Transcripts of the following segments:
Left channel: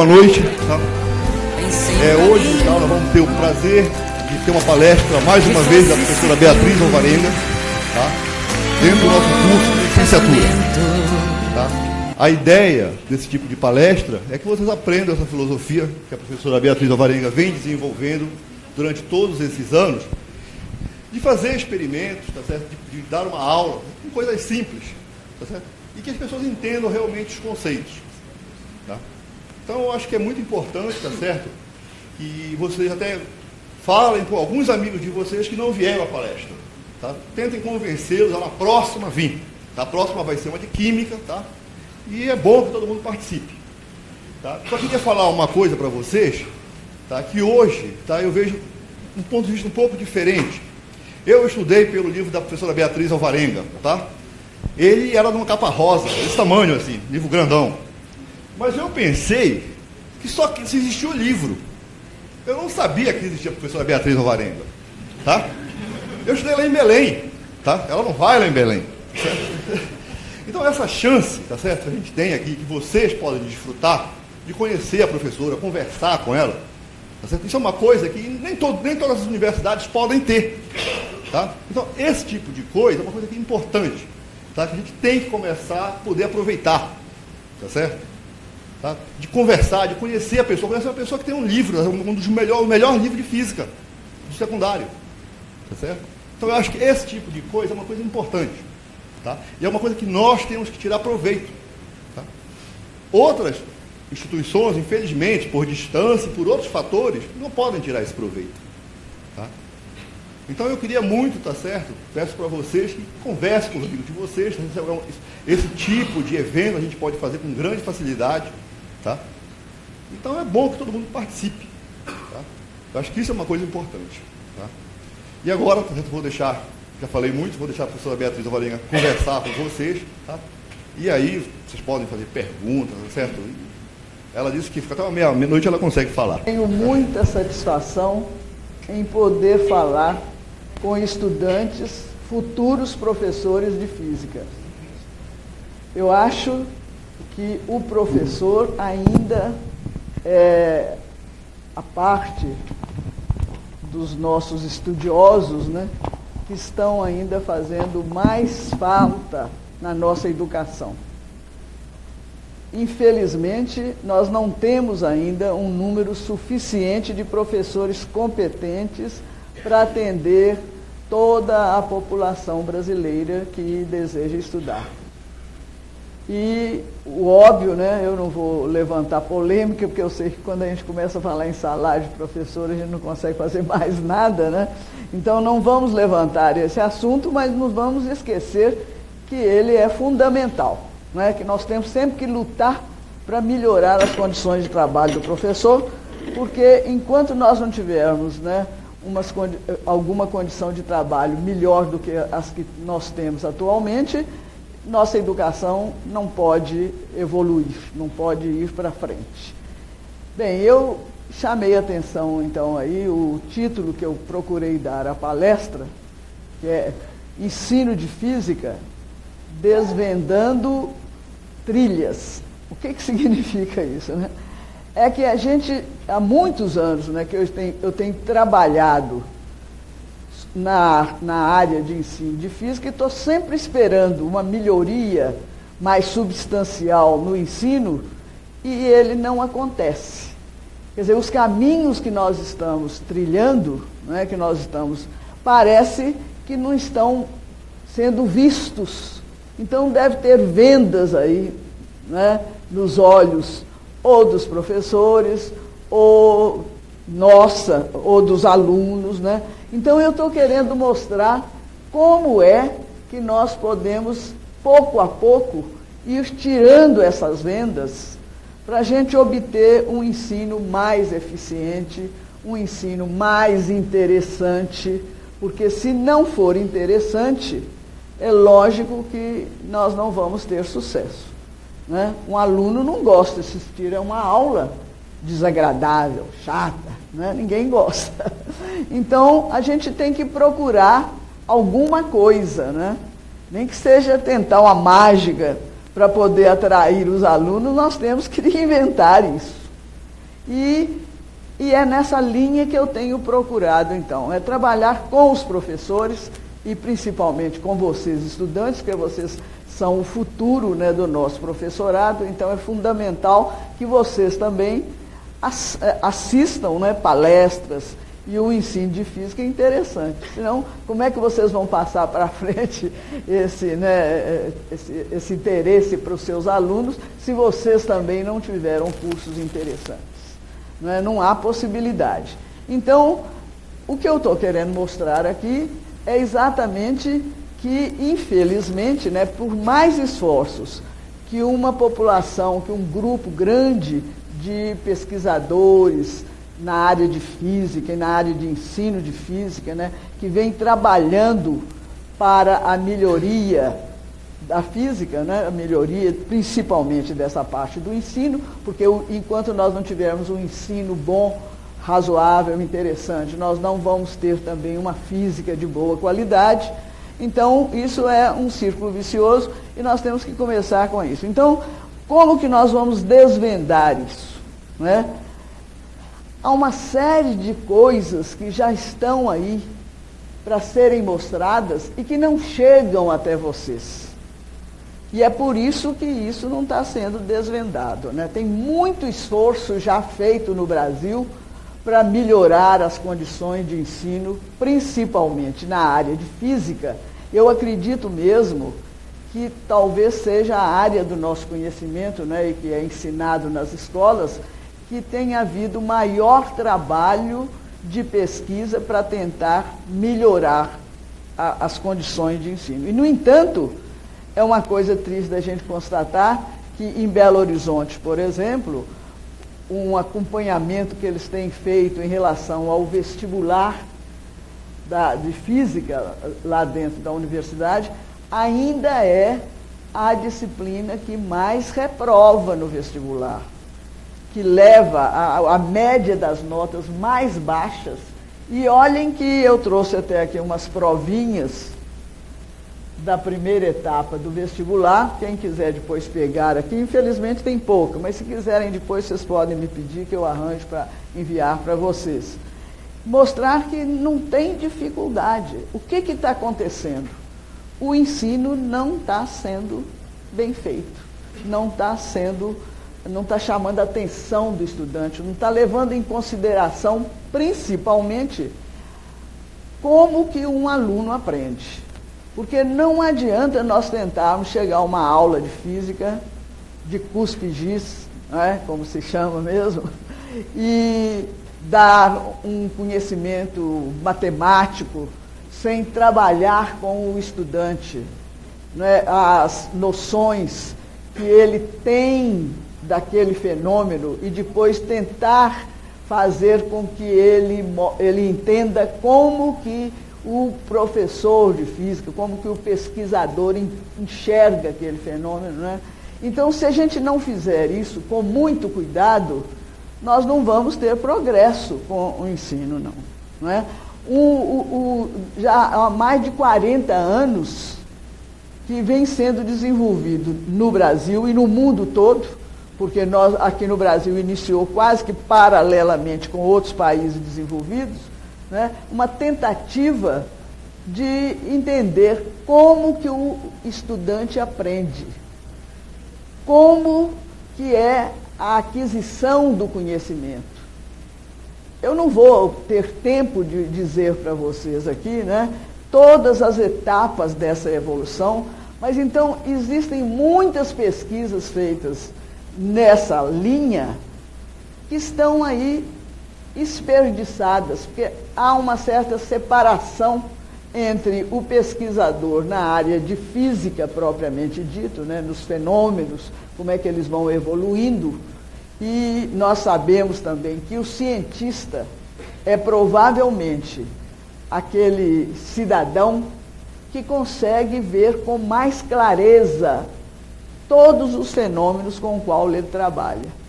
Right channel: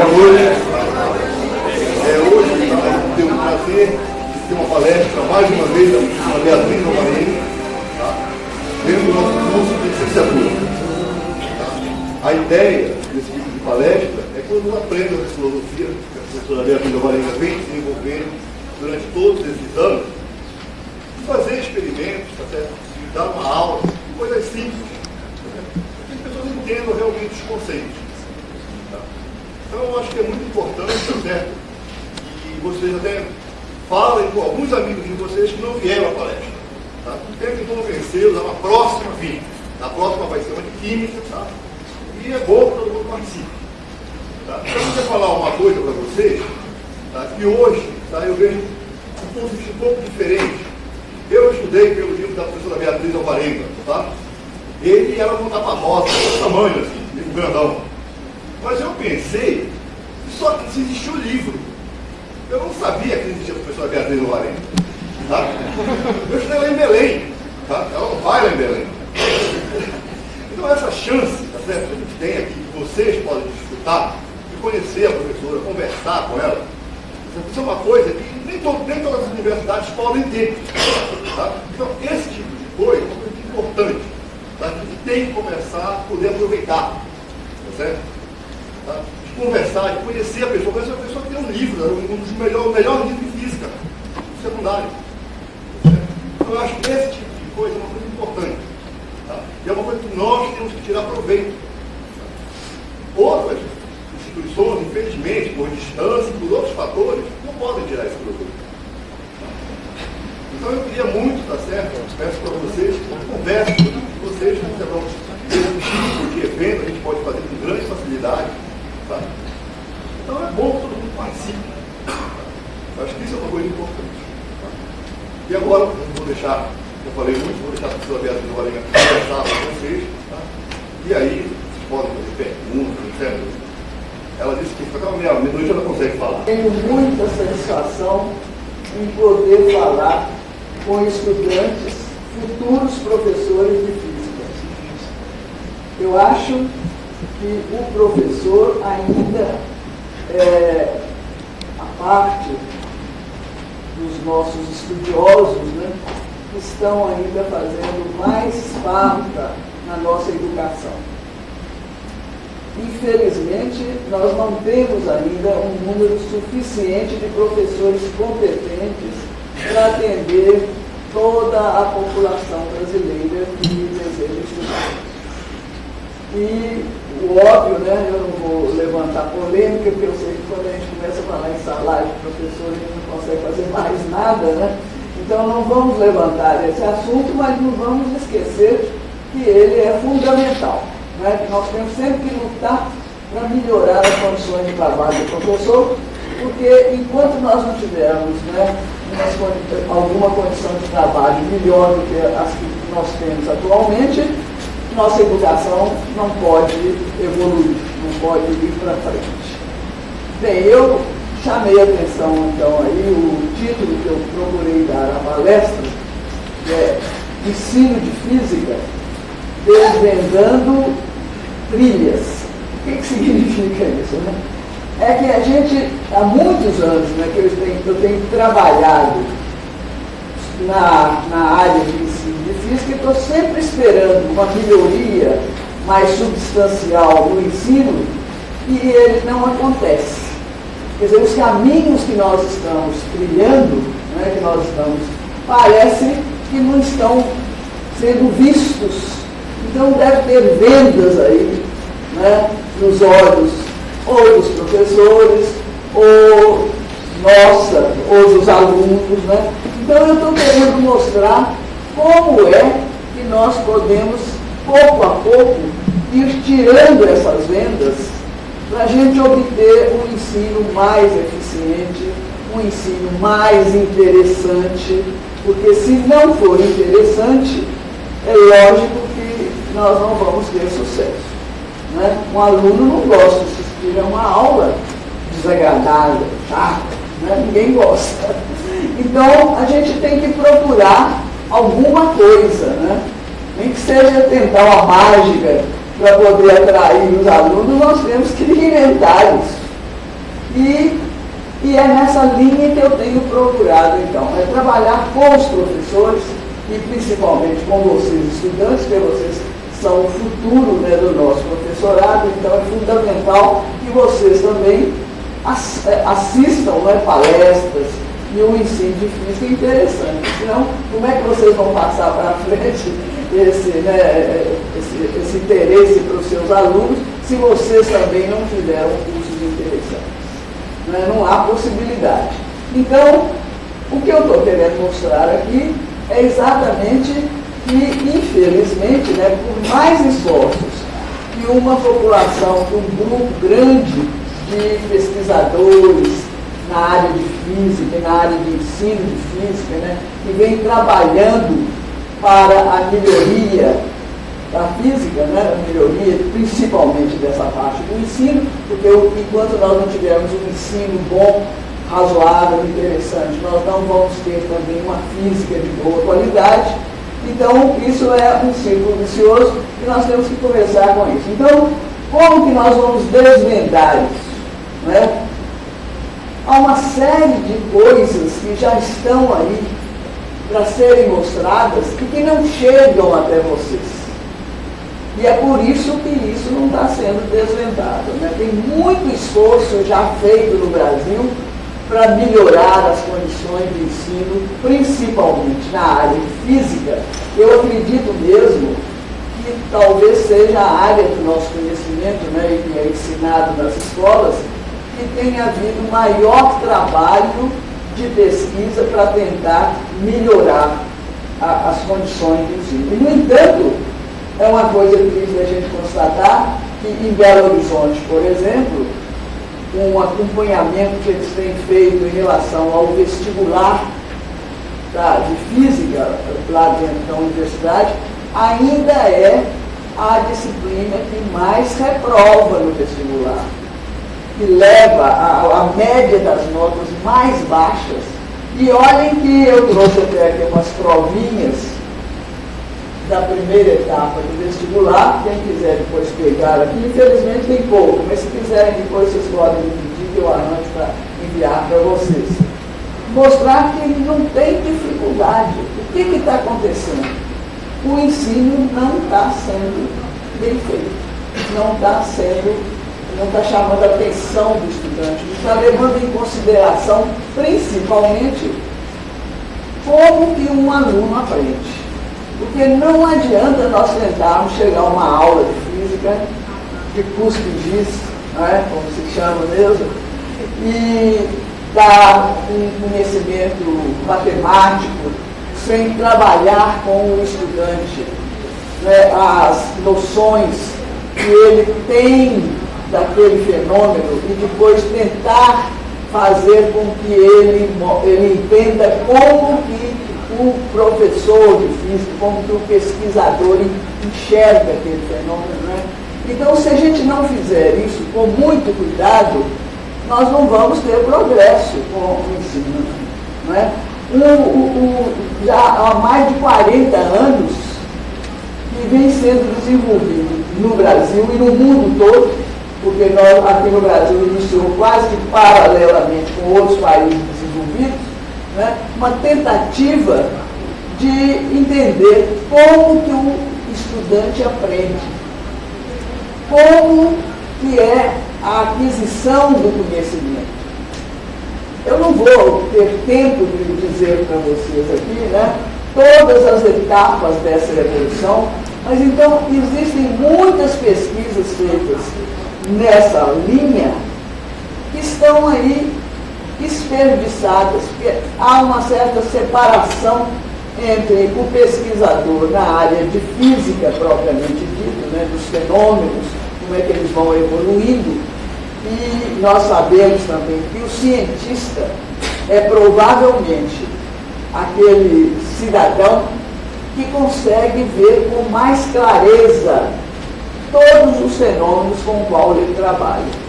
Boa noite. Hoje eu tenho o prazer de ter uma palestra, mais uma vez, da professora Beatriz Alvarenga, tá? Dentro do nosso curso de licenciatura. Tá? A ideia desse tipo de palestra é que vocês aprendam essa filosofia que a professora Beatriz Alvarenga vem desenvolvendo durante todos esses anos, de fazer experimentos, tá certo? De dar uma aula, coisas simples, tá certo? E que as pessoas entendam realmente os conceitos. Tá? Então, eu acho que é muito importante, tá certo? Que vocês até falem com alguns amigos de vocês que não vieram à palestra. Tá? Tentem convencê-los a uma próxima vinda. A próxima vai ser uma de química, tá? E é bom que todo mundo participe. Tá? Então, eu queria falar uma coisa para vocês, tá? Que hoje, tá, eu vejo um ponto de vista um pouco diferente. Eu estudei pelo livro da professora Beatriz Alvarenga, tá? Ele era numa capa rosa, desse tamanho assim, livro grandão. Mas eu pensei que só existia o livro. Eu não sabia que existia a professora Beatriz Alvarenga, tá? Eu estudei ela em Belém, tá? Ela não vai lá em Belém. Então essa chance, tá certo? A gente tem aqui, que vocês podem desfrutar, de conhecer a professora, conversar com ela. Isso é uma coisa que nem todas as universidades podem ter. Tá? Então, esse tipo de coisa é uma coisa importante. Tá? A gente tem que conversar, poder aproveitar. Tá certo? Tá? De conversar, de conhecer a pessoa. Conhecer a pessoa que tem um livro, um dos melhor livro de física, do secundário. Tá certo? Então, eu acho que esse tipo de coisa é uma coisa importante. Tá? E é uma coisa que nós temos que tirar proveito. Tá? Outras instituições, infelizmente, por distância e por outros fatores, não podem tirar esse proveito. Tá? Então eu queria muito, tá certo? Peço para vocês, conversem com vocês, esse tipo de evento a gente pode fazer com grande facilidade. Tá? Então é bom que todo mundo participe. Tá? Eu acho que isso é uma coisa importante. Tá? E agora, eu vou deixar, eu falei muito, vou deixar a professora Beatriz Alvarenga conversar com vocês. Tá? E aí, vocês podem fazer perguntas, etc. Ela disse que até meia-noite ela consegue falar. Tenho muita satisfação em poder falar com estudantes, futuros professores de física. Eu acho que o professor ainda, a parte dos nossos estudiosos, né, estão ainda fazendo mais falta na nossa educação. Infelizmente, nós não temos ainda um número suficiente de professores competentes para atender toda a população brasileira que deseja estudar. E o óbvio, né, eu não vou levantar polêmica, porque eu sei que quando a gente começa a falar em salário de professor, a gente não consegue fazer mais nada, né? Então não vamos levantar esse assunto, mas não vamos esquecer que ele é fundamental. Né, que nós temos sempre que lutar para melhorar as condições de trabalho do professor, porque enquanto nós não tivermos, né, alguma condição de trabalho melhor do que as que nós temos atualmente, nossa educação não pode evoluir, não pode ir para frente. Bem, eu chamei a atenção, então, aí o título que eu procurei dar à palestra é Ensino de Física Desvendando Trilhas. O que significa isso, né? É que a gente, há muitos anos, né, que eu tenho trabalhado na área de ensino de física e estou sempre esperando uma melhoria mais substancial no ensino e ele não acontece. Quer dizer, os caminhos que nós estamos trilhando, né, que nós estamos, parece que não estão sendo vistos. Então deve ter vendas aí, né, nos olhos ou dos professores, ou nossa, ou dos alunos, né? Então eu estou querendo mostrar como é que nós podemos, pouco a pouco, ir tirando essas vendas para a gente obter um ensino mais eficiente, um ensino mais interessante, porque se não for interessante, é lógico que nós não vamos ter sucesso. Né? Um aluno não gosta de assistir a uma aula desagradável, chata, né? Ninguém gosta. Então, a gente tem que procurar alguma coisa, né? Nem que seja tentar uma mágica para poder atrair os alunos, nós temos que inventar isso. E é nessa linha que eu tenho procurado, então, é trabalhar com os professores e principalmente com vocês, estudantes, porque vocês são o futuro, né, do nosso professorado, então é fundamental que vocês também assistam, né, palestras e um ensino de física interessante. Então, como é que vocês vão passar para frente esse interesse para os seus alunos se vocês também não tiveram cursos interessantes? Né? Não há possibilidade. Então, o que eu estou querendo mostrar aqui é exatamente que, infelizmente, né, por mais esforços que uma população, que um grupo grande de pesquisadores na área de física, na área de ensino de física, né, que vem trabalhando para a melhoria da física, né, a melhoria principalmente dessa parte do ensino, porque enquanto nós não tivermos um ensino bom, razoável, interessante, nós não vamos ter também uma física de boa qualidade. Então, isso é um círculo vicioso e nós temos que começar com isso. Então, como que nós vamos desvendar isso? Né? Há uma série de coisas que já estão aí para serem mostradas e que não chegam até vocês. E é por isso que isso não está sendo desvendado. Né? Tem muito esforço já feito no Brasil para melhorar as condições de ensino, principalmente na área de física. Eu acredito mesmo que talvez seja a área do nosso conhecimento, né, que é ensinado nas escolas, que tenha havido maior trabalho de pesquisa para tentar melhorar as condições de ensino. E, no entanto, é uma coisa triste a gente constatar que em Belo Horizonte, por exemplo, um acompanhamento que eles têm feito em relação ao vestibular de física lá dentro da universidade, ainda é a disciplina que mais reprova no vestibular, que leva a média das notas mais baixas. E olhem que eu trouxe até aqui umas provinhas da primeira etapa do vestibular. Quem quiser depois pegar aqui, infelizmente tem pouco, mas se quiserem depois vocês podem me pedir que eu arranjo para enviar para vocês. Mostrar que não tem dificuldade. O que está acontecendo? O ensino não está sendo bem feito, não está chamando a atenção do estudante, não está levando em consideração, principalmente, como que um aluno aprende. Porque não adianta nós tentarmos chegar a uma aula de física, de cuspidis, né, como se chama mesmo, e dar um conhecimento matemático sem trabalhar com o estudante, né, as noções que ele tem daquele fenômeno e depois tentar fazer com que ele entenda como que o professor de física, como que o pesquisador enxerga aquele fenômeno. Né? Então, se a gente não fizer isso com muito cuidado, nós não vamos ter progresso com o ensino. Né? Já há mais de 40 anos que vem sendo desenvolvido no Brasil e no mundo todo, porque nós aqui no Brasil iniciou quase que paralelamente com outros países desenvolvidos, né, uma tentativa de entender como que o estudante aprende, como que é a aquisição do conhecimento. Eu não vou ter tempo de dizer para vocês aqui, né, todas as etapas dessa evolução, mas então existem muitas pesquisas feitas nessa linha que estão aí esperdiçadas, porque há uma certa separação entre o pesquisador na área de física propriamente dita, né, dos fenômenos, como é que eles vão evoluindo, e nós sabemos também que o cientista é provavelmente aquele cidadão que consegue ver com mais clareza todos os fenômenos com os quais ele trabalha.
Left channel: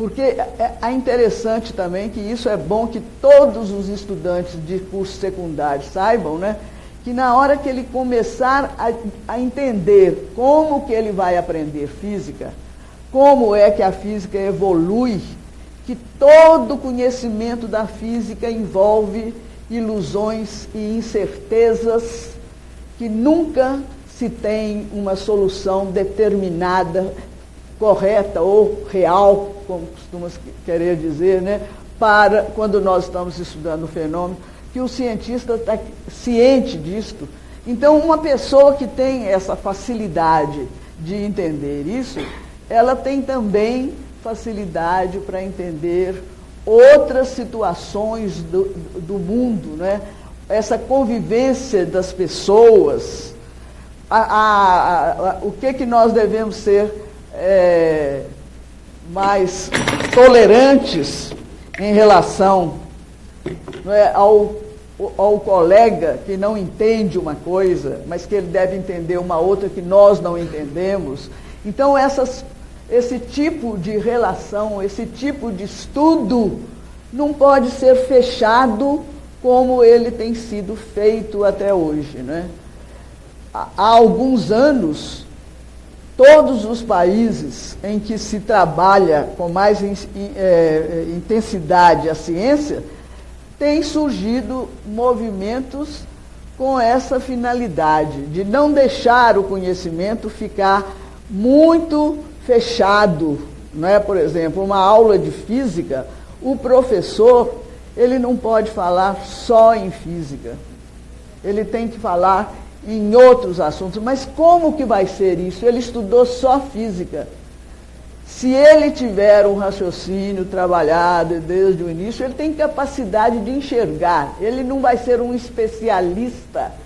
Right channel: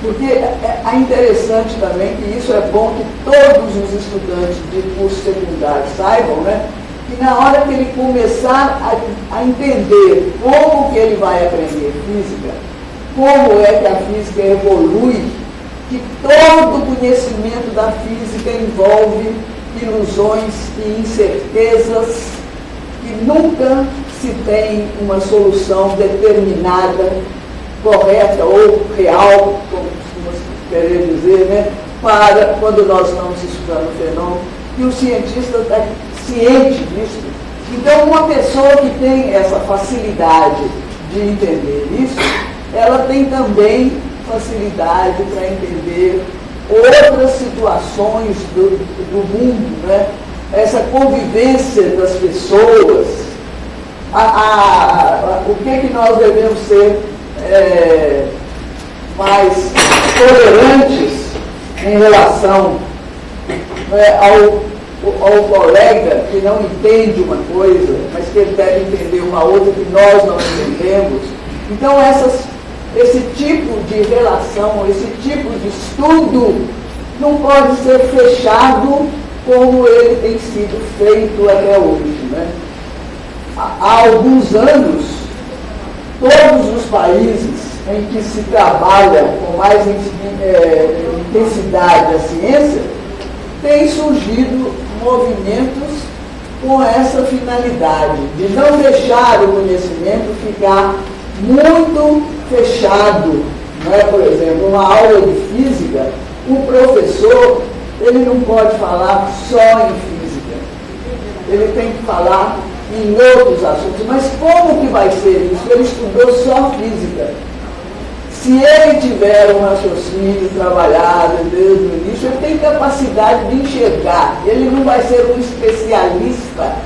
Porque é interessante também, que isso é bom que todos os estudantes de curso secundário saibam, né, que na hora que ele começar a entender como que ele vai aprender física, como é que a física evolui, que todos conhecimento da física envolve ilusões e incertezas e nunca se tem uma solução determinada, correta ou real, como costuma querer dizer, né, para quando nós estamos estudando o fenômeno, e o cientista é ciente disso. Então, uma pessoa que tem essa facilidade de entender isso, ela tem também facilidade para entender outras situações do mundo, né? Essa convivência das pessoas, o que nós devemos ser mais tolerantes em relação, né, ao colega que não entende uma coisa, mas que ele deve entender uma outra que nós não entendemos. Então, esse tipo de relação, esse tipo de estudo não pode ser fechado como ele tem sido feito até hoje, né? Há alguns anos, todos os países em que se trabalha com mais intensidade a ciência, têm surgido movimentos com essa finalidade, de não deixar o conhecimento ficar muito fechado, né? Por exemplo, uma aula de física, o professor, ele não pode falar só em física, ele tem que falar em outros assuntos. Mas como que vai ser isso? Ele estudou só física. Se ele tiver um raciocínio trabalhado desde o início, ele tem capacidade de enxergar. Ele não vai ser um especialista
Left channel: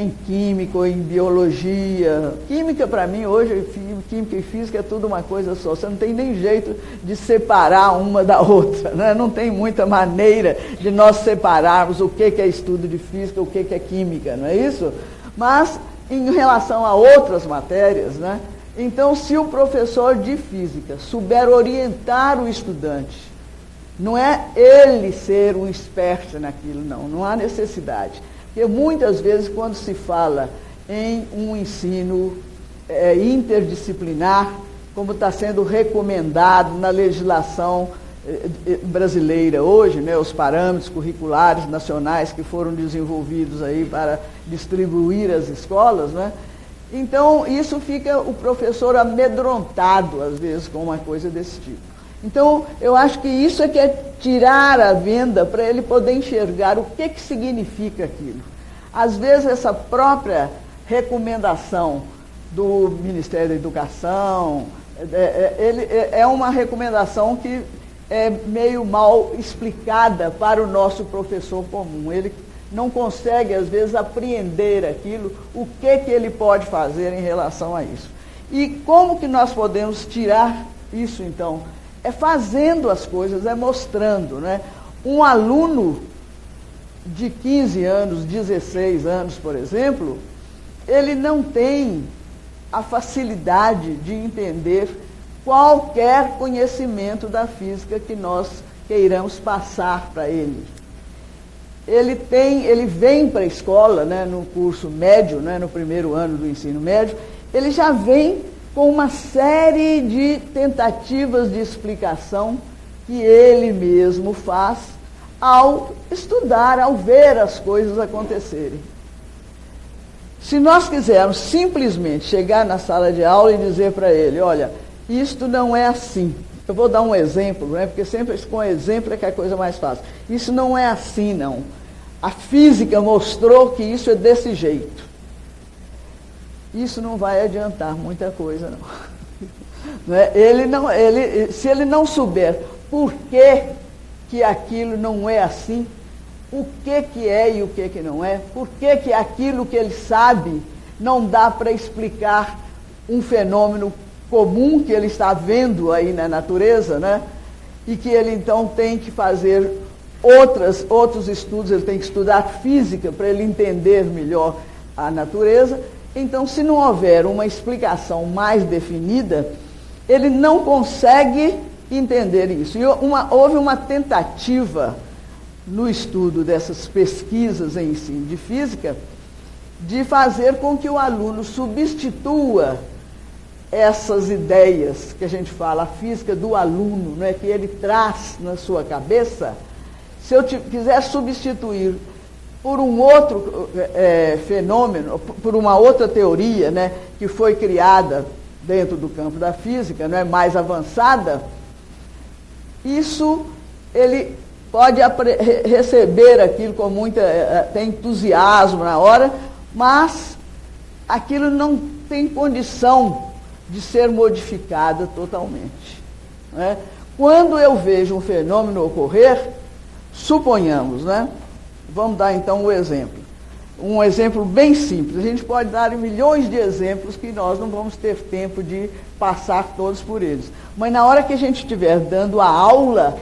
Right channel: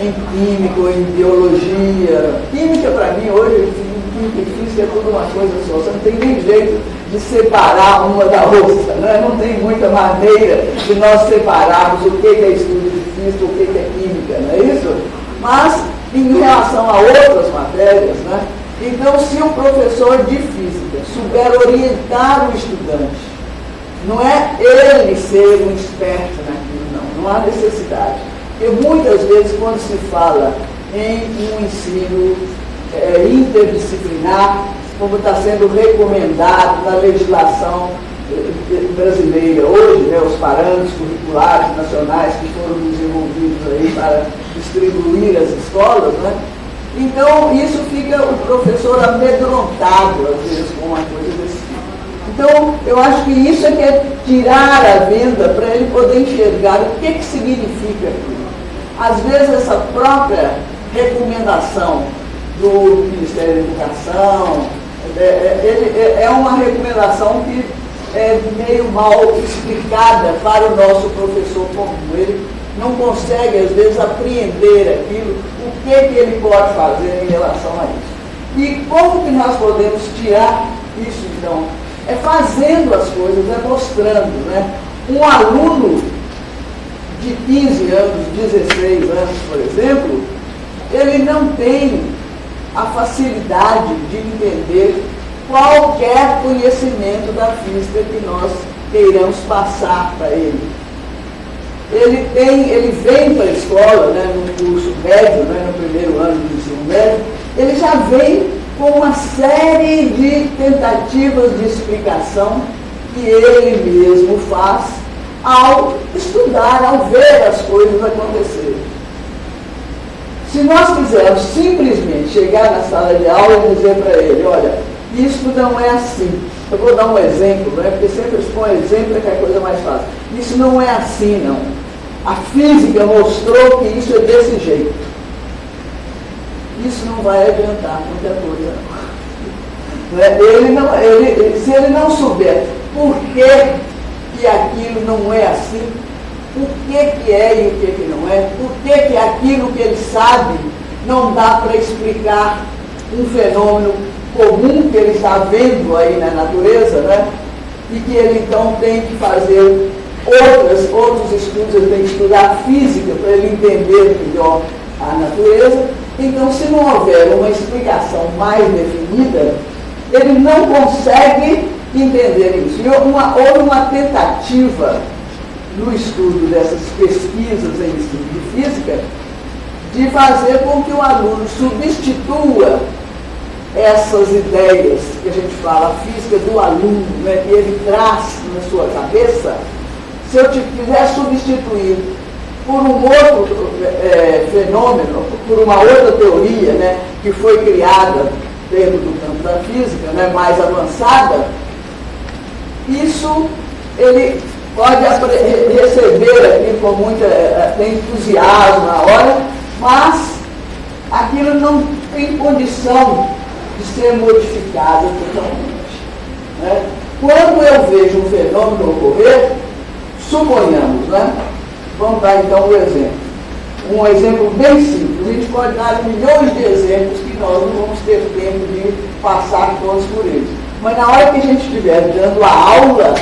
em química ou em biologia. Química, para mim, hoje, química e física é toda uma coisa só. Você não tem nem jeito de separar uma da outra, né? Não tem muita maneira de nós separarmos o que é estudo de física, o que é química, não é isso? Mas, em relação a outras matérias, né? Então, se o professor de física souber orientar o estudante, não é ele ser um esperto naquilo, não há necessidade. Porque muitas vezes, quando se fala em um ensino interdisciplinar, como está sendo recomendado na legislação brasileira hoje, né, os parâmetros curriculares nacionais que foram desenvolvidos aí para distribuir as escolas, né? Então, isso fica o professor amedrontado, às vezes, com uma coisa desse tipo. Então, eu acho que isso é que é tirar a venda para ele poder enxergar o que significa aquilo. Às vezes, essa própria recomendação do Ministério da Educação é uma recomendação que é meio mal explicada para o nosso professor comum. Ele não consegue, às vezes, apreender aquilo, o que ele pode fazer em relação a isso. E como que nós podemos tirar isso, então? É fazendo as coisas, é mostrando, né? Um aluno de 15 anos, 16 anos, por exemplo, ele não tem a facilidade de entender qualquer conhecimento da física que nós queiramos passar para ele. Ele vem para a escola, né, no curso médio, né, no primeiro ano do ensino médio, ele já vem com uma série de tentativas de explicação que ele mesmo faz ao estudar, ao ver as coisas acontecerem. Se nós quisermos simplesmente chegar na sala de aula e dizer para ele, olha, isso não é assim. Eu vou dar um exemplo, né? Porque sempre eu exponho exemplo é que é a coisa mais fácil. Isso não é assim, não. A física mostrou que isso é desse jeito. Isso não vai adiantar muita coisa. Né? Se ele não souber por que aquilo não é assim, o que é e o que não é, por que aquilo que ele sabe não dá para explicar um fenômeno comum que ele está vendo aí na natureza, né? E que ele então tem que fazer outros estudos, ele tem que estudar física para ele entender melhor a natureza. Então, se não houver uma explicação mais definida, ele não consegue entender isso. Houve uma tentativa no estudo dessas pesquisas em ensino de física de fazer com que o aluno substitua essas ideias que a gente fala, a física do aluno, né, que ele traz na sua cabeça, se eu quiser substituir por um outro fenômeno, por uma outra teoria, né, que foi criada dentro do campo da física, né, mais avançada, isso ele pode receber aqui com muito entusiasmo na hora, mas aquilo não tem condição de ser modificado totalmente. Né? Quando eu vejo um fenômeno ocorrer, suponhamos, né? Vamos dar então um exemplo bem simples. A gente pode dar milhões de exemplos que nós não vamos ter tempo de passar todos por eles. Mas na hora que a gente estiver dando a aula,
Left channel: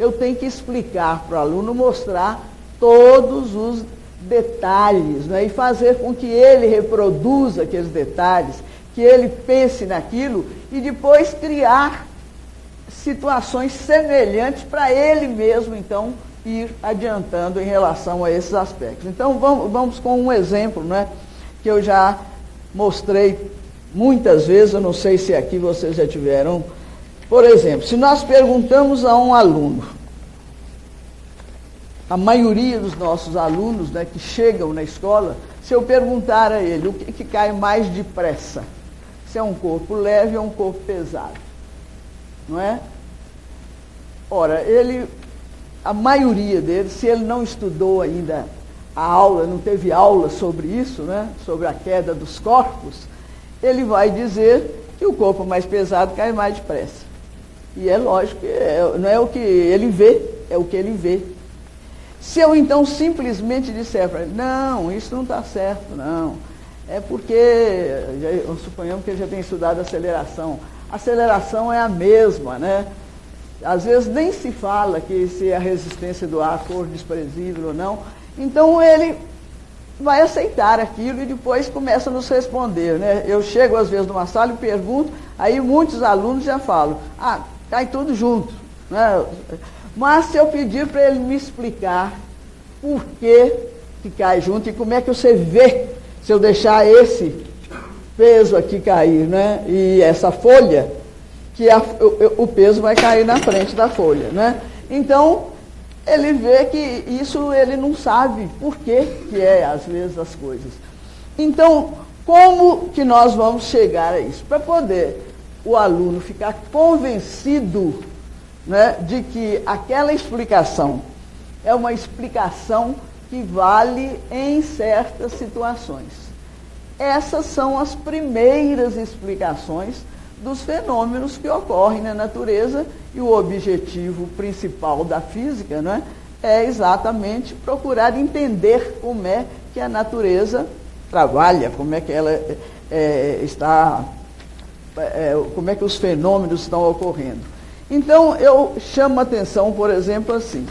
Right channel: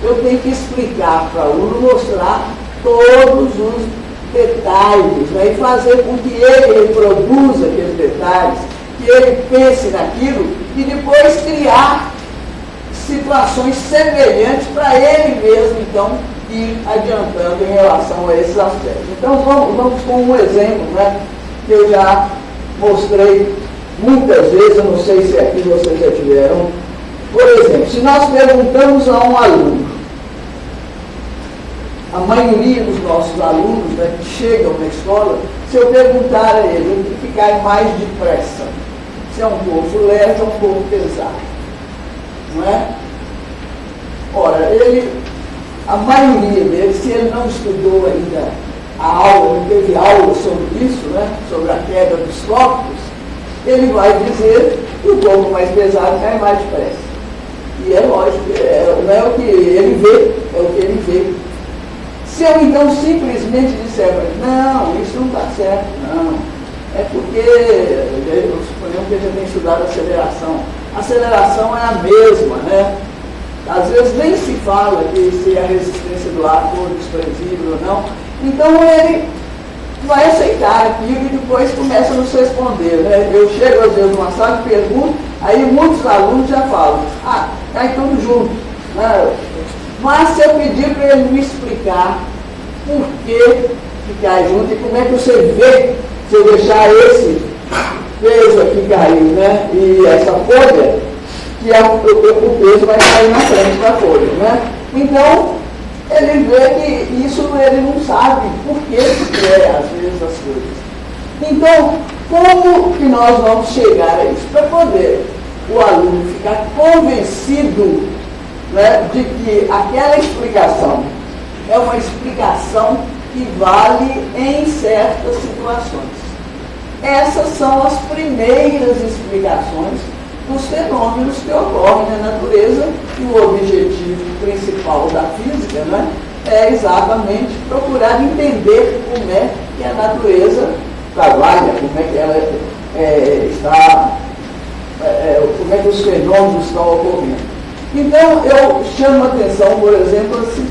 eu tenho que explicar para o aluno, mostrar todos os detalhes, né, e fazer com que ele reproduza aqueles detalhes, que ele pense naquilo e depois criar situações semelhantes para ele mesmo, então, ir adiantando em relação a esses aspectos. Então, vamos com um exemplo, né, que eu já mostrei muitas vezes, eu não sei se aqui vocês já tiveram. Por exemplo, se nós perguntamos a um aluno, a maioria dos nossos alunos, né, que chegam na escola, se eu perguntar a ele o que cai mais depressa, se é um pouco leve ou um pouco pesado, não é? Ora, a maioria deles, se ele não estudou ainda a aula, não teve aula sobre isso, né, sobre a queda dos corpos, ele vai dizer que o pouco mais pesado cai mais depressa. E é lógico, não é o que ele vê, é o que ele vê. Se eu então simplesmente disser para ele, não, isso não está certo, não. É porque, suponhamos que ele tem estudado aceleração. A aceleração é a mesma, né? Às vezes nem se fala que se a resistência do ar for desprezível ou não. Então ele vai aceitar aquilo e depois começa a nos responder, né? Eu chego às vezes numa sala e pergunto, aí muitos alunos já falam, tá então junto, né? Mas se eu pedir para ele me explicar por que cai junto e como é que você vê, se eu deixar esse peso aqui cair, né? E essa folha, que o peso vai cair na frente da folha, né? Então, ele vê que isso ele não sabe por que às vezes as coisas. Então, como que nós vamos chegar a isso? Para poder o aluno ficar convencido, né, de que aquela explicação é uma explicação que vale em certas situações. Essas são as primeiras explicações dos fenômenos que ocorrem na natureza, e o objetivo principal da física, né, é exatamente procurar entender como é que a natureza trabalha, como é que ela está, como é que os fenômenos estão ocorrendo. Então, eu chamo a atenção, por exemplo, assim,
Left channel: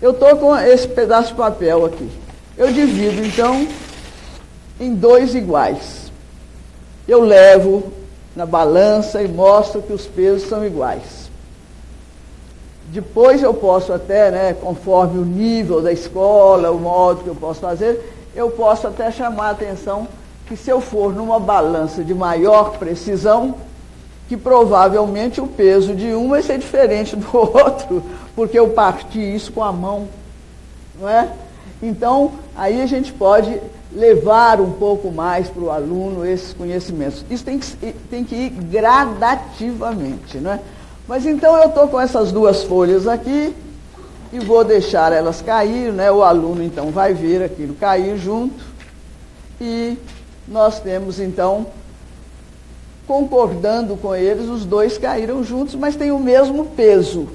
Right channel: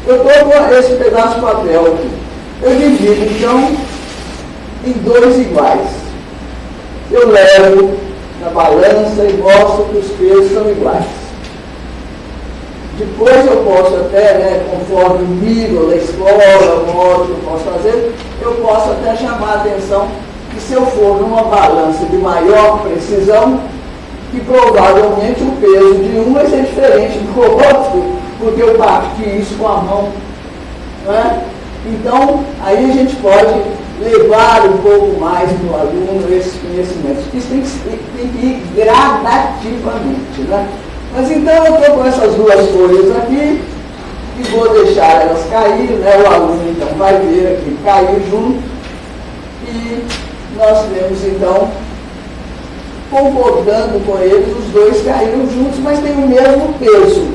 eu estou com esse pedaço de papel aqui. Eu divido, então, em dois iguais. Eu levo na balança e mostro que os pesos são iguais. Depois eu posso até, né, conforme o nível da escola, o modo que eu posso fazer, eu posso até chamar a atenção que se eu for numa balança de maior precisão, que provavelmente o peso de um vai ser diferente do outro, porque eu parti isso com a mão. Não é? Então, aí a gente pode levar um pouco mais do aluno esse conhecimento. Isso tem que ir gradativamente. Né? Mas então eu estou com essas duas folhas aqui, e vou deixar elas cair, né? O aluno então vai ver aqui, caiu junto, e nós temos então, concordando com eles, os dois caíram juntos, mas têm o mesmo peso.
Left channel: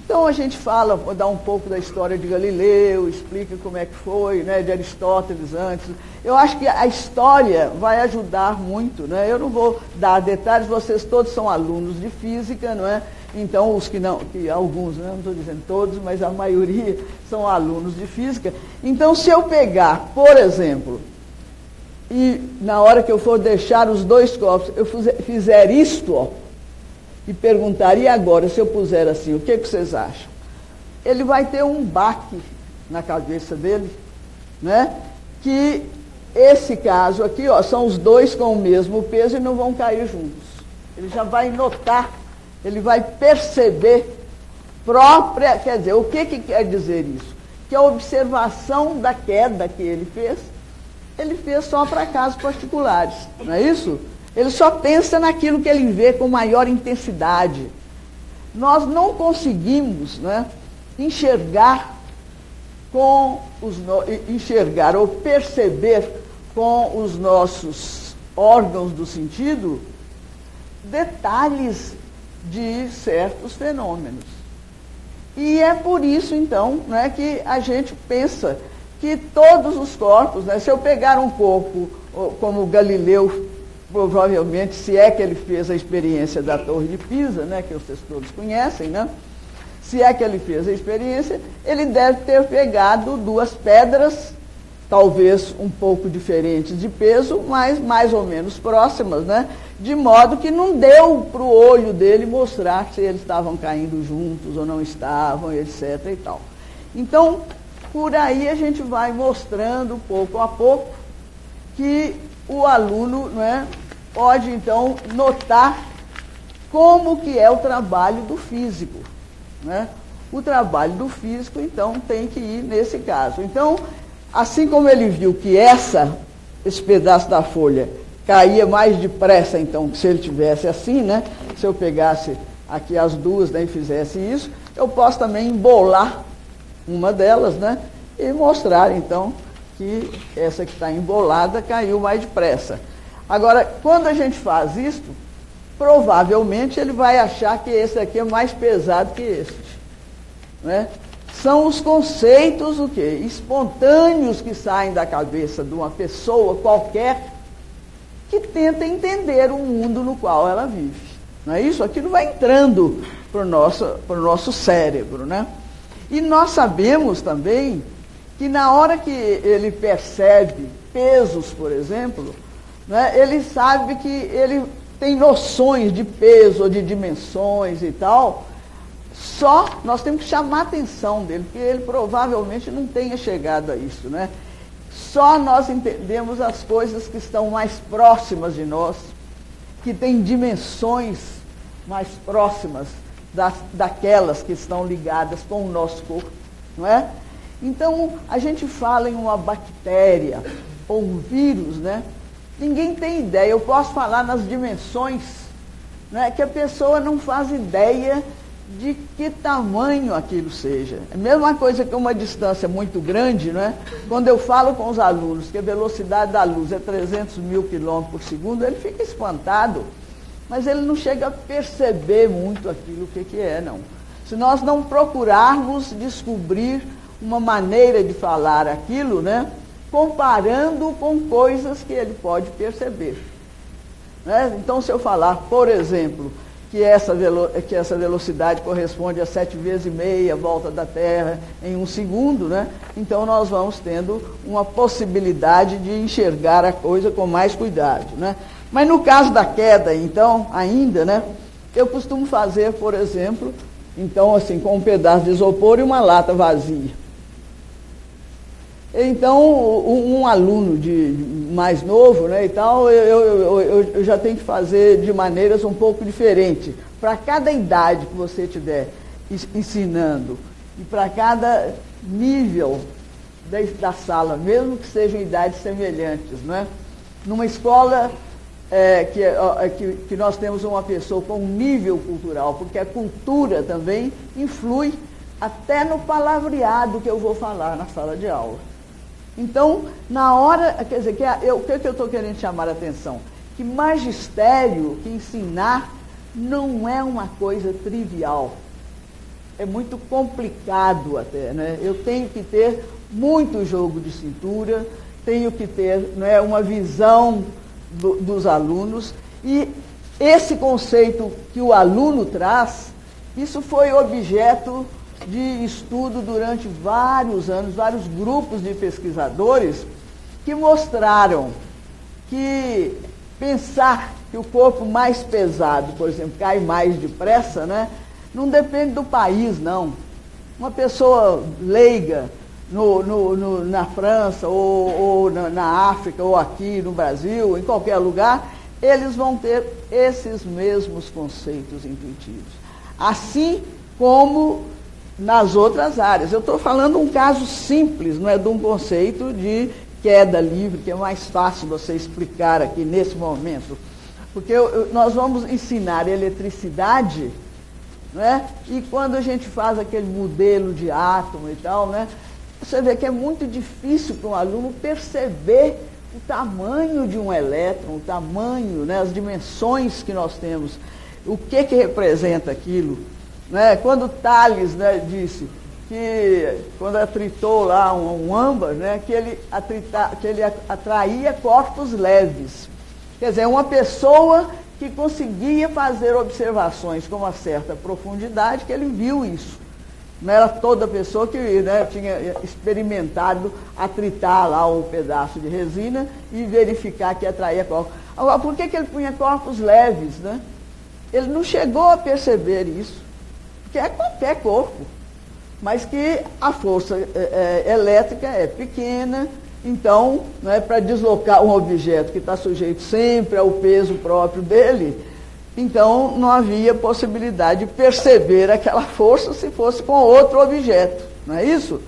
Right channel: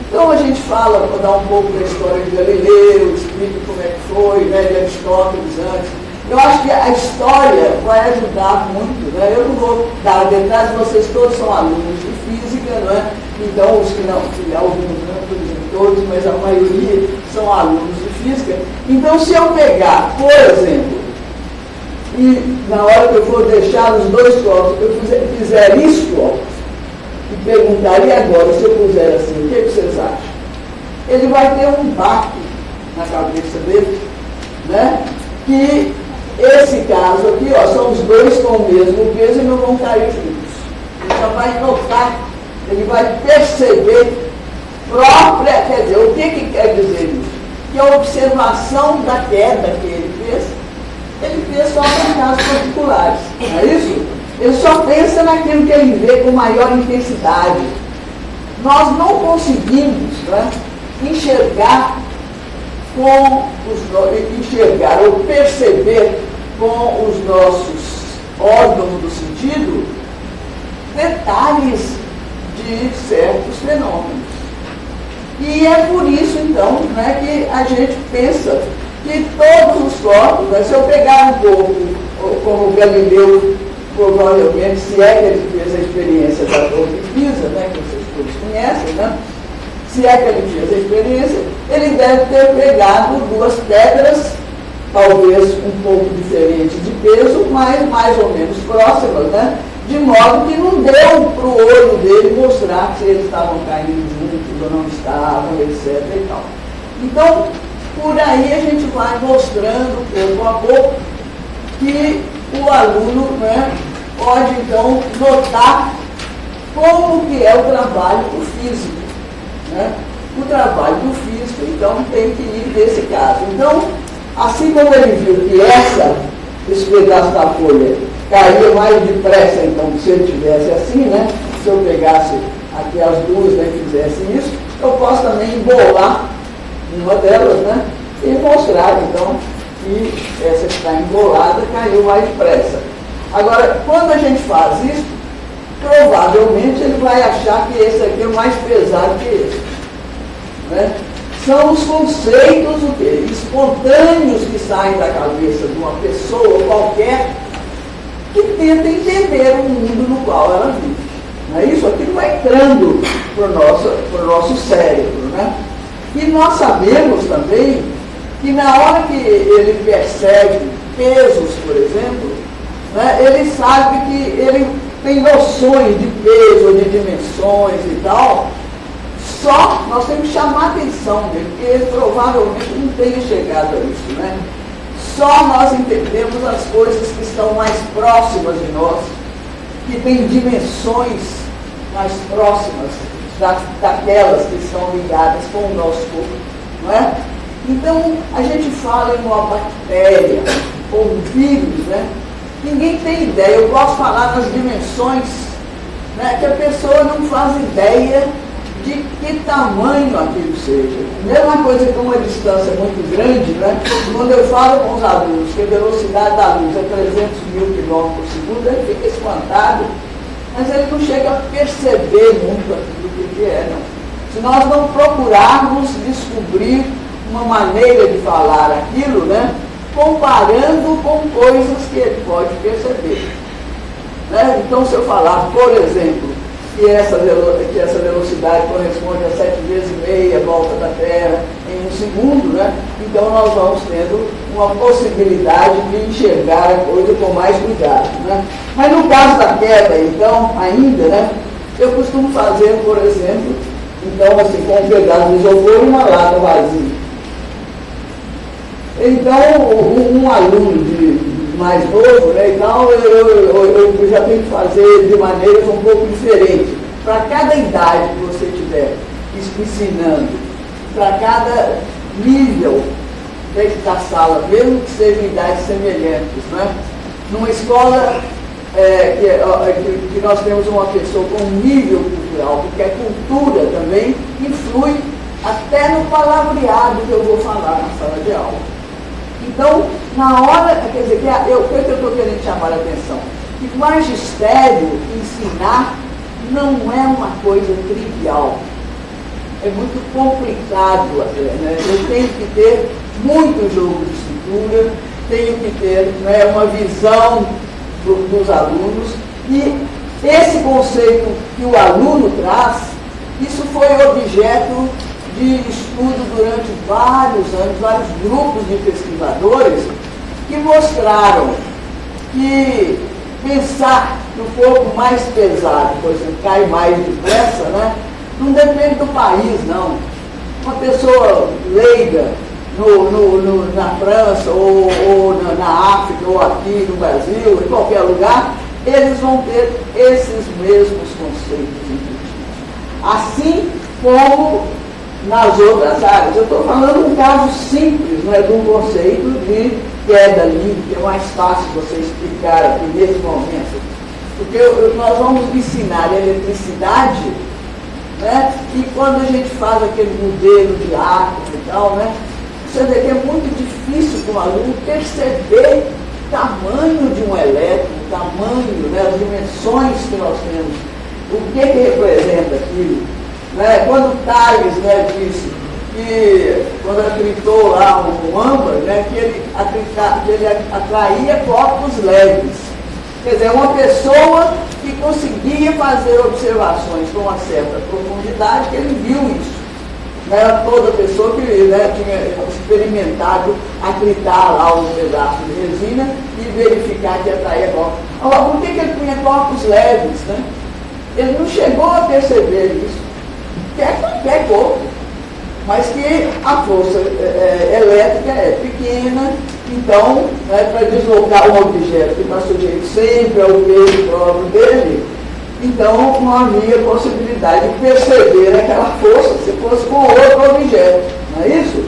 Então a gente fala, para dar um pouco da história de Galileu, explica como é que foi, né, de Aristóteles antes. Eu acho que a história vai ajudar muito, né? Eu não vou dar detalhes, vocês todos são alunos de física, não é? Então os que não, alguns não, dizem todos, mas a maioria são alunos de física. Então se eu pegar, por exemplo, e na hora que eu for deixar os dois copos, eu fizer isso, ó, e perguntar, e agora, se eu puser assim, o que vocês acham? Ele vai ter um baque na cabeça dele, né? Que esse caso aqui, ó, são os dois com o mesmo peso e não vão cair juntos. Ele só vai notar, ele vai perceber própria, quer dizer, o que quer dizer isso? Que a observação da queda que ele fez só em casos particulares, não é isso? Ele só pensa naquilo que ele vê com maior intensidade. Nós não conseguimos, né, enxergar ou perceber com os nossos órgãos do sentido detalhes de certos fenômenos. E é por isso, então, né, que a gente pensa que todos os corpos, né, se eu pegar um pouco, como Galileu, provavelmente, se é que ele fez a experiência da Torre de Pisa, né, que vocês todos conhecem, né, se é que ele fez a experiência, ele deve ter pegado duas pedras, talvez um pouco diferentes de peso, mas mais ou menos próximas, né, de modo que não deu para o olho dele mostrar se eles estavam caindo juntos ou não estavam, etc. e tal. Então, por aí a gente vai mostrando pouco a pouco que o aluno, né, pode então notar como que é o trabalho do físico. Né? O trabalho do físico, então, tem que ir nesse caso. Então, assim como ele viu que esse pedaço da folha caía mais depressa, então, que se eu tivesse assim, né? Se eu pegasse aqui as duas, né, e fizesse isso, eu posso também embolar uma delas, né? E mostrar, então, que essa que está embolada caiu mais depressa. Agora, quando a gente faz isso, provavelmente ele vai achar que esse aqui é mais pesado que esse. Né? São os conceitos o quê? Espontâneos que saem da cabeça de uma pessoa qualquer que tenta entender o mundo no qual ela vive. Não é isso? Aquilo vai entrando para o nosso cérebro. Né? E nós sabemos também que na hora que ele percebe pesos, por exemplo, né, ele sabe que ele tem noções de peso, de dimensões e tal, só nós temos que chamar a atenção dele, porque ele provavelmente não tenha chegado a isso. Né? Só nós entendemos as coisas que estão mais próximas de nós, que têm dimensões mais próximas daquelas que estão ligadas com o nosso corpo. Não é? Então, a gente fala em uma bactéria ou um vírus, né? Ninguém tem ideia. Eu posso falar nas dimensões, né, que a pessoa não faz ideia de que tamanho aquilo seja. A mesma coisa que uma distância muito grande, né? Quando eu falo com os alunos que a velocidade da luz é 300.000 km por segundo, ele fica espantado, mas ele não chega a perceber muito aquilo que é. Não. Se nós não procurarmos descobrir uma maneira de falar aquilo, né, comparando com coisas que ele pode perceber. Né? Então, se eu falar, por exemplo, que essa velocidade corresponde a 7 vezes e meia a volta da Terra em um segundo, né? Então nós vamos tendo uma possibilidade de enxergar a coisa com mais cuidado. Né? Mas no caso da queda, então, ainda, né, eu costumo fazer, por exemplo, então, assim, com um pedaço de isopor e uma lata vazia. Então, um aluno mais novo, né, então, eu já tenho que fazer de maneiras um pouco diferentes. Para cada idade que você estiver ensinando, para cada nível dentro da sala, mesmo que sejam idades semelhantes, né? Numa escola que nós temos uma pessoa com nível cultural, porque a cultura também influi até no palavreado que eu vou falar na sala de aula. Então, na hora, quer dizer, o que eu estou querendo chamar a atenção? Que magistério, ensinar, não é uma coisa trivial. É muito complicado até, né? Eu tenho que ter muito jogo de cintura, tenho que ter, né, uma visão dos alunos, e esse conceito que o aluno traz, isso foi objeto de estudo durante vários anos, vários grupos de pesquisadores que mostraram que pensar que o corpo mais pesado, por exemplo, cai mais depressa, né, não depende do país, não. Uma pessoa leiga na França, ou na África, ou aqui no Brasil, em qualquer lugar, eles vão ter esses mesmos conceitos intuitivos. Assim como nas outras áreas. Eu estou falando de um caso simples, não é de um conceito de queda livre, que é mais fácil você explicar aqui nesse momento. Porque nós vamos ensinar eletricidade, né? E quando a gente faz aquele modelo de átomo e tal, né? Você vê que é muito difícil para o aluno perceber o tamanho de um elétron, o tamanho, né? As dimensões que nós temos, o que representa aquilo. Né? Quando Thales, né, disse que, quando atritou lá o âmbar, né, que ele atraía corpos leves. Quer dizer, uma pessoa que conseguia fazer observações com uma certa profundidade, ele viu isso. Não era toda pessoa que, né, tinha experimentado atritar lá um pedaço de resina e verificar que atraía corpos. Agora, por que ele tinha corpos leves? Né? Ele não chegou a perceber isso. Qualquer corpo, mas que a força elétrica é pequena, então, né, para deslocar um objeto que está sujeito sempre ao peso próprio dele, então não havia possibilidade de perceber aquela força se fosse com outro objeto, não é isso?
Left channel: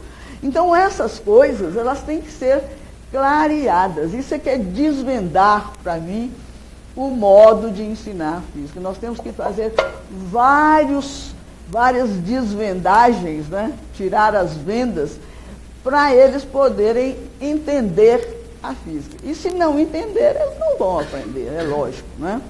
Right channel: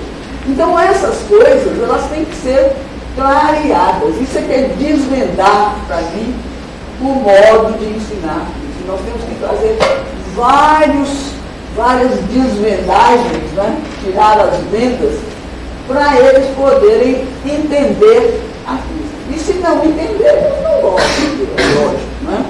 Então essas coisas, elas têm que ser clareadas. Isso é que é desvendar, para mim, o modo de ensinar isso. Nós temos que fazer várias desvendagens, né? Tirar as vendas, para eles poderem entender a física. E se não entenderem, é lógico, né?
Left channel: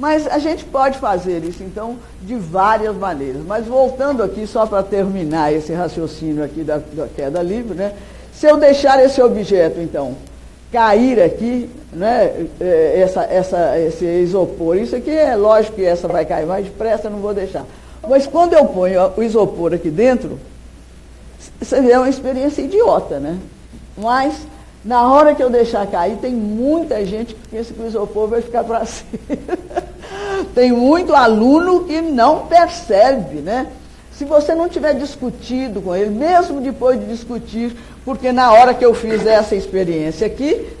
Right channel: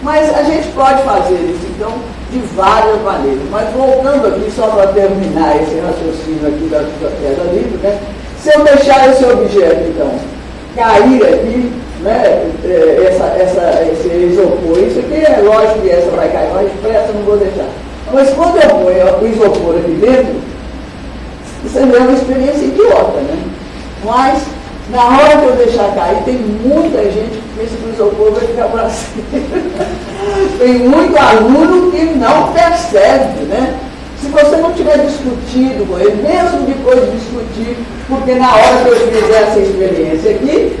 Mas a gente pode fazer isso, então, de várias maneiras. Mas voltando aqui, só para terminar esse raciocínio aqui da tela livre, né? Se eu deixar esse objeto, então, cair aqui, né? Esse isopor, isso aqui é lógico que essa vai cair, mas depressa não vou deixar. Mas quando eu ponho o isopor aqui dentro, isso é uma experiência idiota, né? Mas, na hora que eu deixar cair, tem muita gente que pensa que o isopor vai ficar para cima. Tem muito aluno que não percebe, né? Se você não tiver discutido com ele, mesmo depois de discutir, porque na hora que eu fizer essa experiência aqui,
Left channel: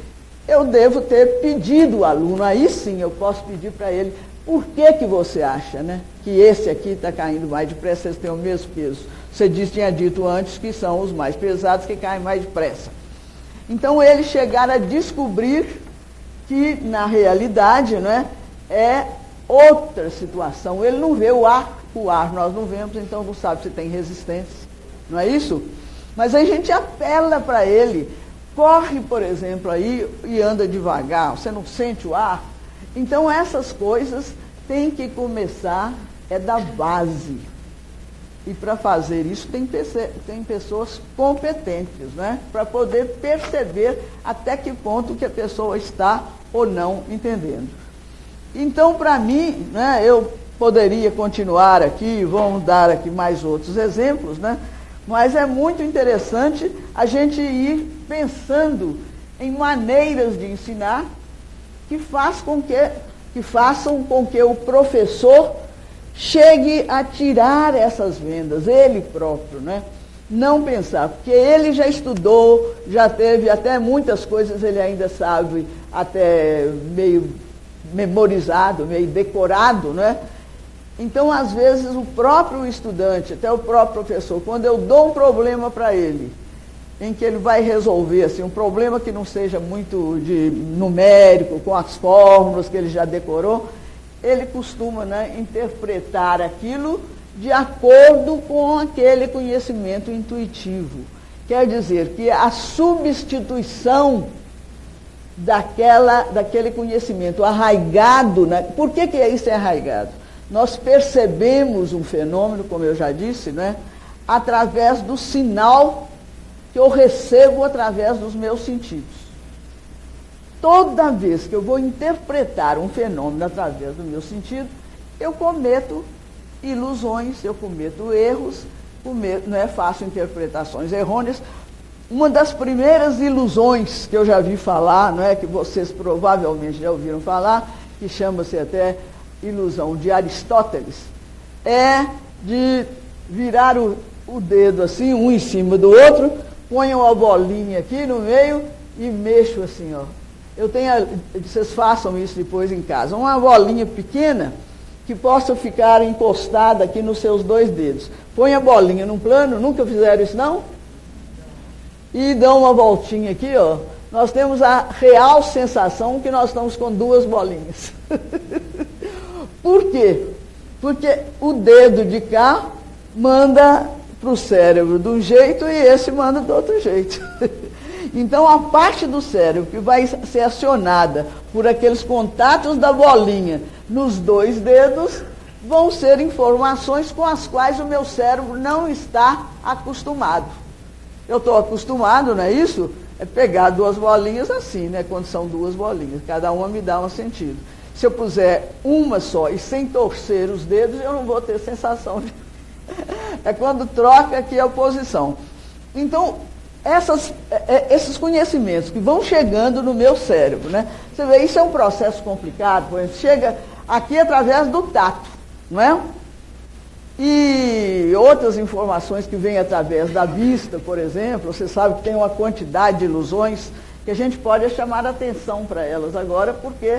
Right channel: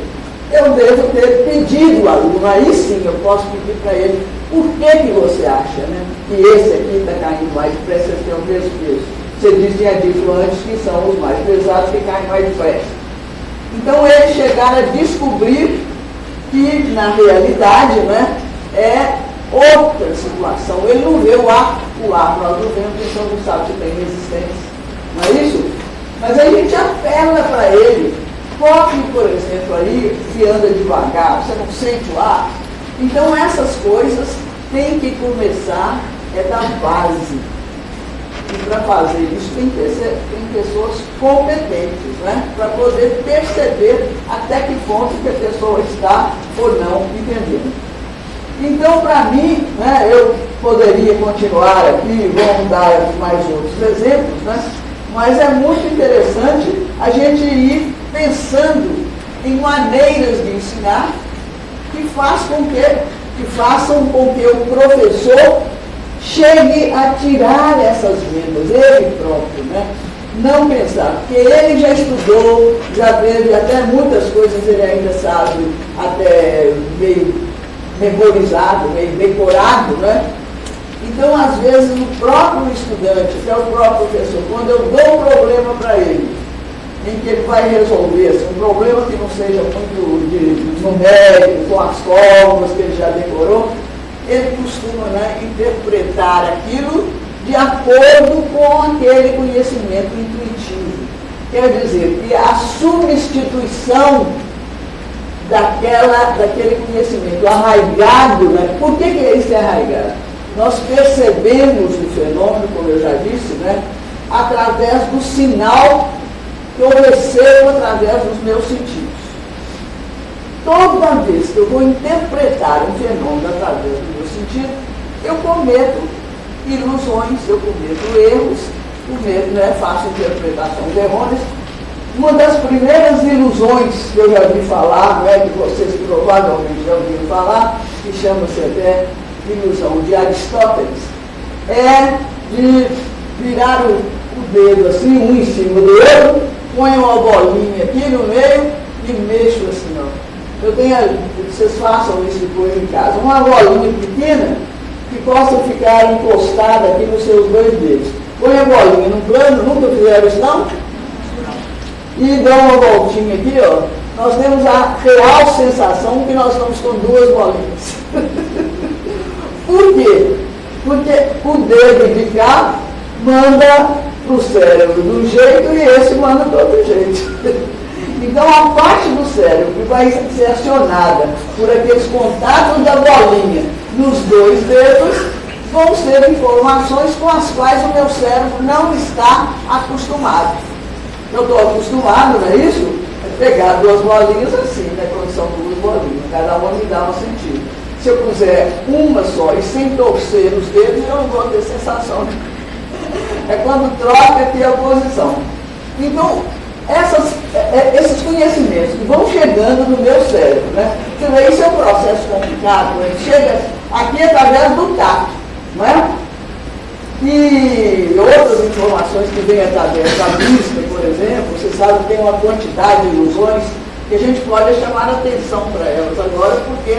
eu devo ter pedido ao aluno, aí sim eu posso pedir para ele, por que você acha, né, que esse aqui está caindo mais depressa que é o mesmo peso? Você dizia dito antes que são os mais pesados que caem mais depressa. Então ele chegar a descobrir que, na realidade, né, é outra situação. Ele não vê o ar, nós não vemos que são não sabe que tem resistência. Não é isso? Mas a gente apela para ele. Corre, por exemplo, aí e anda devagar, você não sente o ar. Então essas coisas têm que começar da base. E para fazer isso tem pessoas competentes, né? Para poder perceber até que ponto que a pessoa está ou não entendendo. Então, para mim, né, eu poderia continuar aqui, vamos dar aqui mais outros exemplos, né? Mas é muito interessante a gente ir pensando em maneiras de ensinar que façam com que o professor chegue a tirar essas vendas, ele próprio, né? Não pensar, porque ele já estudou, já teve até muitas coisas, ele ainda sabe, até meio memorizado, meio decorado, né? Então, às vezes, o próprio estudante, que é o próprio professor, quando eu dou um problema para ele, em que ele vai resolver, assim, um problema que não seja muito numérico, com as fórmulas que ele já decorou, ele costuma, né, interpretar aquilo de acordo com aquele conhecimento intuitivo. Quer dizer, que a substituição daquele conhecimento arraigado, né? Por que isso é arraigado? Nós percebemos o fenômeno, como eu já disse, né, através do sinal que eu recebo através dos meus sentidos. Toda vez que eu vou interpretar um fenômeno através do meu sentido, eu cometo ilusões, eu cometo erros, não é fácil interpretações errôneas. Uma das primeiras ilusões que eu já vi falar, né, que vocês provavelmente já ouviram falar, que chama-se até ilusão de Aristóteles, é de virar o dedo assim, um em cima do outro, ponho uma bolinha aqui no meio e mexo assim, ó. Vocês façam isso depois em casa. Uma bolinha pequena que possa ficar encostada aqui nos seus dois dedos. Põe a bolinha no plano, nunca fizeram isso não? E dá uma voltinha aqui, ó. Nós temos a real sensação que nós estamos com duas bolinhas. Por quê? Porque o dedo de cá manda para o cérebro de um jeito e esse manda para outro jeito. Então, a parte do cérebro que vai ser acionada por aqueles contatos da bolinha nos dois dedos vão ser informações com as quais o meu cérebro não está acostumado. Eu estou acostumado, não é isso? É pegar duas bolinhas assim, né? Quando são duas bolinhas, cada uma me dá um sentido. Se eu puser uma só e sem torcer os dedos, eu não vou ter sensação. É quando troca aqui a posição. Então, esses conhecimentos que vão chegando no meu cérebro, né? Então, isso é um processo complicado, né? Chega aqui através do tato, não é? E outras informações que vêm através da vista, por exemplo, você sabe que tem uma quantidade de ilusões que a gente pode chamar a atenção para elas agora, porque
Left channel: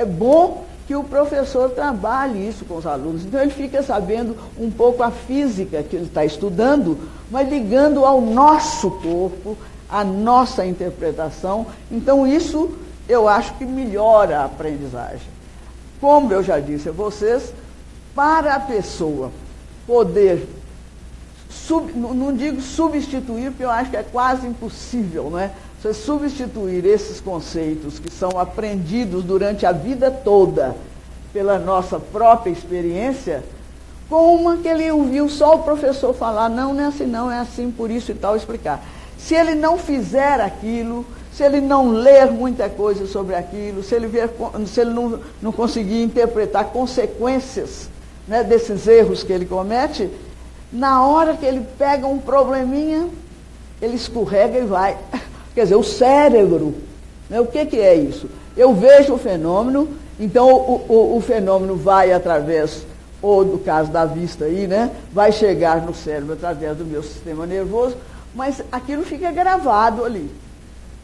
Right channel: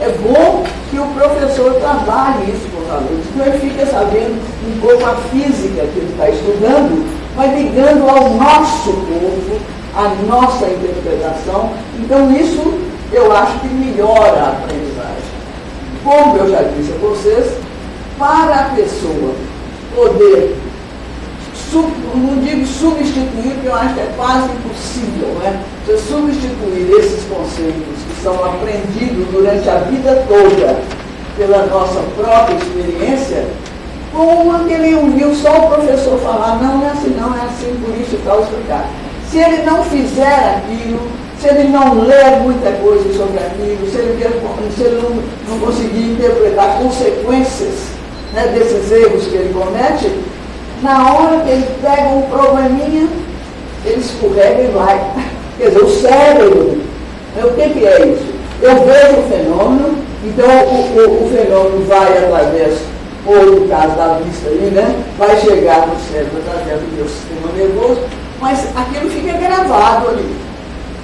é bom que o professor trabalhe isso com os alunos. Então ele fica sabendo um pouco a física que ele está estudando, mas ligando ao nosso corpo, à nossa interpretação. Então isso eu acho que melhora a aprendizagem. Como eu já disse a vocês, para a pessoa poder, não digo substituir, porque eu acho que é quase impossível, né? Você substituir esses conceitos que são aprendidos durante a vida toda pela nossa própria experiência, com uma que ele ouviu só o professor falar, não é assim, não é assim, por isso e tal, explicar. Se ele não fizer aquilo, se ele não ler muita coisa sobre aquilo, se ele não conseguir interpretar consequências, né, desses erros que ele comete, na hora que ele pega um probleminha, ele escorrega e vai. Quer dizer, o cérebro, né, o que é isso? Eu vejo o fenômeno, então o fenômeno vai através, ou no caso da vista aí, né, vai chegar no cérebro através do meu sistema nervoso, mas aquilo fica gravado ali.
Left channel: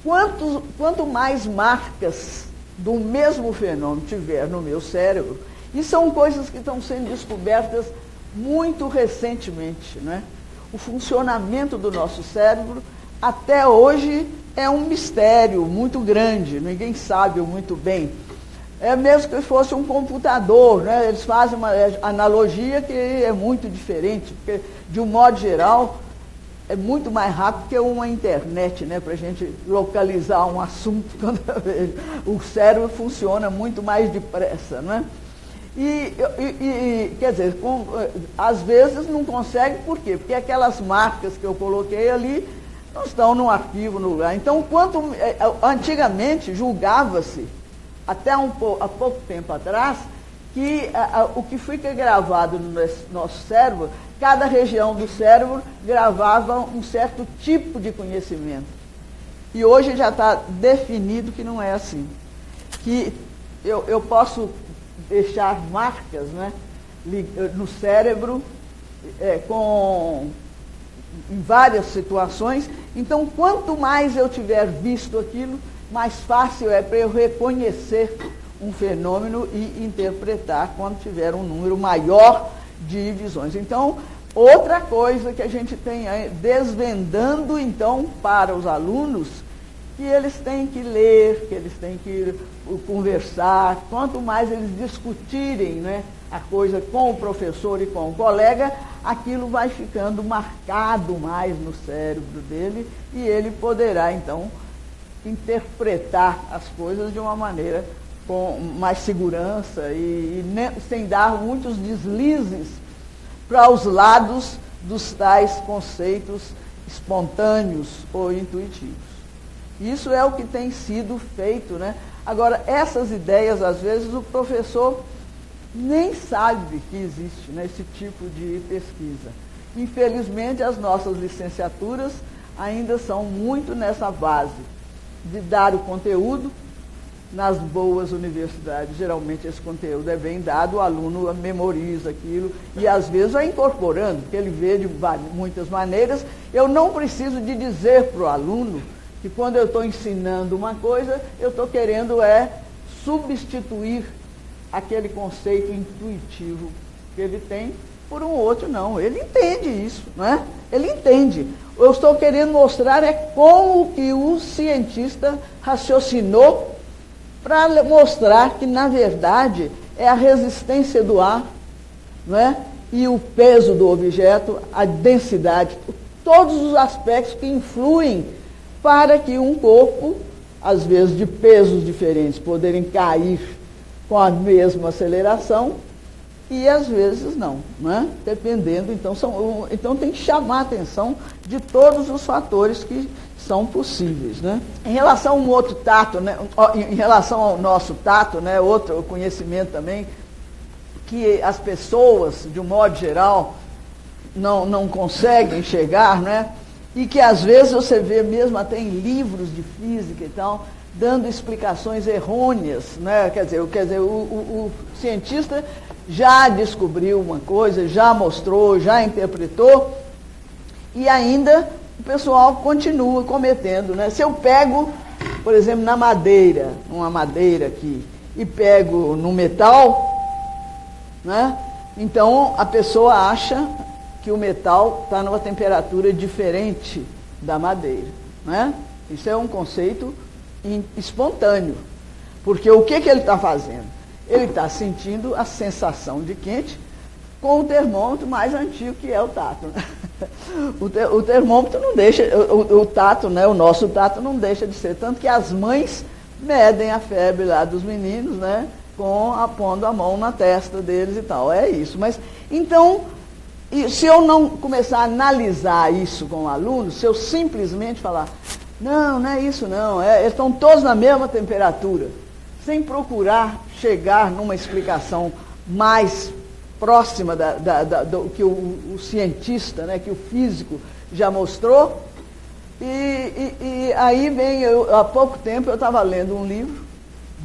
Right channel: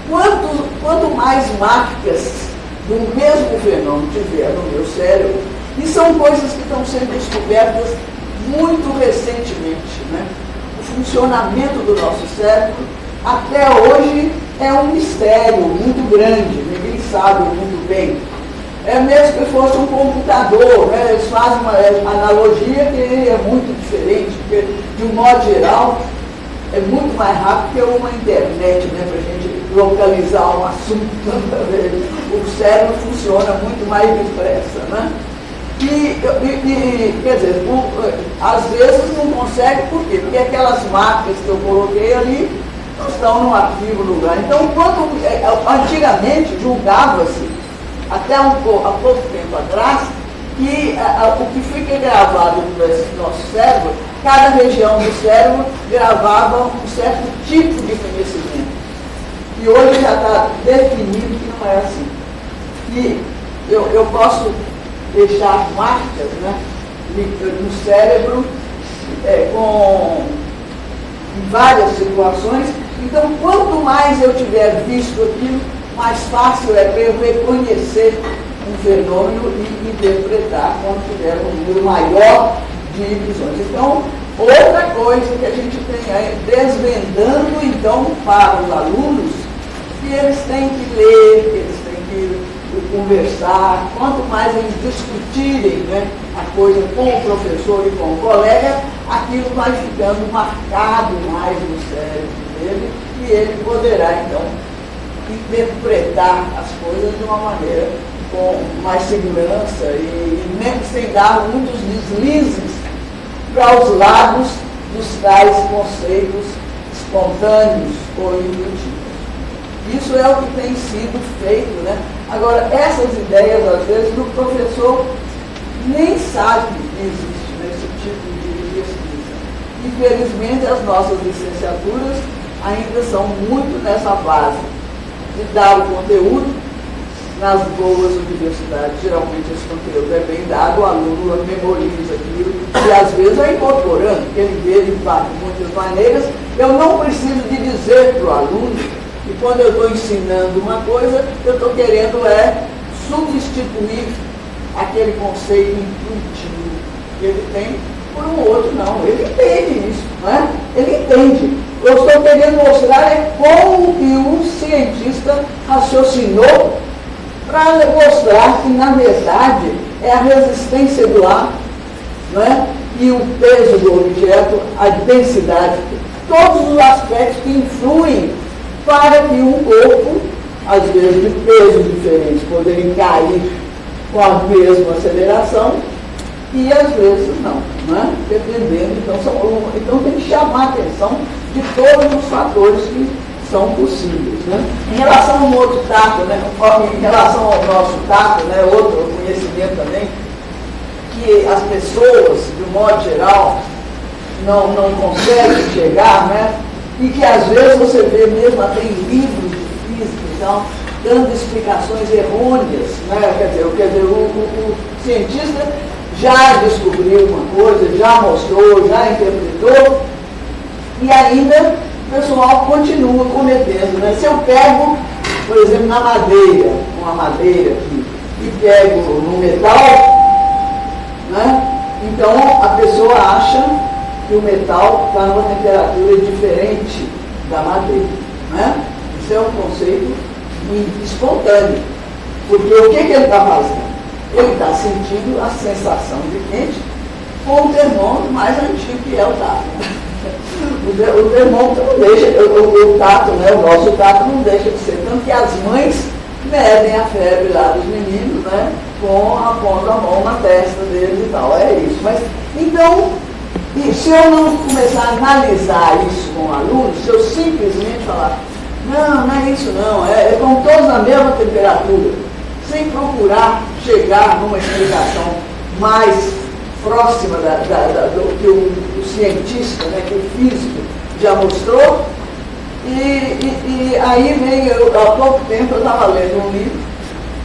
Quanto mais marcas do mesmo fenômeno tiver no meu cérebro, e são coisas que estão sendo descobertas muito recentemente, né? O funcionamento do nosso cérebro, até hoje, é um mistério muito grande, ninguém sabe muito bem. É mesmo que fosse um computador, né? Eles fazem uma analogia que é muito diferente, porque, de um modo geral, é muito mais rápido que uma internet, né? Para a gente localizar um assunto toda vez. O cérebro funciona muito mais depressa, né? Quer dizer, às vezes não consegue, por quê? Porque aquelas marcas que eu coloquei ali estão no arquivo no lugar. Então, antigamente julgava-se, até há pouco tempo atrás, que o que fica gravado no nosso cérebro, cada região do cérebro gravava um certo tipo de conhecimento. E hoje já está definido que não é assim. E eu posso deixar marcas, né, no cérebro em várias situações. Então, quanto mais eu tiver visto aquilo, mais fácil é para eu reconhecer um fenômeno e interpretar quando tiver um número maior de ilusões. Então, outra coisa que a gente tem aí, desvendando então para os alunos, que eles têm que ler, que eles têm que conversar, quanto mais eles discutirem, né, a coisa com o professor e com o colega, aquilo vai ficando marcado mais no cérebro dele e ele poderá, então, interpretar as coisas de uma maneira com mais segurança e nem sem dar muitos deslizes para os lados dos tais conceitos espontâneos ou intuitivos. Isso é o que tem sido feito, né? Agora, essas ideias, às vezes, o professor nem sabe que existe esse tipo de pesquisa. Infelizmente, as nossas licenciaturas ainda são muito nessa base de dar o conteúdo. Nas boas universidades, geralmente esse conteúdo é bem dado, o aluno memoriza aquilo, e às vezes é incorporando, porque ele vê de muitas maneiras, eu não preciso de dizer para o aluno que quando eu estou ensinando uma coisa, eu estou querendo substituir aquele conceito intuitivo que ele tem por um outro, não. Ele entende isso, né? Ele entende. Eu estou querendo mostrar como que um cientista raciocinou para mostrar que, na verdade, é a resistência do ar, né? E o peso do objeto, a densidade, todos os aspectos que influem para que um corpo, às vezes de pesos diferentes, poderem cair com a mesma aceleração e às vezes não, né? Dependendo. Então tem que chamar a atenção de todos os fatores que são possíveis, né? Em relação ao outro tato, né? Em relação ao nosso tato, né? Outro conhecimento também, que as pessoas, de modo geral, não conseguem chegar, né? E que às vezes você vê mesmo até em livros de física e tal, dando explicações errôneas, né? Quer dizer, o cientista já descobriu uma coisa, já mostrou, já interpretou, e ainda o pessoal continua cometendo, né? Se eu pego, por exemplo, na madeira, uma madeira aqui, e pego no metal, né? Então a pessoa acha que o metal está numa temperatura diferente da madeira, né? Isso é um conceito espontâneo, porque o que ele está fazendo? Ele está sentindo a sensação de quente com o termômetro mais antigo que é o tato. O termômetro não deixa, o tato, né? O nosso tato não deixa de ser, tanto que as mães medem a febre lá dos meninos, né? Pondo a mão na testa deles e tal, é isso. Mas, então, se eu não começar a analisar isso com o aluno, se eu simplesmente falar, não é isso não, estão todos na mesma temperatura, sem procurar chegar numa explicação mais próxima do que o cientista, né, que o físico já mostrou, e aí veio, há pouco tempo eu estava lendo um livro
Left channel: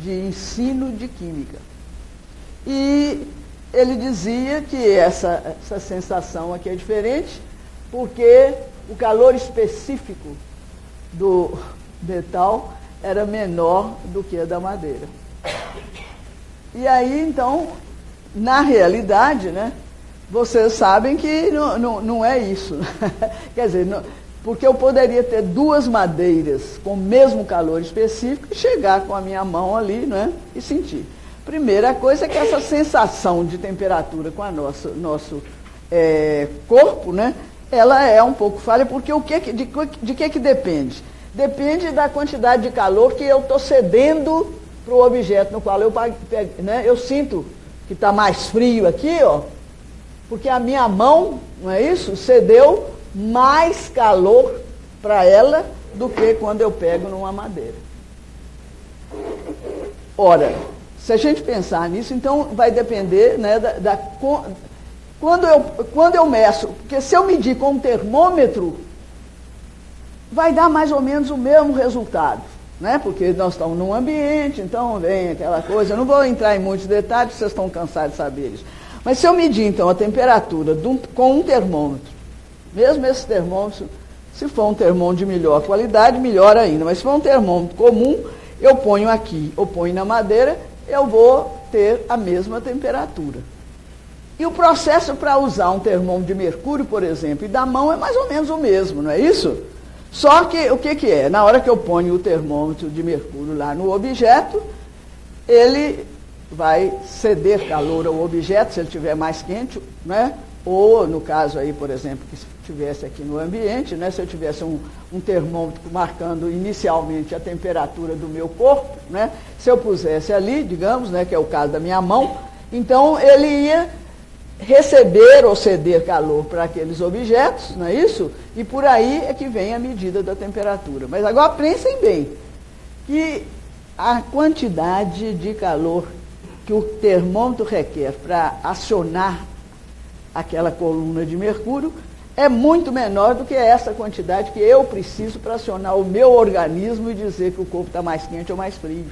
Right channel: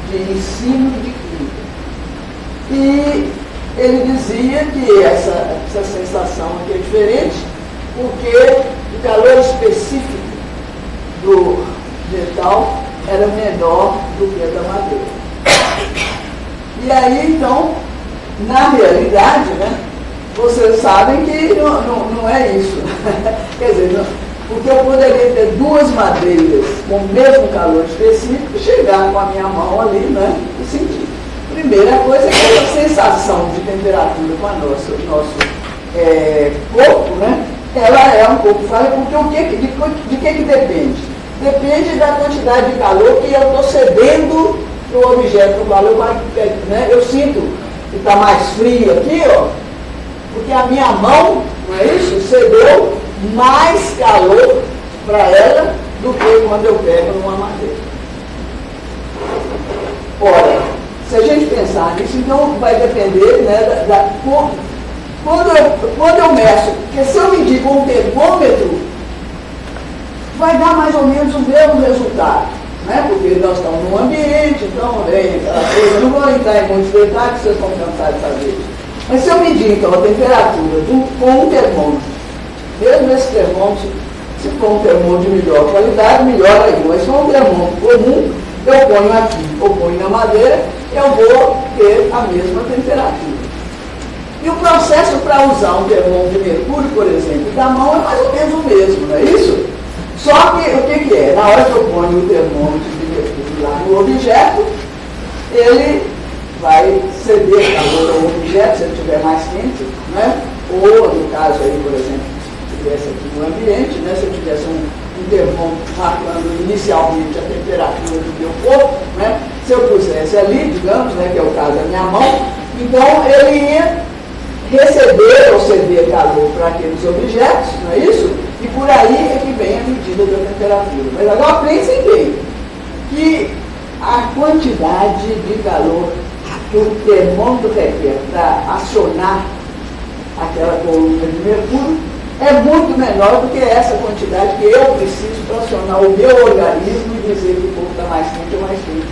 de ensino de química, e ele dizia que essa sensação aqui é diferente, porque o calor específico do metal era menor do que o da madeira. E aí, então, na realidade, né, vocês sabem que não é isso. Quer dizer, não, porque eu poderia ter duas madeiras com o mesmo calor específico e chegar com a minha mão ali, né, e sentir. Primeira coisa é que a sensação de temperatura para o nosso corpo, né, ela é um pouco falha, porque de que depende? Depende da quantidade de calor que eu estou cedendo para o objeto, né? Eu sinto que está mais frio aqui, ó, porque a minha mão, não é isso? Cedeu mais calor para ela do que quando eu pego numa madeira. Ora, se a gente pensar nisso, então vai depender, né, quando eu meço, porque se eu medir com um termômetro, vai dar mais ou menos o mesmo resultado, né? Porque nós estamos num ambiente, então eu não vou entrar em muitos detalhes, vocês vão cantar essa vez. Mas se eu medir então a temperatura com um termômetro, mesmo esse termômetro, se for um termômetro de melhor qualidade, melhor ainda, mas se for um termômetro comum, eu ponho aqui, eu ponho na madeira, eu vou ter a mesma temperatura. E o processo para usar um termômetro de mercúrio, por exemplo, da mão é mais ou menos o mesmo, não é isso? Só que o que é? Na hora que eu ponho o termômetro de mercúrio lá no objeto, ele vai ceder calor ao objeto, se ele estiver mais quente, né? Ou, no caso aí, por exemplo, se estivesse aqui no ambiente, né? Se eu tivesse um termômetro marcando inicialmente a temperatura do meu corpo, né? Se eu pusesse ali, digamos, né, que é o caso da minha mão, então ele ia receber ou ceder calor para aqueles objetos, não é isso? E por aí é que vem a medida da temperatura. Mas agora pensem bem que a quantidade de calor que o termômetro requer para acionar aquela coluna de mercúrio é muito menor do que essa quantidade que eu preciso para acionar o meu organismo e dizer que o corpo está mais quente ou mais quente.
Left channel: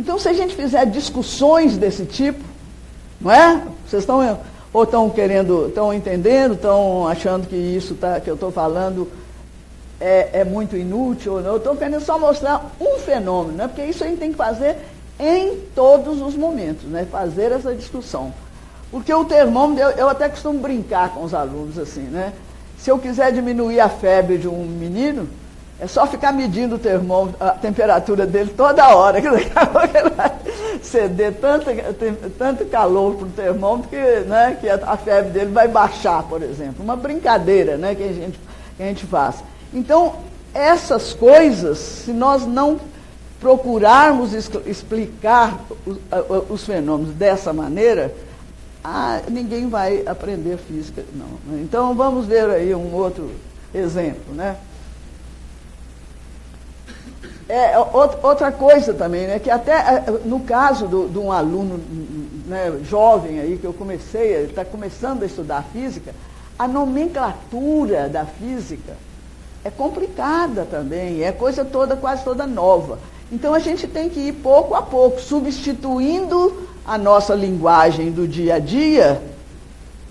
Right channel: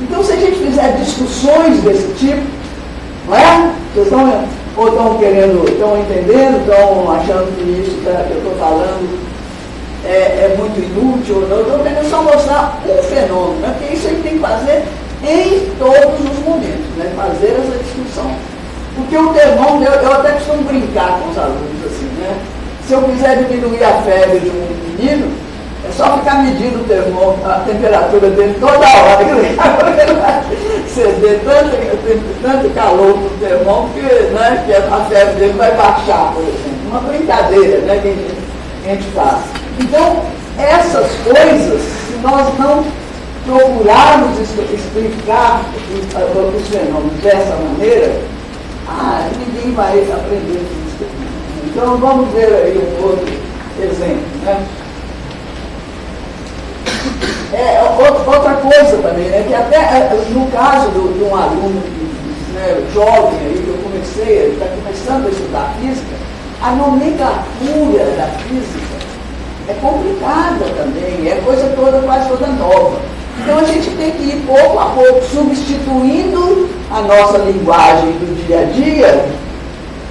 Então, se a gente fizer discussões desse tipo, não é? Vocês estão vendo? ou estão entendendo, estão achando que isso que eu estou falando é muito inútil, eu estou querendo só mostrar um fenômeno, né? Porque isso a gente tem que fazer em todos os momentos, né? Fazer essa discussão. Porque o termômetro, eu até costumo brincar com os alunos assim, né? Se eu quiser diminuir a febre de um menino, é só ficar medindo o termômetro, a temperatura dele toda hora. Ele vai ceder tanto calor para o termômetro que a febre dele vai baixar, por exemplo. Uma brincadeira, né, que a gente faz. Então, essas coisas, se nós não procurarmos explicar os fenômenos dessa maneira, ninguém vai aprender isso. Então, vamos ver aí um outro exemplo, né? Outra coisa também, né, que até no caso de um aluno, né, jovem aí, que eu comecei, ele está começando a estudar física, a nomenclatura da física é complicada também, é coisa toda, quase toda nova. Então a gente tem que ir pouco a pouco substituindo a nossa linguagem do dia a dia,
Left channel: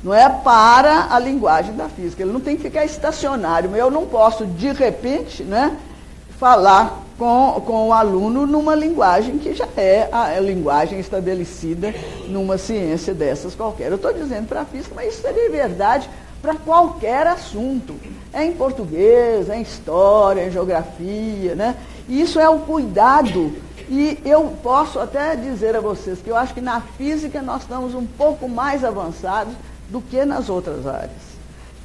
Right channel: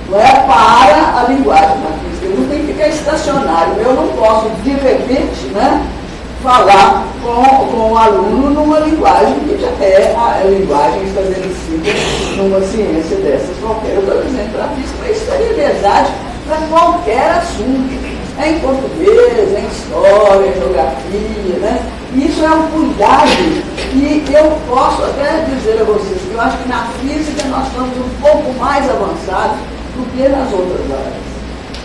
não é, para a linguagem da física. Eu não tenho que ficar estacionário, eu não posso, de repente, né, falar com o aluno numa linguagem que já é a linguagem estabelecida numa ciência dessas qualquer. Eu estou dizendo para a física, isso é verdade para qualquer assunto. É em português, é em história, em geografia, né? Isso é um cuidado e eu posso até dizer a vocês que eu acho que na física nós estamos um pouco mais avançados do que nas outras áreas.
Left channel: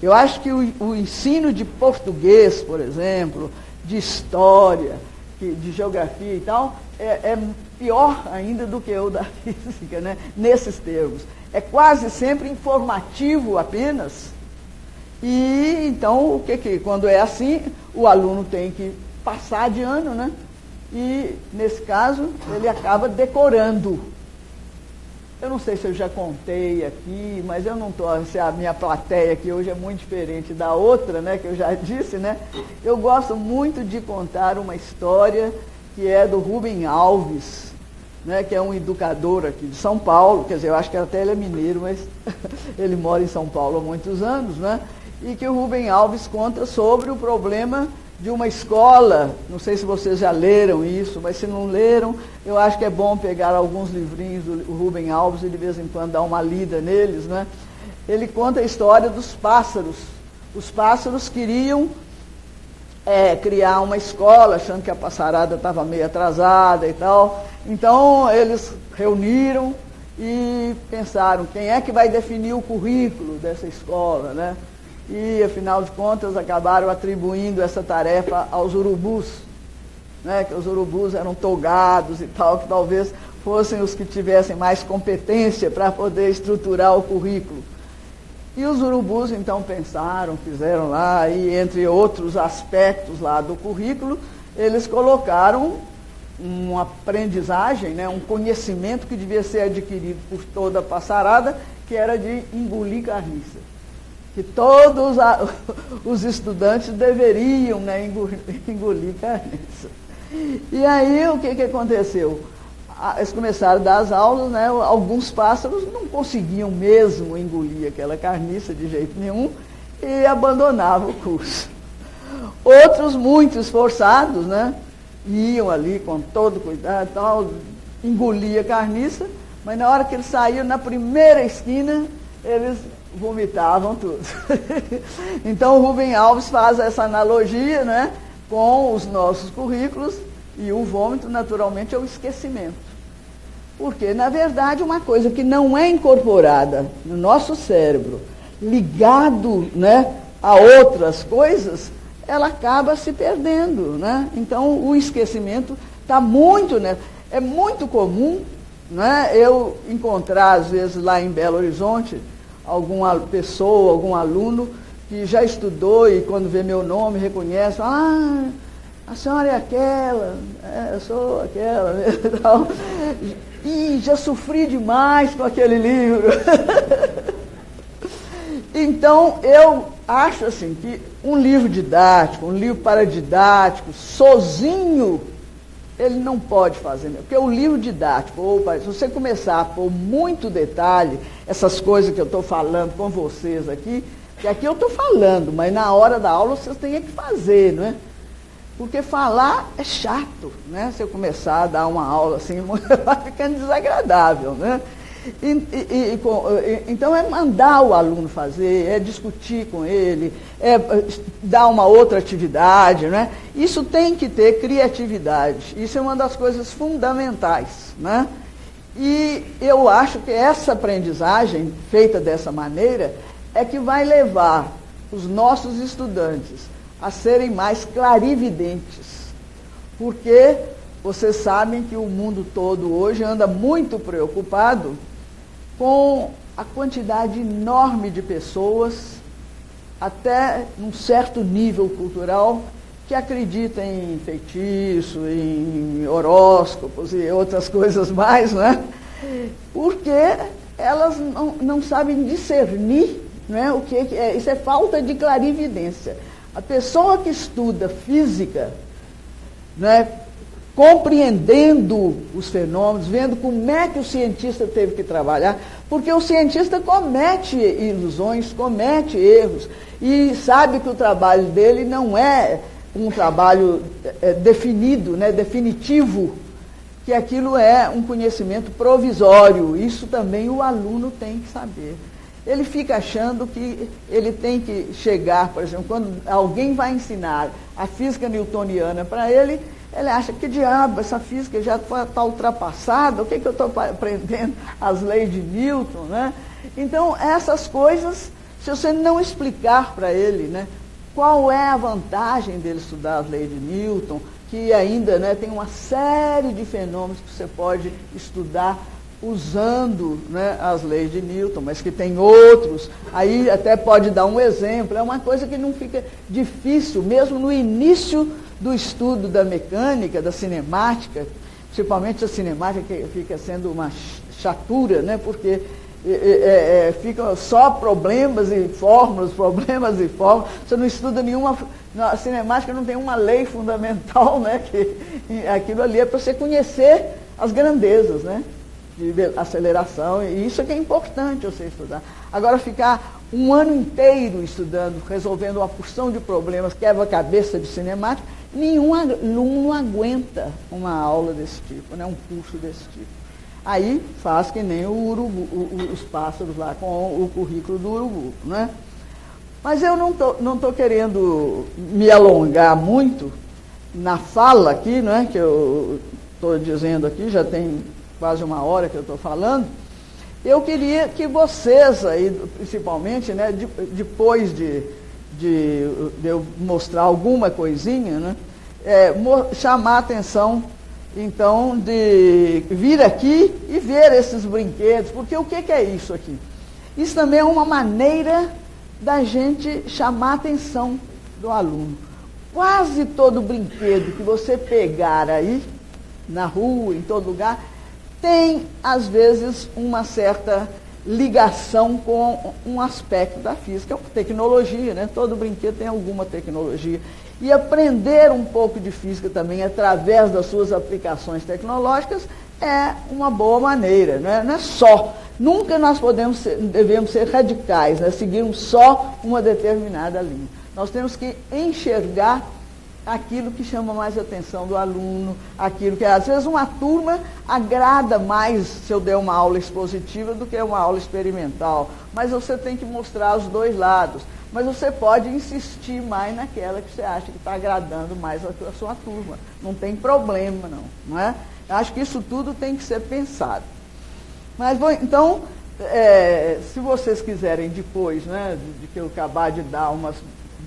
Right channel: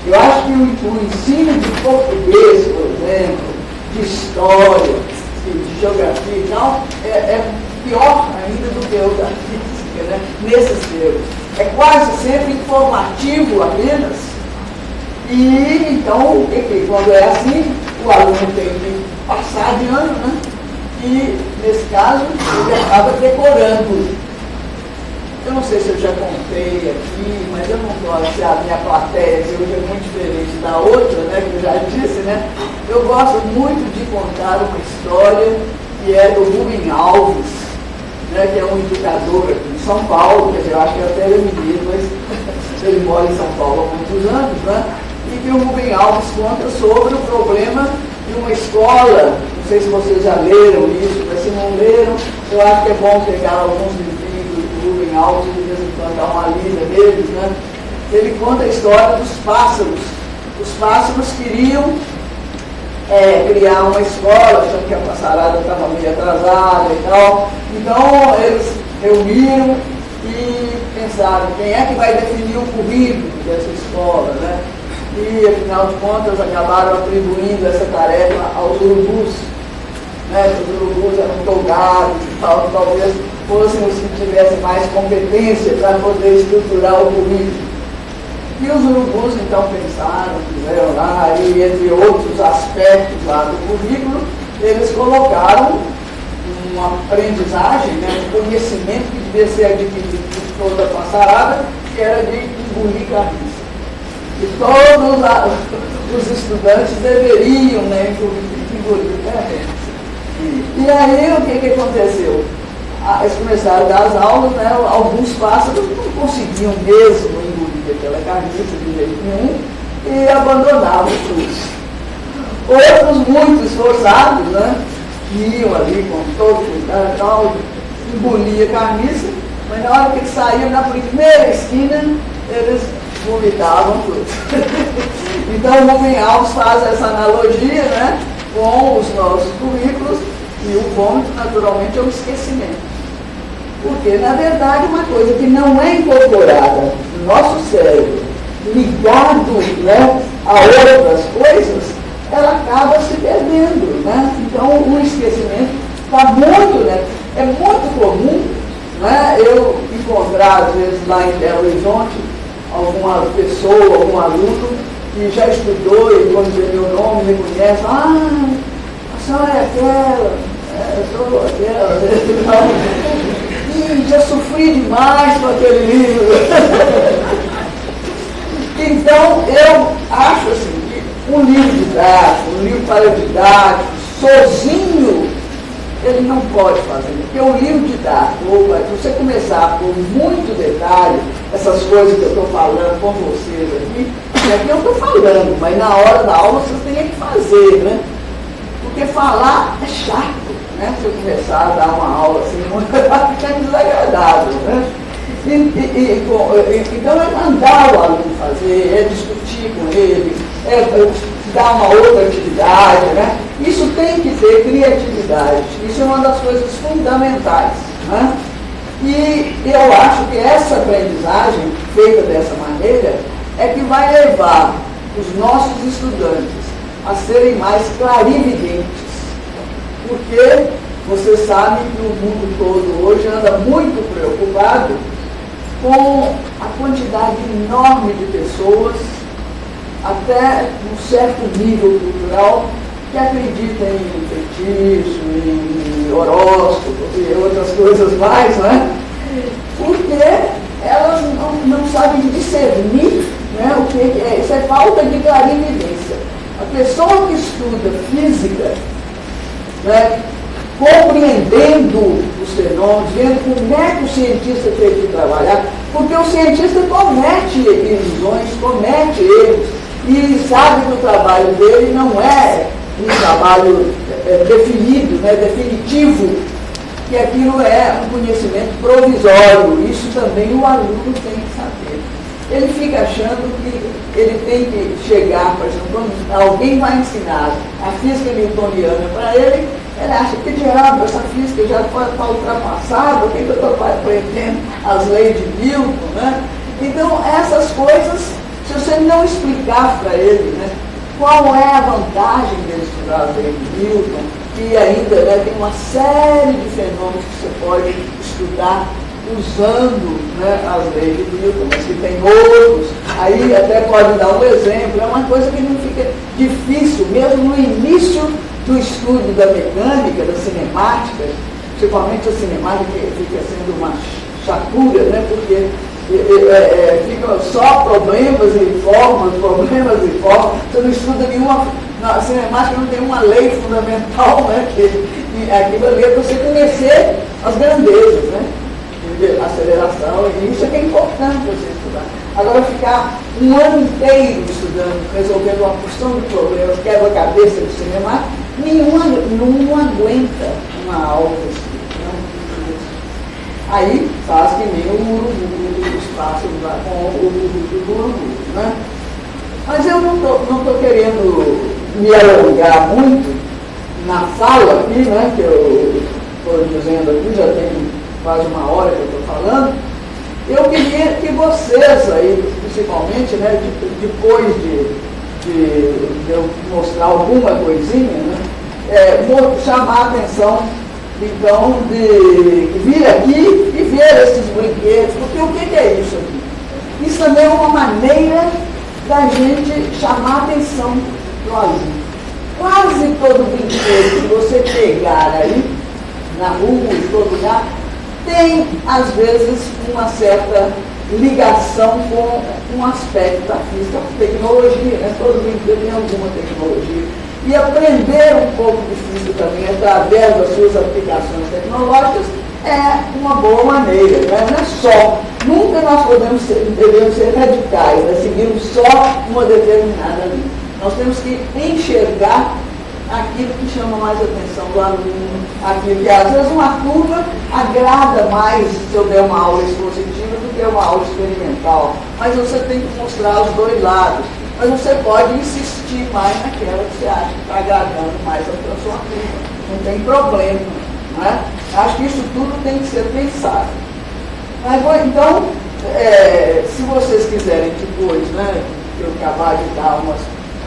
Eu acho que o ensino de português, por exemplo, de história, de geografia e tal, é pior ainda do que outra física, né? Nesses termos. É quase sempre informativo apenas. E então, quando é assim, o aluno tem que passar de ano, né? E, nesse caso, ele acaba decorando. Eu não sei se eu já contei aqui, mas eu não gosto se a minha plateia de hoje é muito diferente da outra, né? Que eu já disse, né? Eu gosto muito de contar uma história que é do Rubem Alves, né? Que é um educador aqui de São Paulo, quer dizer, eu acho que até ele é mineiro, mas ele mora em São Paulo há muitos anos, né? E que o Rubem Alves conta sobre o problema de uma escola. Não sei se vocês já leram isso, mas se não leram, eu acho que é bom pegar alguns livros do Rubem Alves e de vez em quando dar uma lida neles, né? Ele conta a história dos pássaros. Os pássaros queriam criar uma escola, achando que a passarada estava meio atrasada e tal. Então, eles reuniram e pensaram, quem é que vai definir o currículo dessa escola, né? E, afinal de contas, acabaram atribuindo essa tarefa aos urubus. Né? Os urubus eram folgados e tal, talvez fossem os que tivessem mais competência para poder estruturar o currículo. E os urubus, então, pensaram, fizeram lá, e entre outros aspectos lá do currículo, eles colocaram uma aprendizagem, né, um conhecimento que devia ser adquirido por toda a passarada, que era de engolir cabeça. E todos os estudantes deveriam, né, engolir cabeça. E aí, o que aconteceu? Eles começaram a dar as aulas, né, alguns pássaros não conseguiam mesmo engolir aquela carniça de jeito nenhum e abandonavam o curso. Outros, muito esforçados, né, iam ali com todo cuidado, engolia a carniça, mas na hora que saíam na primeira esquina, eles vomitavam tudo. Então o Rubem Alves faz essa analogia, né, com os nossos currículos, e o vômito, naturalmente, é o esquecimento. Porque, na verdade, uma coisa que não é incorporada no nosso cérebro, ligado, né, a outras coisas, ela acaba se perdendo, né? Então, o esquecimento está muito, né? É muito comum, né, eu encontrar, às vezes, lá em Belo Horizonte, alguma pessoa, algum aluno que já estudou e quando vê meu nome, me conhece, a senhora é aquela, eu sou aquela, e já sofri demais com aquele livro. Então, eu acho assim, que um livro didático, um livro para didático, sozinho, ele não pode fazer. Porque um livro didático, ou para você começar com muito detalhe, essas coisas que eu estou falando com vocês aqui, é que eu estou falando, mas na hora da aula você tem que fazer, né? Porque falar é chato, né? Se eu começar a dar uma aula assim, vai ficando desagradável, né? Então é mandar o aluno fazer, é discutir com ele, é dar uma outra atividade, né? Isso tem que ter criatividade, isso é uma das coisas fundamentais, né? E eu acho que essa aprendizagem feita dessa maneira é que vai levar os nossos estudantes a serem mais clarividentes, porque vocês sabem que o mundo todo hoje anda muito preocupado com a quantidade enorme de pessoas, até um certo nível cultural, que acreditam em feitiço, em horóscopos e outras coisas mais, né? Porque elas não sabem discernir, né, o que é. Isso é falta de clarividência. A pessoa que estuda física, né, compreendendo os fenômenos, vendo como é que o cientista tem que trabalhar, porque o cientista comete ilusões, comete erros, e ele sabe que o trabalho dele não é um trabalho definido, né, definitivo, que aquilo é um conhecimento provisório. Isso também o aluno tem que saber. Ele fica achando que ele tem que chegar, por exemplo, alguém vai ensinar a física newtoniana para ele, ele acha que diabo, essa física já está ultrapassada, o que eu estou aprendendo as leis de Newton, né? Então, essas coisas, se você não explicar para ele, né, qual é a vantagem de estudar as leis de Newton, e ainda, né, tem uma série de fenômenos que você pode estudar usando, né, as leis de Newton, mas se tem outros, aí até pode dar um exemplo, é uma coisa que não fica difícil, mesmo no início do estudo da mecânica, da cinemática, principalmente a cinemática que fica sendo uma chatura, né, porque ficam só problemas e formas, você não estuda nenhuma, a cinemática não tem uma lei fundamental, né, que aquilo ali é para você conhecer as grandezas, né, de aceleração, e isso é que é importante você estudar. Agora ficar um ano inteiro estudando, resolvendo uma porção de problemas, quebra-cabeça do cinema, nenhum aguenta uma aula desse tipo, né? Aí faz que nem o urubu, os pássaros lá com o urubu do urubu, né? Mas eu não estou querendo me alongar muito na fala aqui, né, que eu estou dizendo aqui, já tem quase uma hora que eu estou falando. Eu queria que vocês aí, principalmente, né, depois de eu mostrar alguma coisinha, né, vou chamar a atenção, então, de vir aqui e ver esses brinquedos, porque o que é isso aqui? Isso também é uma maneira da gente chamar a atenção do aluno. Quase todo brinquedo que você pegar aí, na rua, em todo lugar, tem, às vezes, uma certa ligação com um aspecto da física, tecnologia, né? Todo brinquedo tem alguma tecnologia. E aprender um pouco de física também, através das suas aplicações tecnológicas, é uma boa maneira, né? Não é só. Nunca nós devemos ser radicais, né? Seguimos só uma determinada linha. Nós temos que enxergar aquilo que chama mais a atenção do aluno, aquilo que às vezes uma turma agrada mais se eu der uma aula expositiva do que uma aula experimental, mas você tem que mostrar os dois lados, mas você pode insistir mais naquela que você acha que está agradando mais a sua turma, não tem problema, né? Acho que isso tudo tem que ser pensado. Mas, bom, então, se vocês quiserem depois, né, que eu acabar de dar umas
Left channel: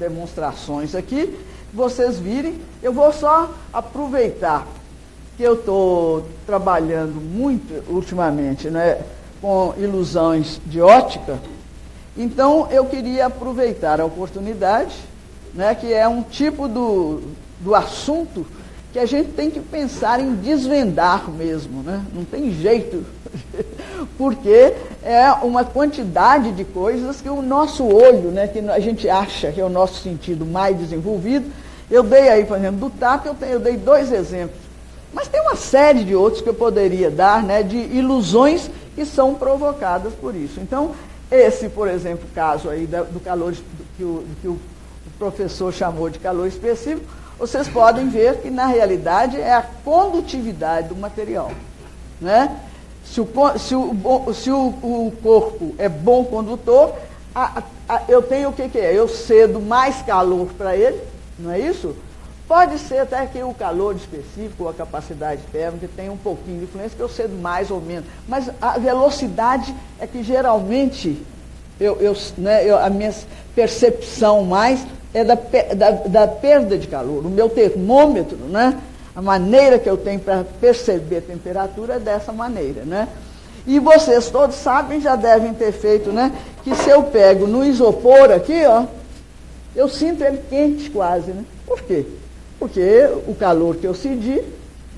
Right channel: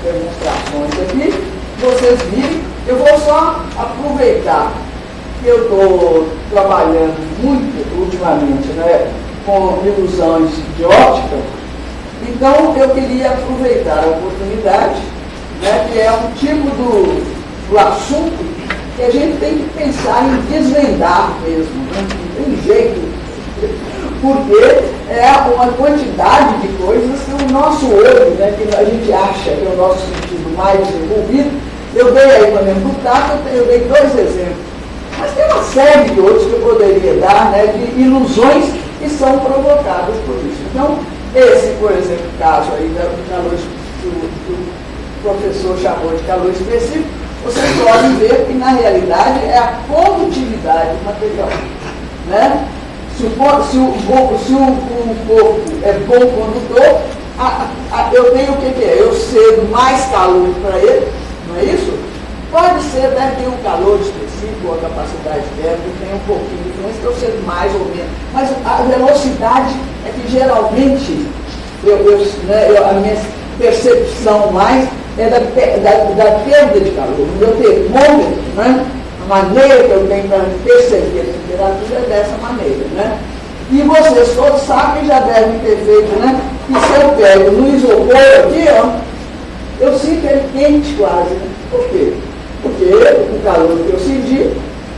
demonstrações aqui, vocês virem, eu vou só aproveitar que eu estou trabalhando muito ultimamente, né, com ilusões de óptica, então eu queria aproveitar a oportunidade, né, que é um tipo do assunto que a gente tem que pensar em desvendar mesmo, né? Não tem jeito, porque é uma quantidade de coisas que o nosso olho, né, que a gente acha que é o nosso sentido mais desenvolvido. Eu dei aí para me amputar, eu dei 2 exemplos. Mas tem uma série de outros que eu poderia dar, né, de ilusões que são provocadas por isso. Então, esse, por exemplo, caso aí do calor que o professor chamou de calor específico, vocês podem ver que, na realidade, é a condutividade do material. Né? Se o corpo é bom condutor, eu tenho o que ter? Eu cedo mais calor para ele, não é isso? Pode ser, deve ter um calor específico, a capacidade térmica, tem um pouquinho de diferença, eu cedo mais ou menos. Mas a velocidade é que geralmente, a minha percepção mais é da perda de calor. O meu termômetro, né? A maneira que eu tenho para perceber a temperatura é dessa maneira, né? E vocês todos sabem, já devem ter feito, né? Que se eu pego no isopor aqui, ó, eu sinto ele quente quase. Né? Por quê? Porque o calor que eu senti,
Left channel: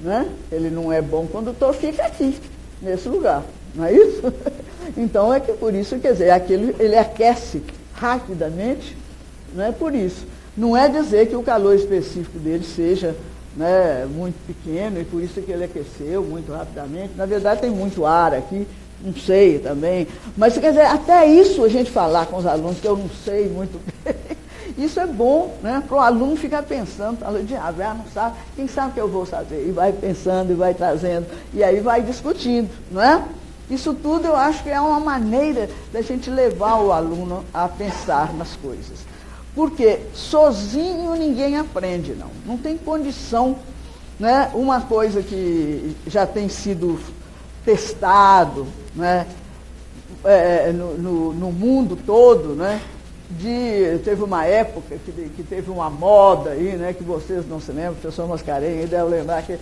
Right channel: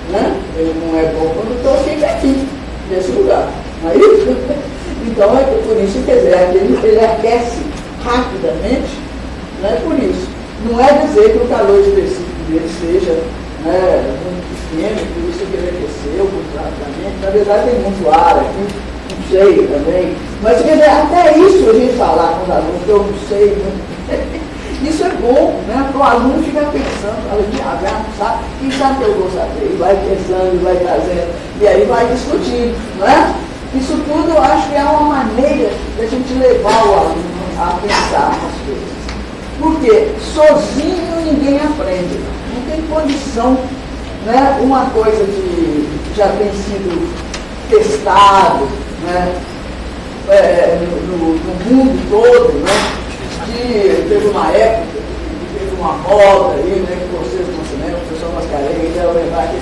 né? Ele não é bom quando eu fico aqui, nesse lugar. Não é isso? Então, é por isso, quer dizer, ele aquece rapidamente, né? Por isso. Não é dizer que o calor específico dele seja muito pequeno, por isso que ele aqueceu, completamente. Na verdade, tem muito ar aqui, não sei também. Mas até isso a gente falar com o aluno, que eu não sei, né? Isso é bom, né? Para o aluno ficar pensando, sabe? Quem sabe que eu vou saber? E vai pensando, vai trazendo, e aí vai discutindo, não é? Isso tudo eu acho que é uma maneira de a gente levar o aluno a pensar nas coisas. Porque sozinho ninguém aprende. Não tem condição, né? Uma coisa que já tem sido testado, né? No mundo todo, né? Teve uma época, teve uma moda aí, né? Que vocês não se lembram, o professor Mascarenhas, era verdade,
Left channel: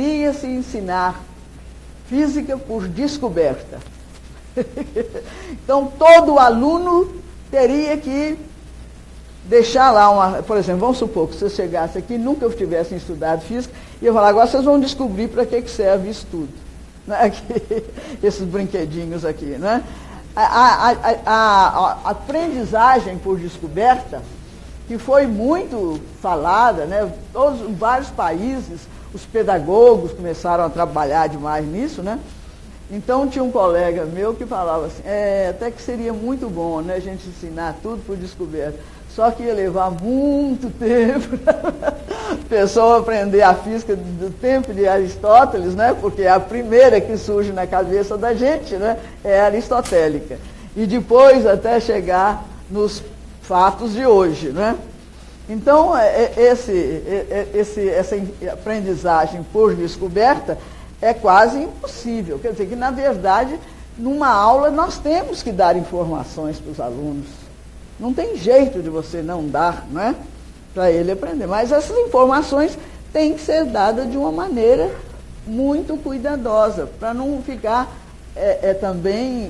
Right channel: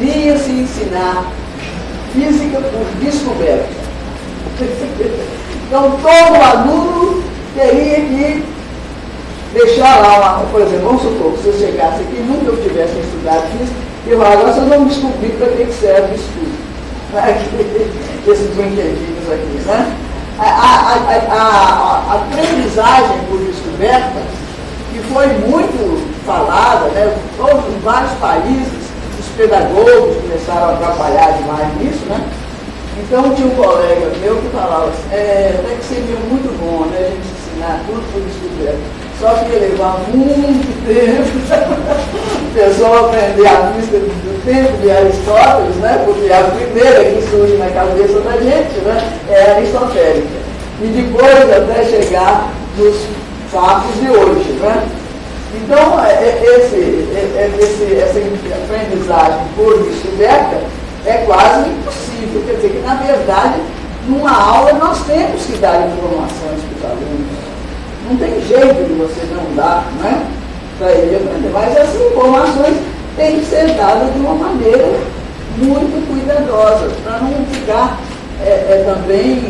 iria se ensinar física por descoberta. Então todo aluno teria que deixar lá, por exemplo, vamos supor, se eu chegasse aqui e nunca eu tivesse estudado física, eu agora vocês vão descobrir para que serve o estudo. Esses brinquedinhos aqui, né? A aprendizagem por descoberta, que foi muito falada, né? Em vários países, os pedagogos começaram a trabalhar demais nisso, né? Então tinha um colega meu que falava assim, até que seria muito bom, né? A gente ensinar tudo por descoberta. Só que ia levar muito tempo o pessoal aprender a física do tempo de Aristóteles, né? Porque a primeira que surge na cabeça da gente, né? É a aristotélica. E depois até chegar nos fatos de hoje, né? Então, essa aprendizagem por descoberta é quase impossível. Quer dizer que, na verdade, numa aula nós temos que dar informações para os alunos. Não tem jeito de você não dar, né? Para ele aprender. Mas essas informações têm que ser dadas de uma maneira muito cuidadosa, para não ficar também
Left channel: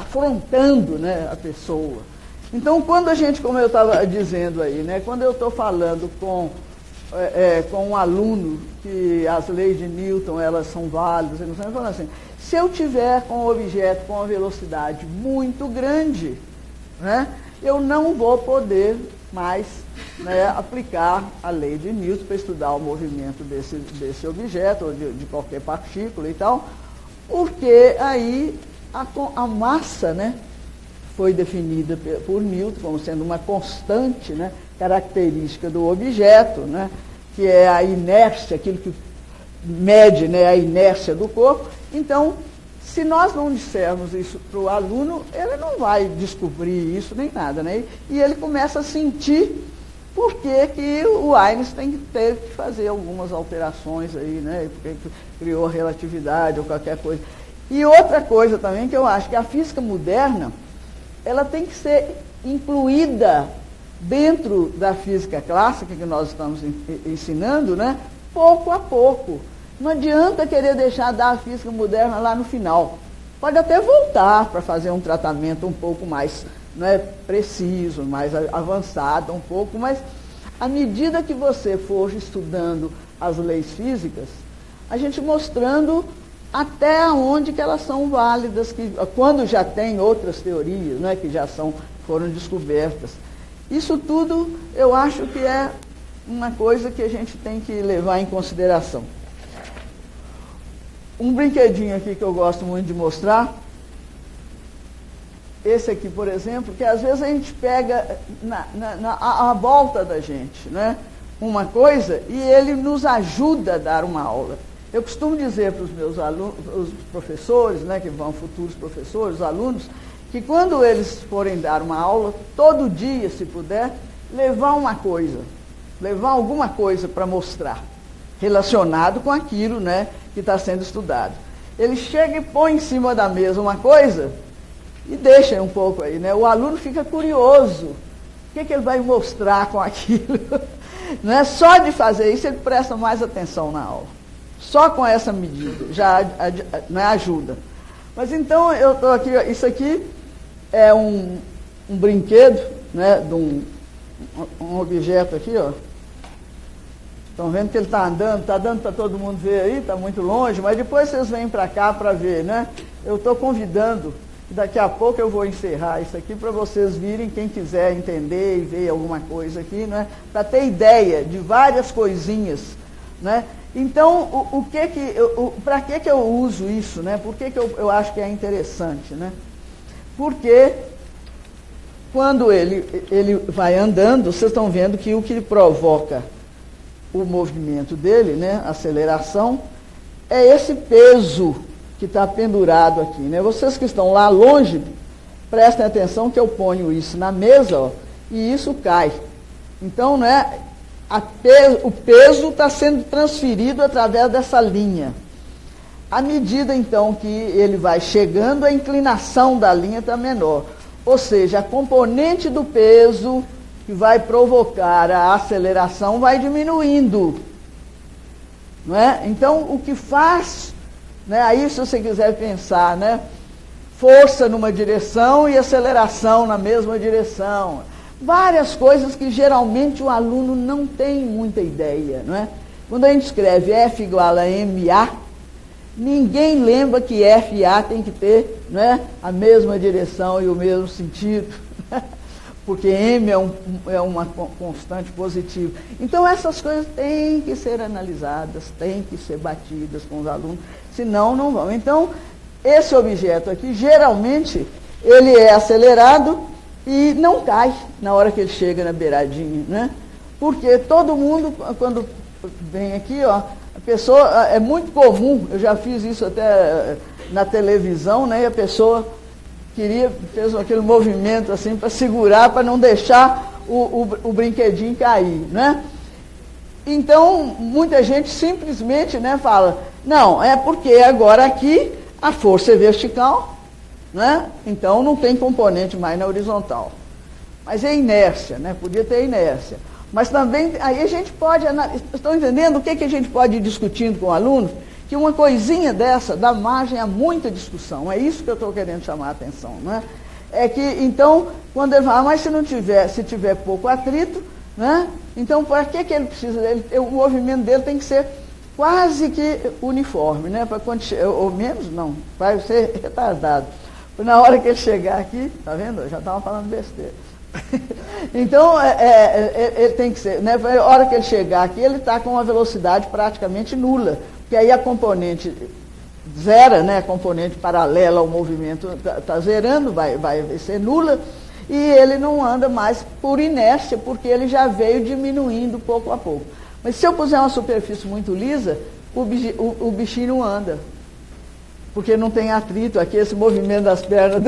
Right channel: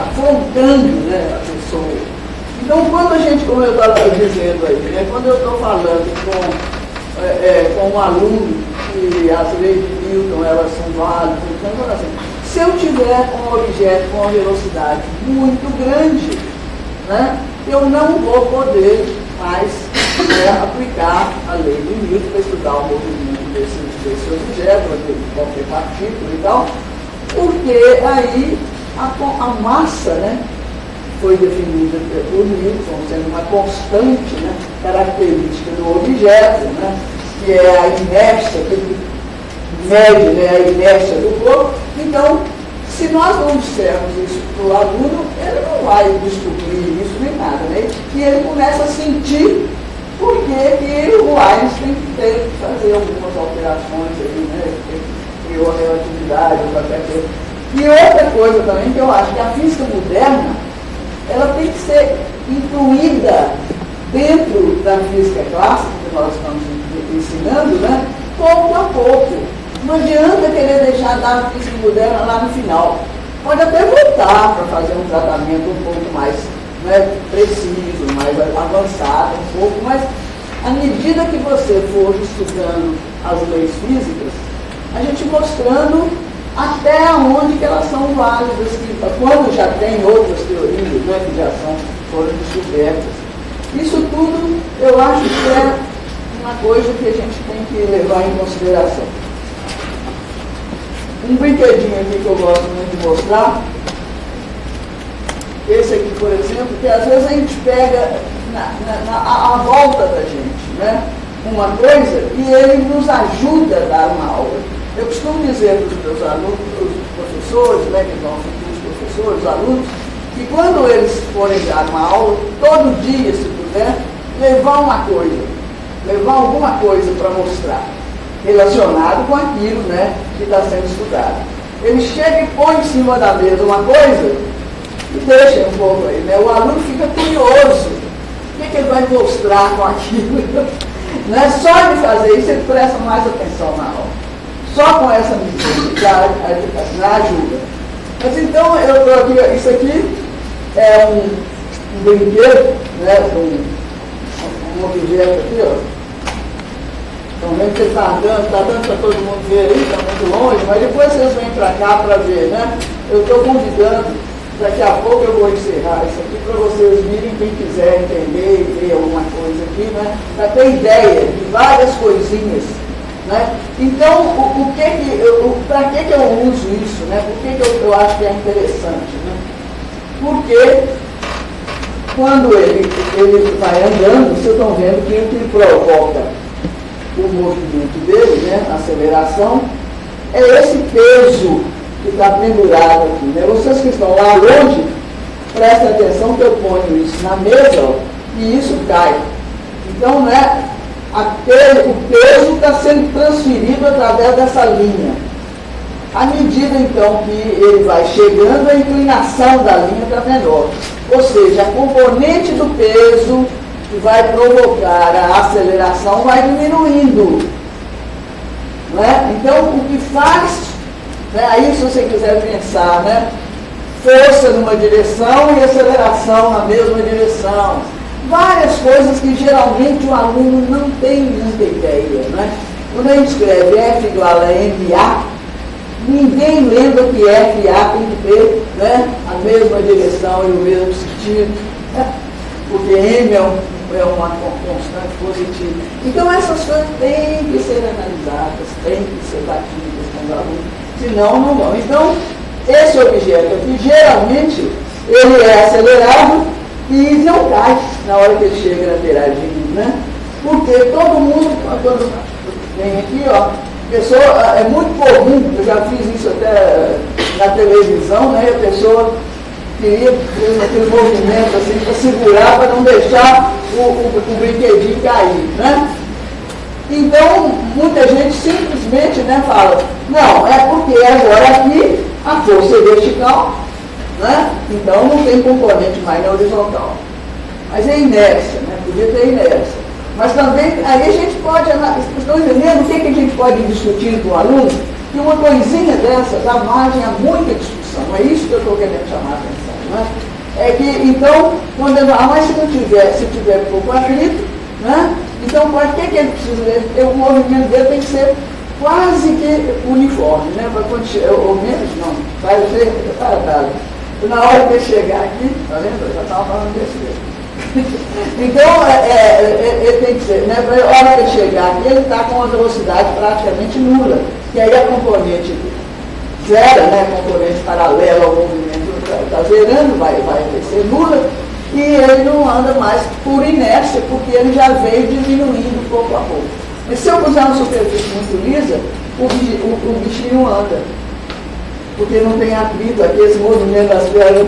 afrontando, né, a pessoa. Então, quando a gente, como eu estava dizendo aí, né, quando eu estou falando com um aluno que as leis de Newton, elas são válidas, então, assim, se eu tiver um objeto com uma velocidade muito grande, né, eu não vou poder mais aplicar a lei de Newton para estudar o movimento desse objeto, de qualquer partícula e tal, porque aí a massa, né, foi definida por Newton sendo uma constante, né, característica do objeto, né, que é a inércia, que mede, né, a inércia do corpo. Então, se nós não dissermos isso para o aluno, ele não vai descobrir isso nem nada, né? E ele começa a sentir por que o Einstein tem que fazer algumas alterações aí, né? Criou a relatividade, qualquer coisa. E outra coisa também que eu acho que a física moderna, ela tem que ser incluída dentro da física clássica que nós estamos ensinando, né? Pouco a pouco. Não adianta querer deixar a física moderna lá no final. Pode até voltar para fazer um tratamento um pouco mais, né, preciso, mais avançado, um pouco, mas à medida que você for estudando as leis físicas, a gente mostrando até onde que elas são válidas, quando já tem outras teorias, né, que já foram descobertas. Isso tudo eu acho que é uma coisa que a gente tem que levar em consideração. Um brinquedinho aqui que eu gosto muito de mostrar, esse aqui, por exemplo, que às vezes a gente pega à volta da gente, né? Uma coisa, e ele nos ajuda a dar uma aula. Eu costumo dizer para os meus alunos, os professores, né, que vão os professores, os alunos, que quando eles forem dar uma aula, todo dia, se puder, levar alguma coisa para mostrar, relacionado com aquilo, né, que está sendo estudado. Ele chega e põe em cima da mesa uma coisa e deixa um pouco aí, né? O aluno fica curioso. O que ele vai mostrar com aquilo? Né? Só de fazer isso ele presta mais atenção na aula. Só com essa medida já ajuda. Mas então eu estou aqui, isso aqui é um brinquedo, né, de um objeto aqui, ó. Então, vendo que ele está andando para todo mundo ver aí, está muito longe, mas depois vocês vêm para cá para ver, né? Eu estou convidando, daqui a pouco eu vou encerrar isso aqui para vocês virem, quem quiser entender e ver alguma coisa aqui, né? Para ter ideia de várias coisinhas, né? Então, para que eu uso isso, né? Por que eu acho que é interessante, né? Porque quando ele vai andando, vocês estão vendo que o que provoca o movimento dele, né, a aceleração, é esse peso que está pendurado aqui. Né? Vocês que estão lá longe, prestem atenção que eu ponho isso na mesa, ó, e isso cai. Então, né, o peso está sendo transferido através dessa linha. À medida, então, que ele vai chegando, a inclinação da linha está menor. Ou seja, a componente do peso que vai provocar a aceleração vai diminuindo. Né? Então, o que faz, né, aí se você quiser pensar, né, força numa direção e aceleração na mesma direção, várias coisas que geralmente o aluno não tem muita ideia. Né? Quando a gente escreve F igual a MA, ninguém lembra que F e A tem que ter, né, a mesma direção e o mesmo sentido, né? Porque M é uma constante positiva. Então essas coisas têm que ser analisadas, têm que ser batidas com os alunos, senão não vão. Então, esse objeto aqui, geralmente, ele é acelerado e não cai na hora que ele chega até né? Porque todo mundo, quando vem aqui, ó, pessoa, é muito comum, eu já fiz isso até na televisão, né? A pessoa queria ter aquele movimento assim para segurar, para não deixar o brinquedinho cair, né? Então, muita gente simplesmente, né, fala, não, é porque agora aqui a força é vertical, né? Então não tem componente mais na horizontal. Mas é inércia, né? Podia ter inércia. Mas também, aí a gente pode, estão entendendo o que a gente pode discutir com o aluno? Que uma coisinha dessa dá margem a muita discussão. É isso que eu estou querendo chamar a atenção. Né? É que, então, quando ele fala, mas se tiver pouco atrito, né? Então, para que ele precisa? Porque o movimento dele tem que ser quase que uniforme, né? Para quando chegar, ou menos não, vai ser retardado. Na hora que ele chegar aqui, tá vendo? Eu já estava falando desse jeito. Então, ele tem que ser, né? A hora que ele chegar aqui, ele está com uma velocidade praticamente nula, que aí a componente zero, né? A componente paralela ao movimento está zerando, vai ser nula, e ele não anda mais por inércia, porque ele já veio diminuindo pouco a pouco. E se eu puser uma superfície muito lisa, o bichinho anda. Porque não tem atrito, aqui esse movimento das pernas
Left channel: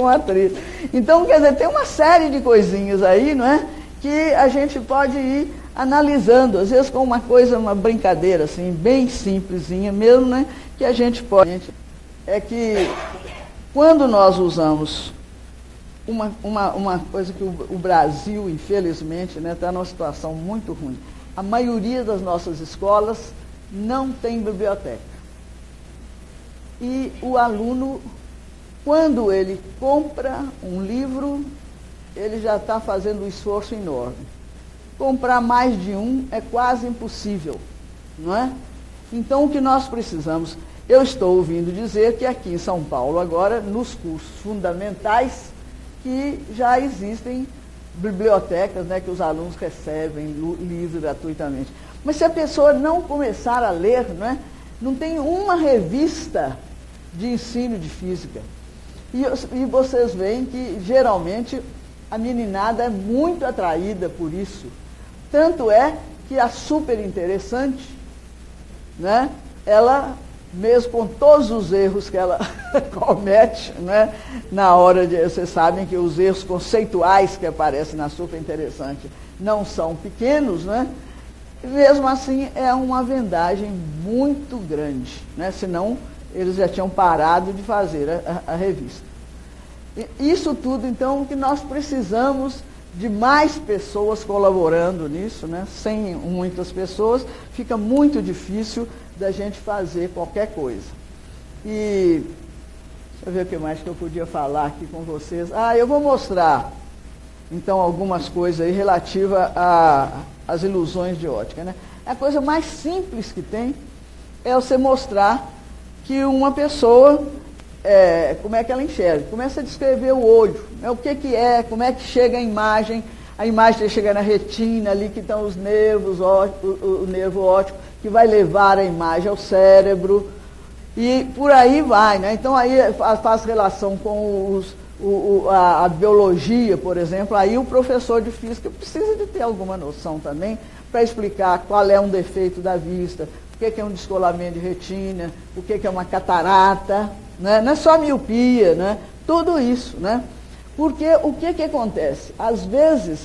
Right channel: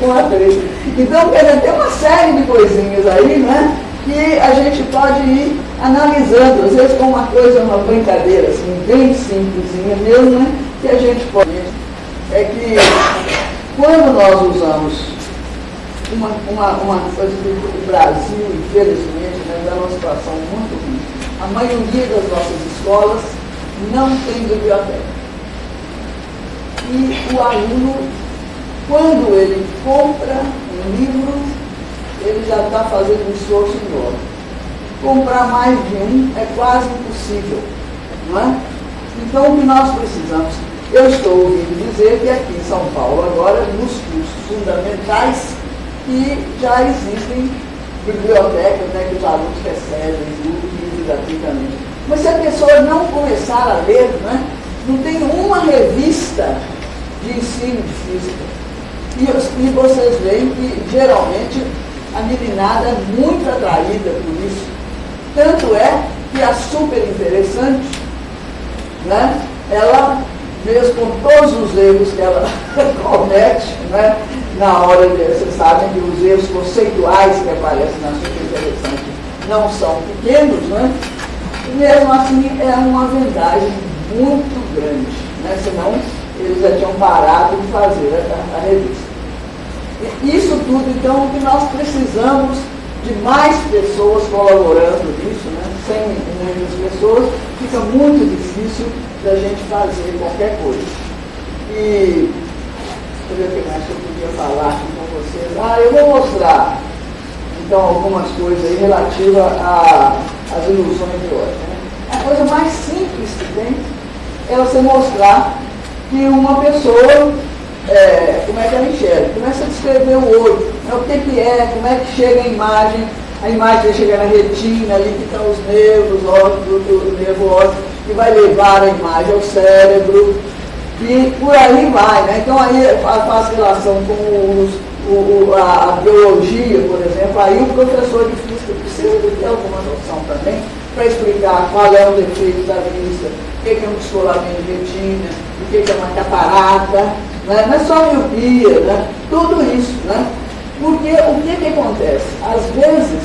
com atrito. Então, quer dizer, tem uma série de coisinhas aí, né, que a gente pode ir analisando, às vezes com uma coisa, uma brincadeira, assim, bem simplesinha mesmo, né, que a gente pode. É que quando nós usamos uma coisa que o Brasil, infelizmente, né, dá uma situação muito ruim. A maioria das nossas escolas não tem biblioteca. E o aluno, quando ele compra um livro, ele já está fazendo um esforço enorme. Comprar mais de um é quase impossível, não é? Então, o que nós precisamos, eu estou ouvindo dizer que aqui em São Paulo, agora, nos cursos fundamentais, que já existem bibliotecas, né, que os alunos recebem livros gratuitamente. Mas se a pessoa não começar a ler, né, não tem uma revista de ensino de física. E vocês veem que, geralmente, a meninada é muito atraída por isso. Tanto é que a super interessante, né, ela, mesmo com todos os erros que ela comete, né, na hora de, vocês sabem que os erros conceituais que aparecem na super interessante não são pequenos, né, e mesmo assim é uma vantagem muito grande, né, senão eles já tinham parado de fazer a revista. Isso tudo, então, que nós precisamos de mais pessoas colaborando nisso, né? Sem muitas pessoas, fica muito difícil da gente fazer qualquer coisa. E, deixa eu ver o que mais que eu queria falar aqui com vocês. Eu vou mostrar, então, algumas coisas aí relativas às ilusões de ótica, né? A coisa mais simples que tem é você mostrar que uma pessoa, como é que ela enxerga? Começa a descrever o olho, o que é, como é que chega a imagem que chega na retina, ali que estão os nervos, os óculos, o nervo óptico, que vai levar a imagem ao cérebro, e por aí vai, né? Então aí faz relação com a biologia, por exemplo, aí o professor de física precisa ter alguma noção também, para explicar qual é o defeito da vista, o que é um descolamento de retina, o que é uma catarata, né? Não é só a miopia, né? Tudo isso, né? Porque o que acontece? Às vezes,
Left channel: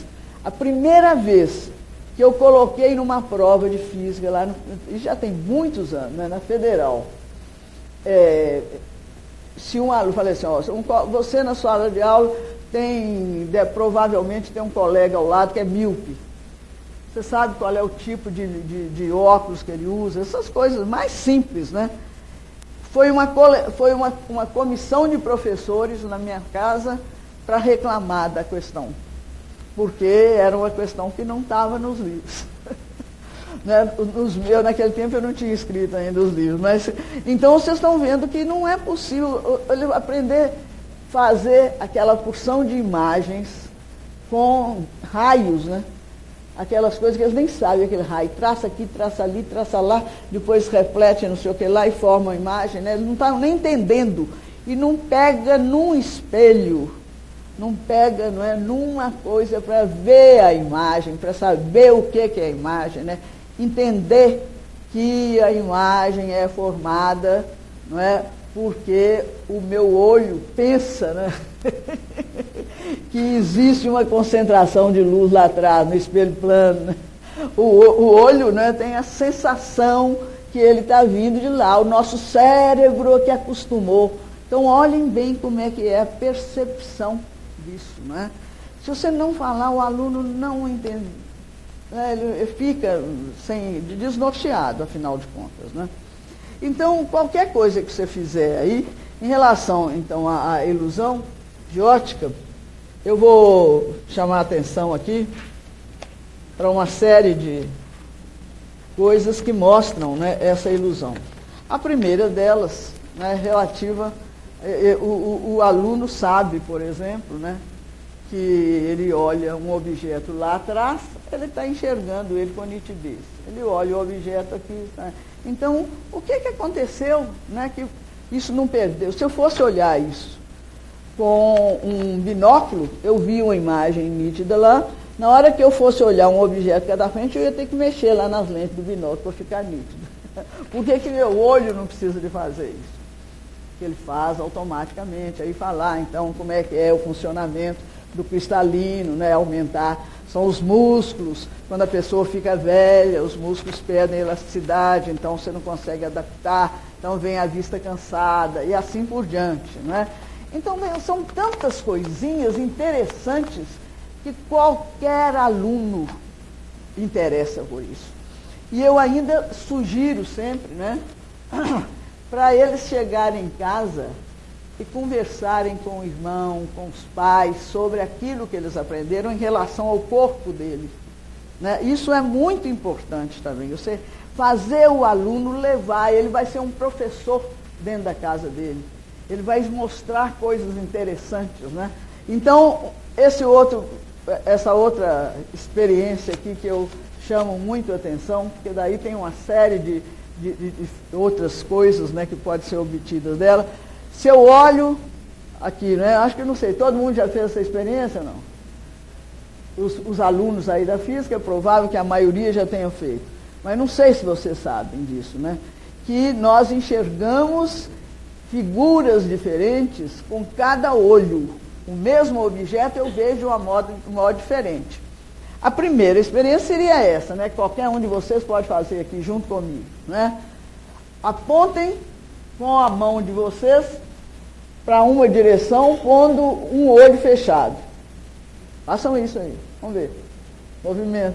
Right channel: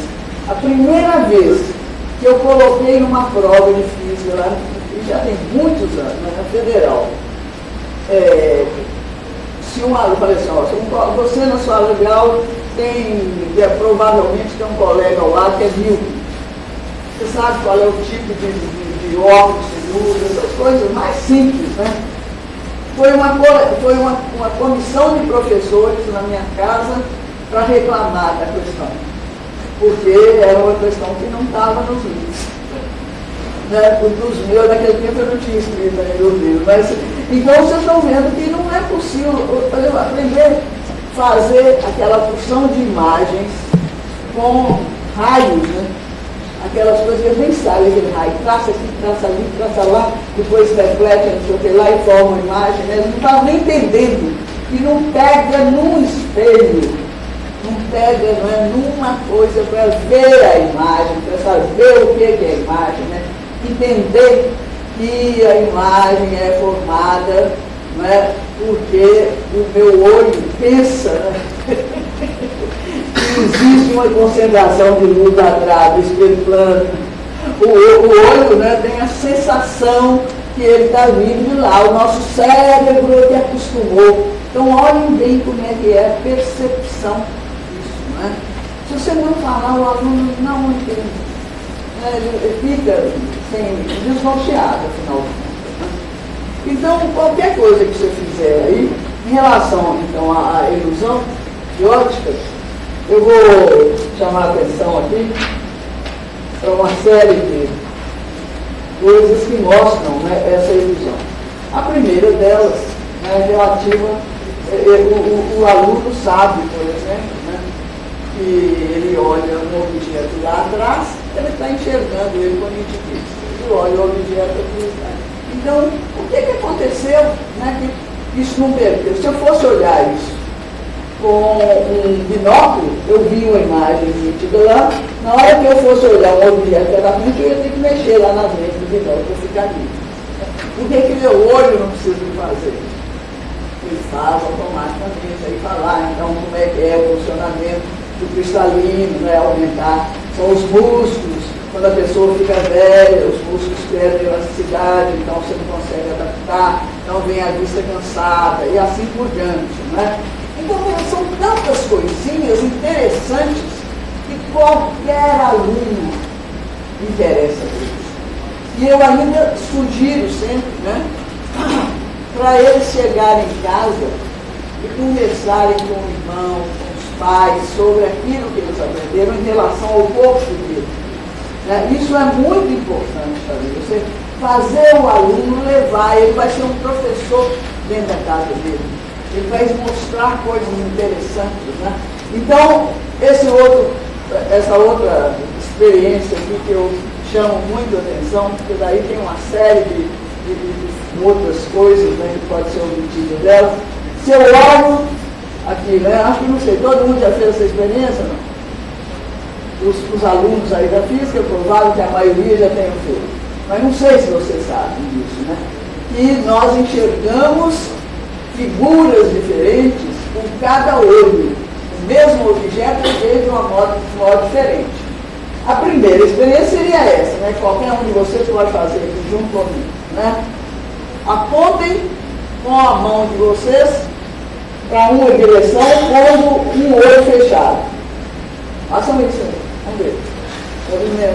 a primeira vez que eu coloquei numa prova de física, lá, que já tem muitos anos, né, na federal, se um aluno fala assim, ó, você na sua aula de aula provavelmente tem um colega ao lado que é míope. Você sabe qual é o tipo de óculos, de luz, essas coisas mais simples, né? Foi uma comissão de professores na minha casa para reclamar da questão, porque era uma questão que não estava nos livros. Né? Dos meus, naquele tempo eu não tinha escrito ainda no livro, mas então vocês estão vendo que não é possível aprender a fazer aquela porção de imagens com raios, né? Aquelas coisas que eles nem sabem de raio, traça aqui, traça ali, traça lá, depois reflete, não sei o que lá e forma uma imagem, né? Eles não estavam nem entendendo, e não pega num espelho, não pega, não é, numa coisa para ver a imagem, para saber o que é a imagem, né? Entender que a imagem é formada, né? Porque o meu olho pensa, né? Existe uma concentração de luz lá atrás, do espelho plano. O olho, né, tem a sensação que ele está vindo de lá. O nosso cérebro que acostumou. Então, olhem bem como é que é a percepção disso. Né? Se você não falar, o aluno não entende. Ele fica desnorteado, afinal de contas. Né? Então, qualquer coisa que você fizer aí, em relação então, à ilusão de óticas, eu vou chamar a atenção aqui para uma série de coisas que mostram, né, essa ilusão. A primeira delas é relativa, o aluno sabe, por exemplo, né, que ele olha um objeto lá atrás, ele está enxergando ele com nitidez. Ele olha o objeto aqui. Né? Então, o que aconteceu, né, que isso não perdeu? Se eu fosse olhar isso com um binóculo, eu vi uma imagem nítida lá, na hora que eu fosse olhar um objeto pela frente, eu ia ter que mexer lá na frente do binóculo para ficar ali. O que meu olho não precisa de fazer? Ele faz automaticamente, aí falar, então, como é que é o funcionamento do cristalino, né, aumentar. São os músculos, quando a pessoa fica velha, os músculos perdem elasticidade, então você não consegue adaptar, então vem a vista cansada, e assim por diante, né? Então, são tantas coisinhas interessantes que qualquer aluno interessa isso. E eu ainda sugiro sempre, né, para eles chegarem em casa e conversarem com o irmão, com os pais, sobre aquilo que eles aprenderam em relação ao corpo dele. Né? Isso é muito importante também. Você fazer o aluno levar, ele vai ser um professor dentro da casa dele. Ele vai mostrar coisas interessantes, né? Então, essa outra experiência aqui que eu chamo muito a atenção, porque daí tem uma série de outras coisas, né, que pode ser o objetivo dela. Se eu olho aqui, né, acho que não sei, todo mundo já fez essa experiência, não? Os alunos aí da física, é provável que a maioria já tenha feito. Mas não sei se vocês sabem disso, né? E nós enxergamos figuras diferentes com cada olho. O mesmo objeto é de uma modo diferente. A primeira experiência seria essa, né? Qualquer um de vocês pode fazer aqui junto comigo, né? Apontem com a mão de vocês para uma direção com um olho fechado. Façam isso aí. Vamos ver.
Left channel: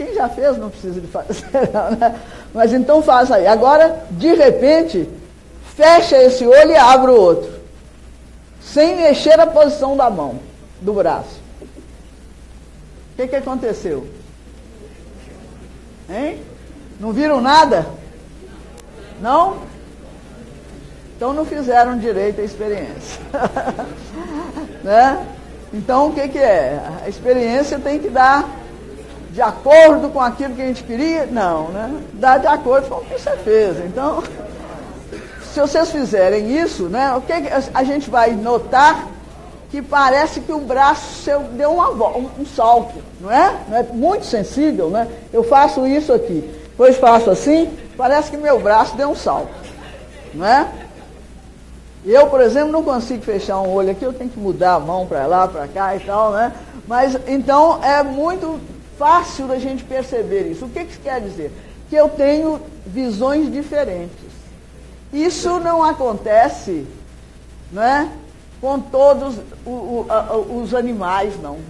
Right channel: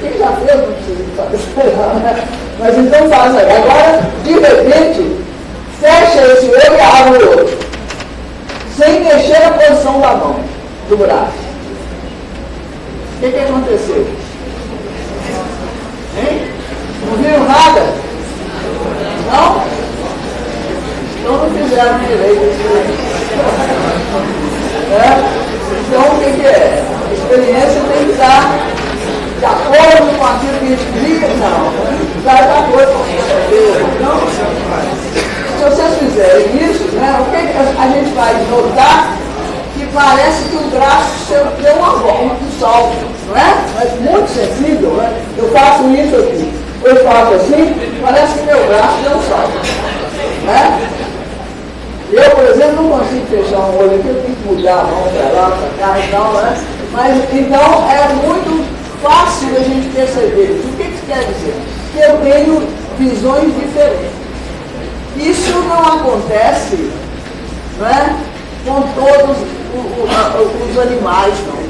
Quem já fez não precisa fazer, né? Mas então faça aí. Agora, de repente, fecha esse olho e abre o outro. Sem mexer a posição da mão, do braço. O que aconteceu? Hein? Não viram nada? Não? Então não fizeram direito esse experimento. Então o que é? A experiência tem que estar de acordo com aquilo que a gente vive, não. Está de acordo com aquilo. Então, se vocês fizerem isso, né, o que a gente vai notar? Que parece que o braço tem uma volta, um salto, né? É muito sensível, né? Eu faço isso aqui, depois faço assim, parece que meu braço tem um salto, né? Eu, por exemplo, não consigo fechar um olho aqui, eu tenho que mudar a mão para lá, para cá e tal, né? Mas, então, é muito fácil a gente perceber. O que isso quer dizer? Que eu tenho visões diferentes. Isso não acontece, né, com todos os animais, não.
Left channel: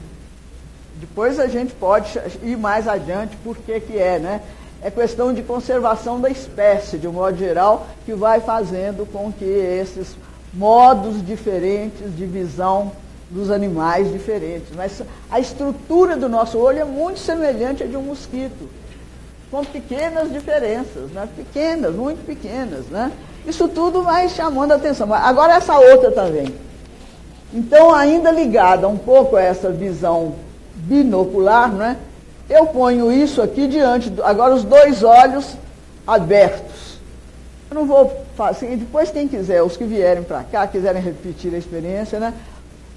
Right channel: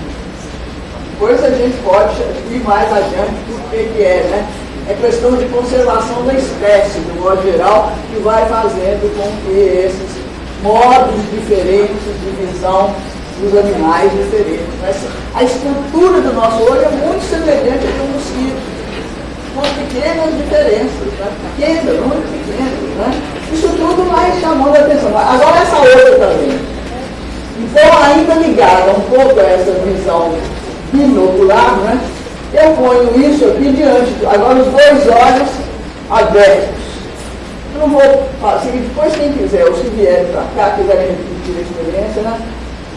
Depois a gente pode ir mais adiante por que é, né? É questão de conservação da espécie, de modo geral, que vai fazendo com que esses modos diferentes de visão dos animais diferentes. Mas a estrutura do nosso olho é muito semelhante ao do mosquito, com pequenas diferenças, né? Pequenas, muito pequenas, né? Isso tudo vai chamando a atenção. Agora essa outra também. Então, ainda ligada um pouco a essa visão binocular, né? Eu ponho isso aqui diante, agora os dois olhos abertos. Não vou fazer, depois quem quiser, ou se vier para cá, quiserem repetir a experiência, né?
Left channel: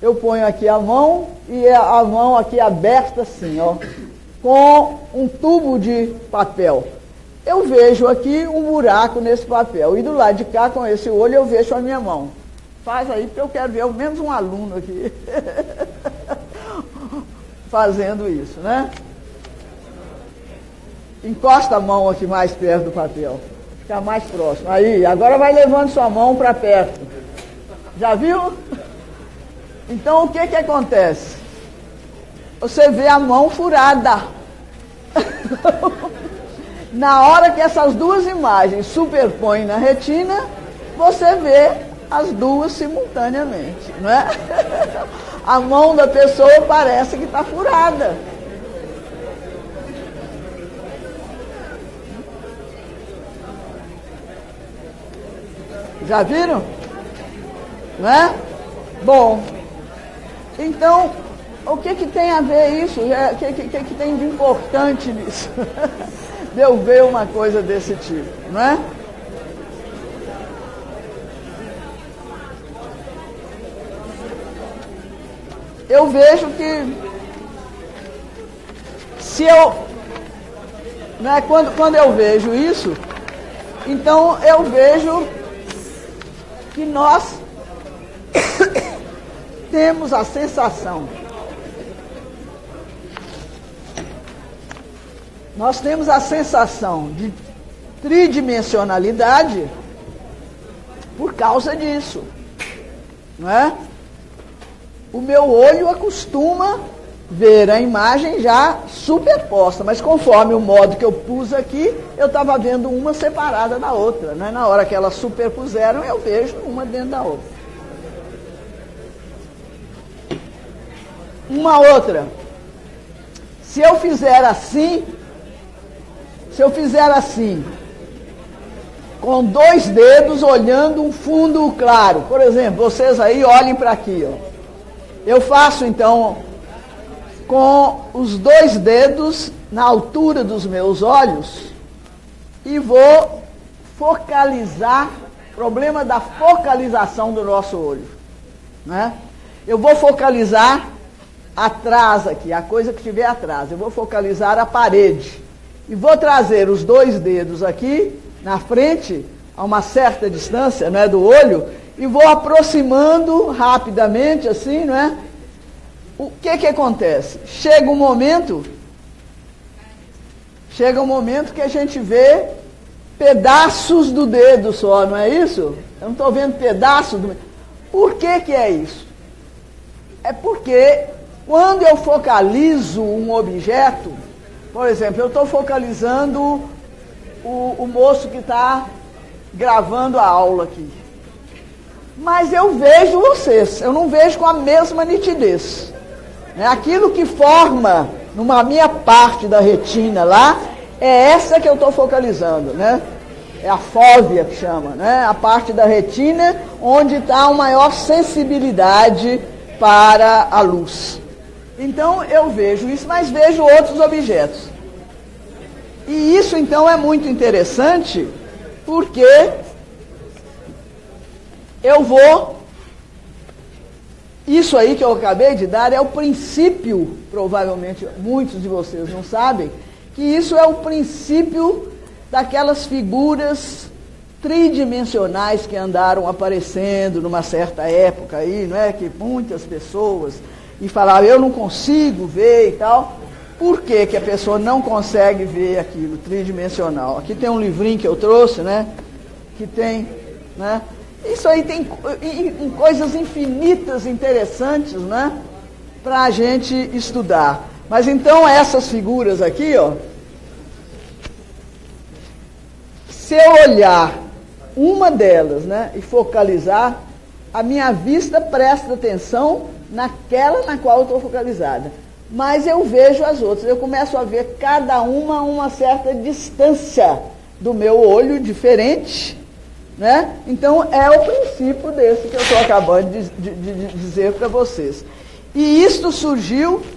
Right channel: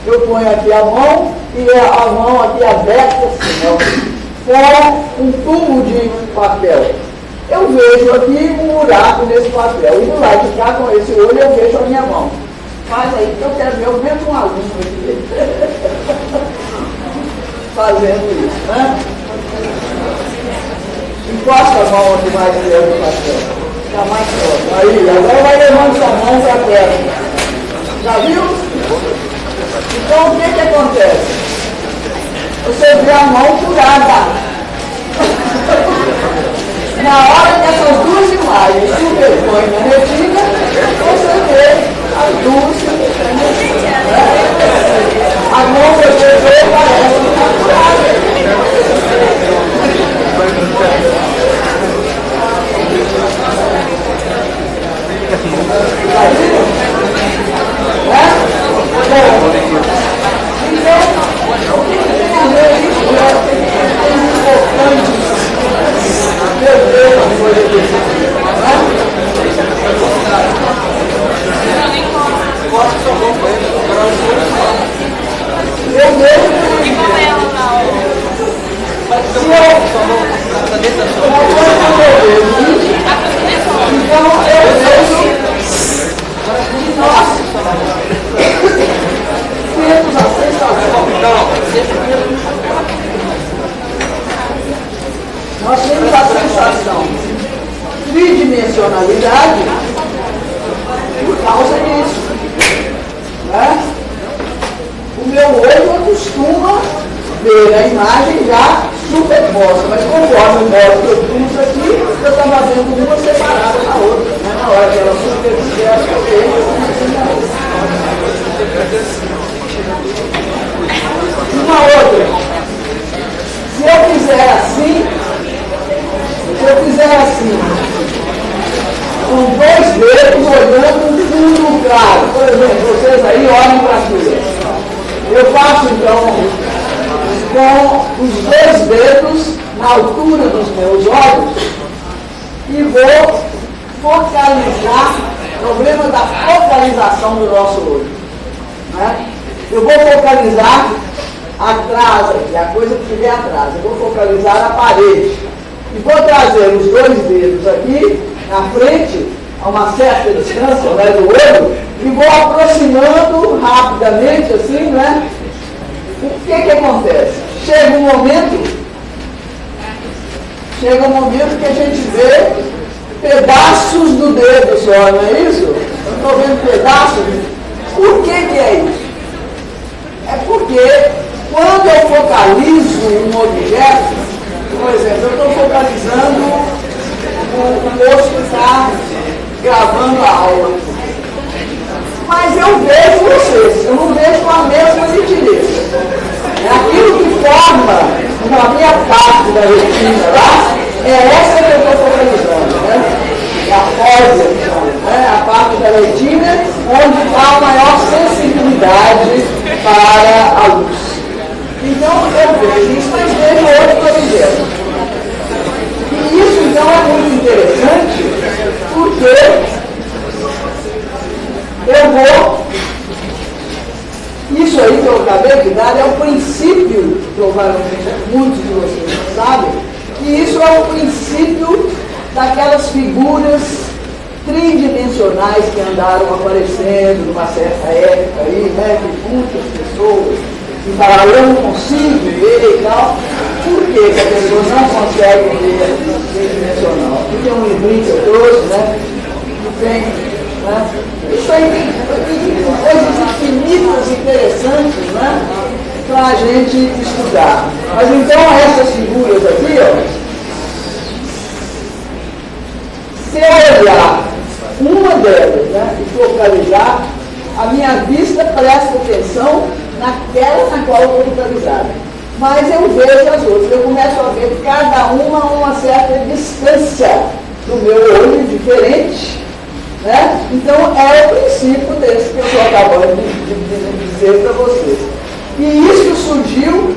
Eu ponho aqui a mão e a mão aqui aberta, assim, né? Com um tubo de papel. Eu vejo aqui um buraco nesse papel. E do lado de cá, com esse olho, eu vejo a minha mão. Faz aí que eu quero ver o mesmo aluno aqui fazendo isso, né? Encosta a mão aqui mais perto do papel. Está mais próximo. Aí, agora vai levando sua mão para perto. Já viu? Então, o que acontece? Você vê a mão furada. Na hora que essas duas imagens se superpõem na retina, você vê as duas, né? A mão da pessoa parece que está furada. Nós temos a sensação de tridimensionalidade por causa disso, né? O meu olho acostuma ver a imagem já superposta, mas conforme o modo que eu pus aqui, eu estou fazendo uma separada da outra, né? Na hora que ela superpuser, eu vejo uma outra. Se eu fizer assim, com dois dedos olhando no fundo claro, por exemplo, vocês aí olhem para aquilo. Eu faço então com os dois dedos na altura dos meus olhos e vou focalizar o problema da focalização do nosso olho. Né? Eu vou focalizar atrás aqui, a coisa que estiver atrás. Eu vou focalizar a parede. E vou trazer os dois dedos aqui, na frente, a uma certa distância, né, do olho, e vou aproximando rapidamente, assim, né? O que acontece? Chega um momento que a gente vê pedaços do dedo só, não é isso? Eu estou vendo pedaços. Por que é isso? É porque quando eu focalizo um objeto, por exemplo, eu estou focalizando o moço que está gravando a aula. Mas eu vejo vocês, eu não vejo com a mesma nitidez. Aquilo que forma uma meia parte da retina lá, é essa que eu estou focalizando, né? A fóvea, que chama, né? A parte da retina onde há a maior sensibilidade para a luz. Então eu vejo isso, mas vejo outro objeto. E isso então é muito interessante, porque eu vou. Isso aí que eu acabei de dar é o princípio, provavelmente muitos de vocês não sabem, que isso é o princípio daquelas figuras tridimensionais que andaram aparecendo numa certa época aí, né, que muitas pessoas que falaram, eu não consigo ver e tal. Por que a pessoa não consegue ver tridimensional? Porque um livrinho que eu trouxe, né, que tem, né, isso aí tem coisas infinitas, interessantes, né, para a gente estudar. Mas então essas figuras aqui, ó, se eu olhar uma delas, né, e focalizar, a minha vista presta atenção naquela na qual eu estou focalizada. Mas eu vejo as outras, eu começo a ver cada uma a uma certa distância do meu olho diferente, né? Então é o princípio desse que eu estou acabando de dizer para vocês. E isso surgiu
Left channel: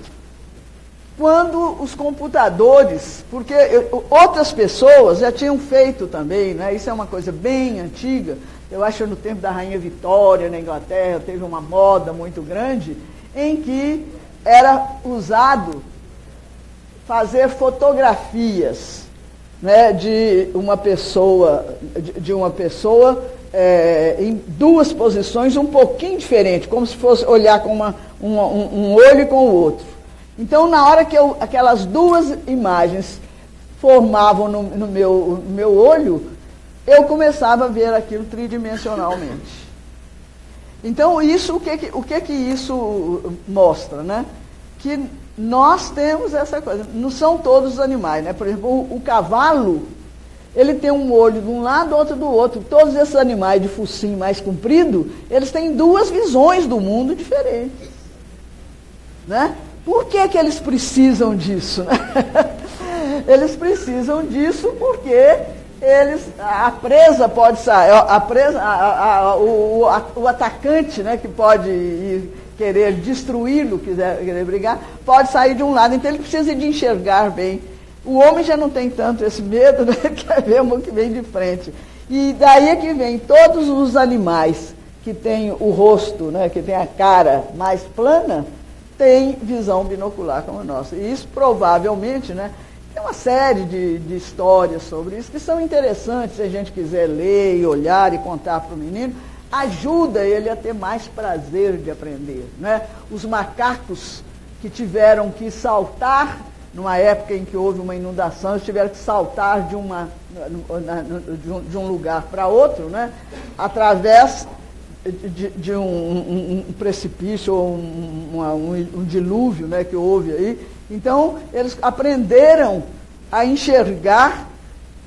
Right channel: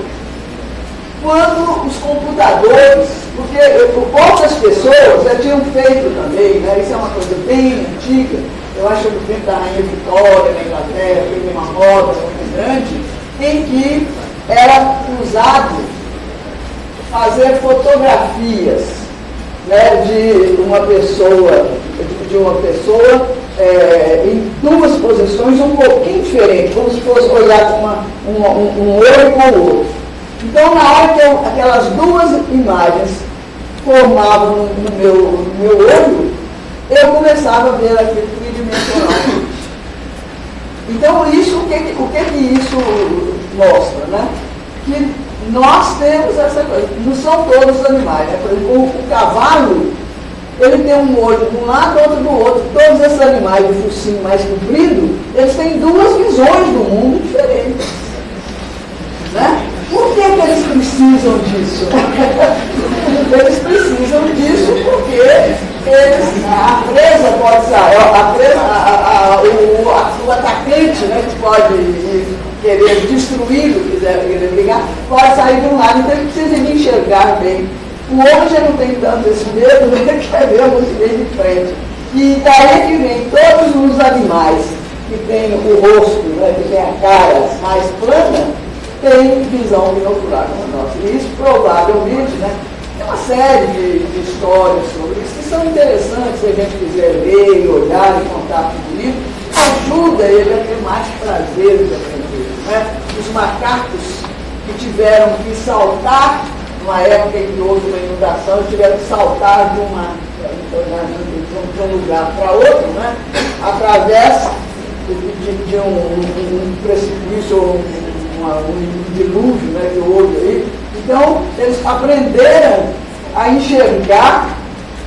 quando os computadores, porque outras pessoas já tinham feito também, né? Isso é uma coisa bem antiga. Eu acho que o tempo da Rainha Vitória, na Inglaterra, teve uma roda muito grande, em que era usado fazer fotografias, né, de uma pessoa em duas posições um pouquinho diferentes, como se fosse olhar com um olho com o outro. Então, na hora que aquelas duas imagens formavam no meu olho, eu começava a ver aquilo tridimensionalmente. Então, isso, o que isso mostra, né? Que nós temos essa coisa, não são todos os animais, né? Por exemplo, o cavalo, ele tem um olho de um lado, outro do outro. Todos esses animais de focinho mais comprido, eles têm duas visões do mundo diferentes. Né? Por que eles precisam disso? Eles precisam disso porque a presa pode sair, o atacante, né, que pode querer destruir o que quiser ligar, pode sair de um lado, então ele precisa enxergar bem. O homem já não tem tanto esse medo, ele quer ver o que tem de frente. E daí é que vem todos os animais que têm o rosto, né, que tem a cara mais plana, tem visão binocular como nós. E isso provavelmente, né, tem uma série de histórias sobre isso que são interessantes, se a gente quiser ler, olhar e contar com o livro, ajuda ele a ter mais prazer de aprender. Né? Os macacos que tiveram que saltar, numa época em que houve uma inundação, tiveram que saltar de um lugar para outro, né? Através de um precipício ou um dilúvio, né, que houve aí. Então, eles aprenderam a enxergar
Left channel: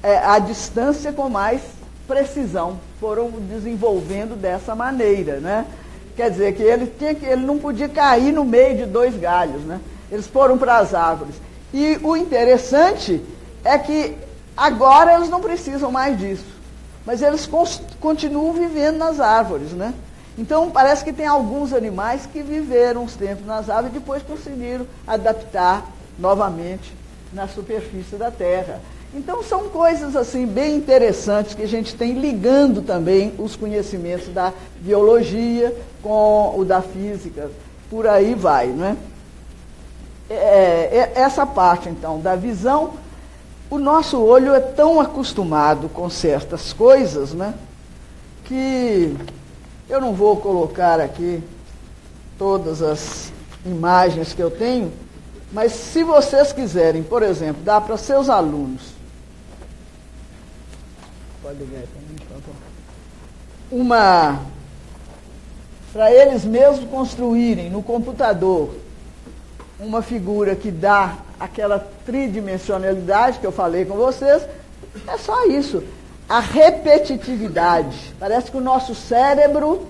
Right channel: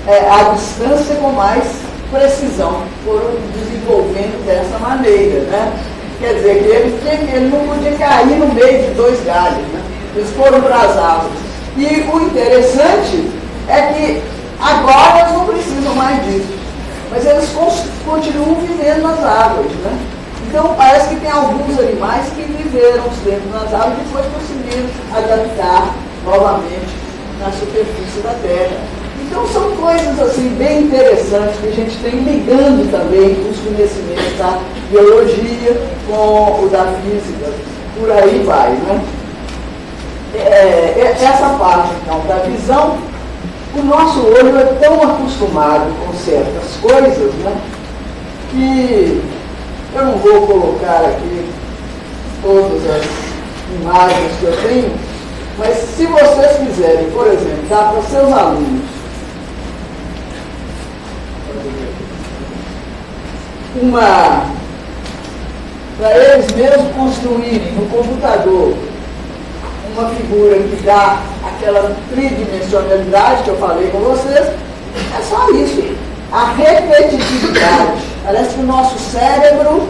a distância com mais precisão, foram desenvolvendo dessa maneira, né? Quer dizer, que ele não podia cair no meio de dois galhos, né? Eles foram para as árvores. E o interessante é que agora eles não precisam mais disso, mas eles continuam vivendo nas árvores, né? Então, parece que tem alguns animais que viveram dentro das árvores e depois conseguiram adaptar novamente na superfície da Terra. Então são coisas assim bem interessantes que a gente tem ligando também os conhecimentos da biologia com o da física, por aí vai, né? Essa parte então da visão, o nosso olho é tão acostumado com certas coisas, né, que eu não vou colocar aqui todas as imagens que eu tenho, mas se vocês quiserem, por exemplo, dar para os seus alunos para eles mesmos construírem no computador uma figura que dá aquela tridimensionalidade que eu falei com vocês, é só isso. A repetitividade. Parece que o nosso cérebro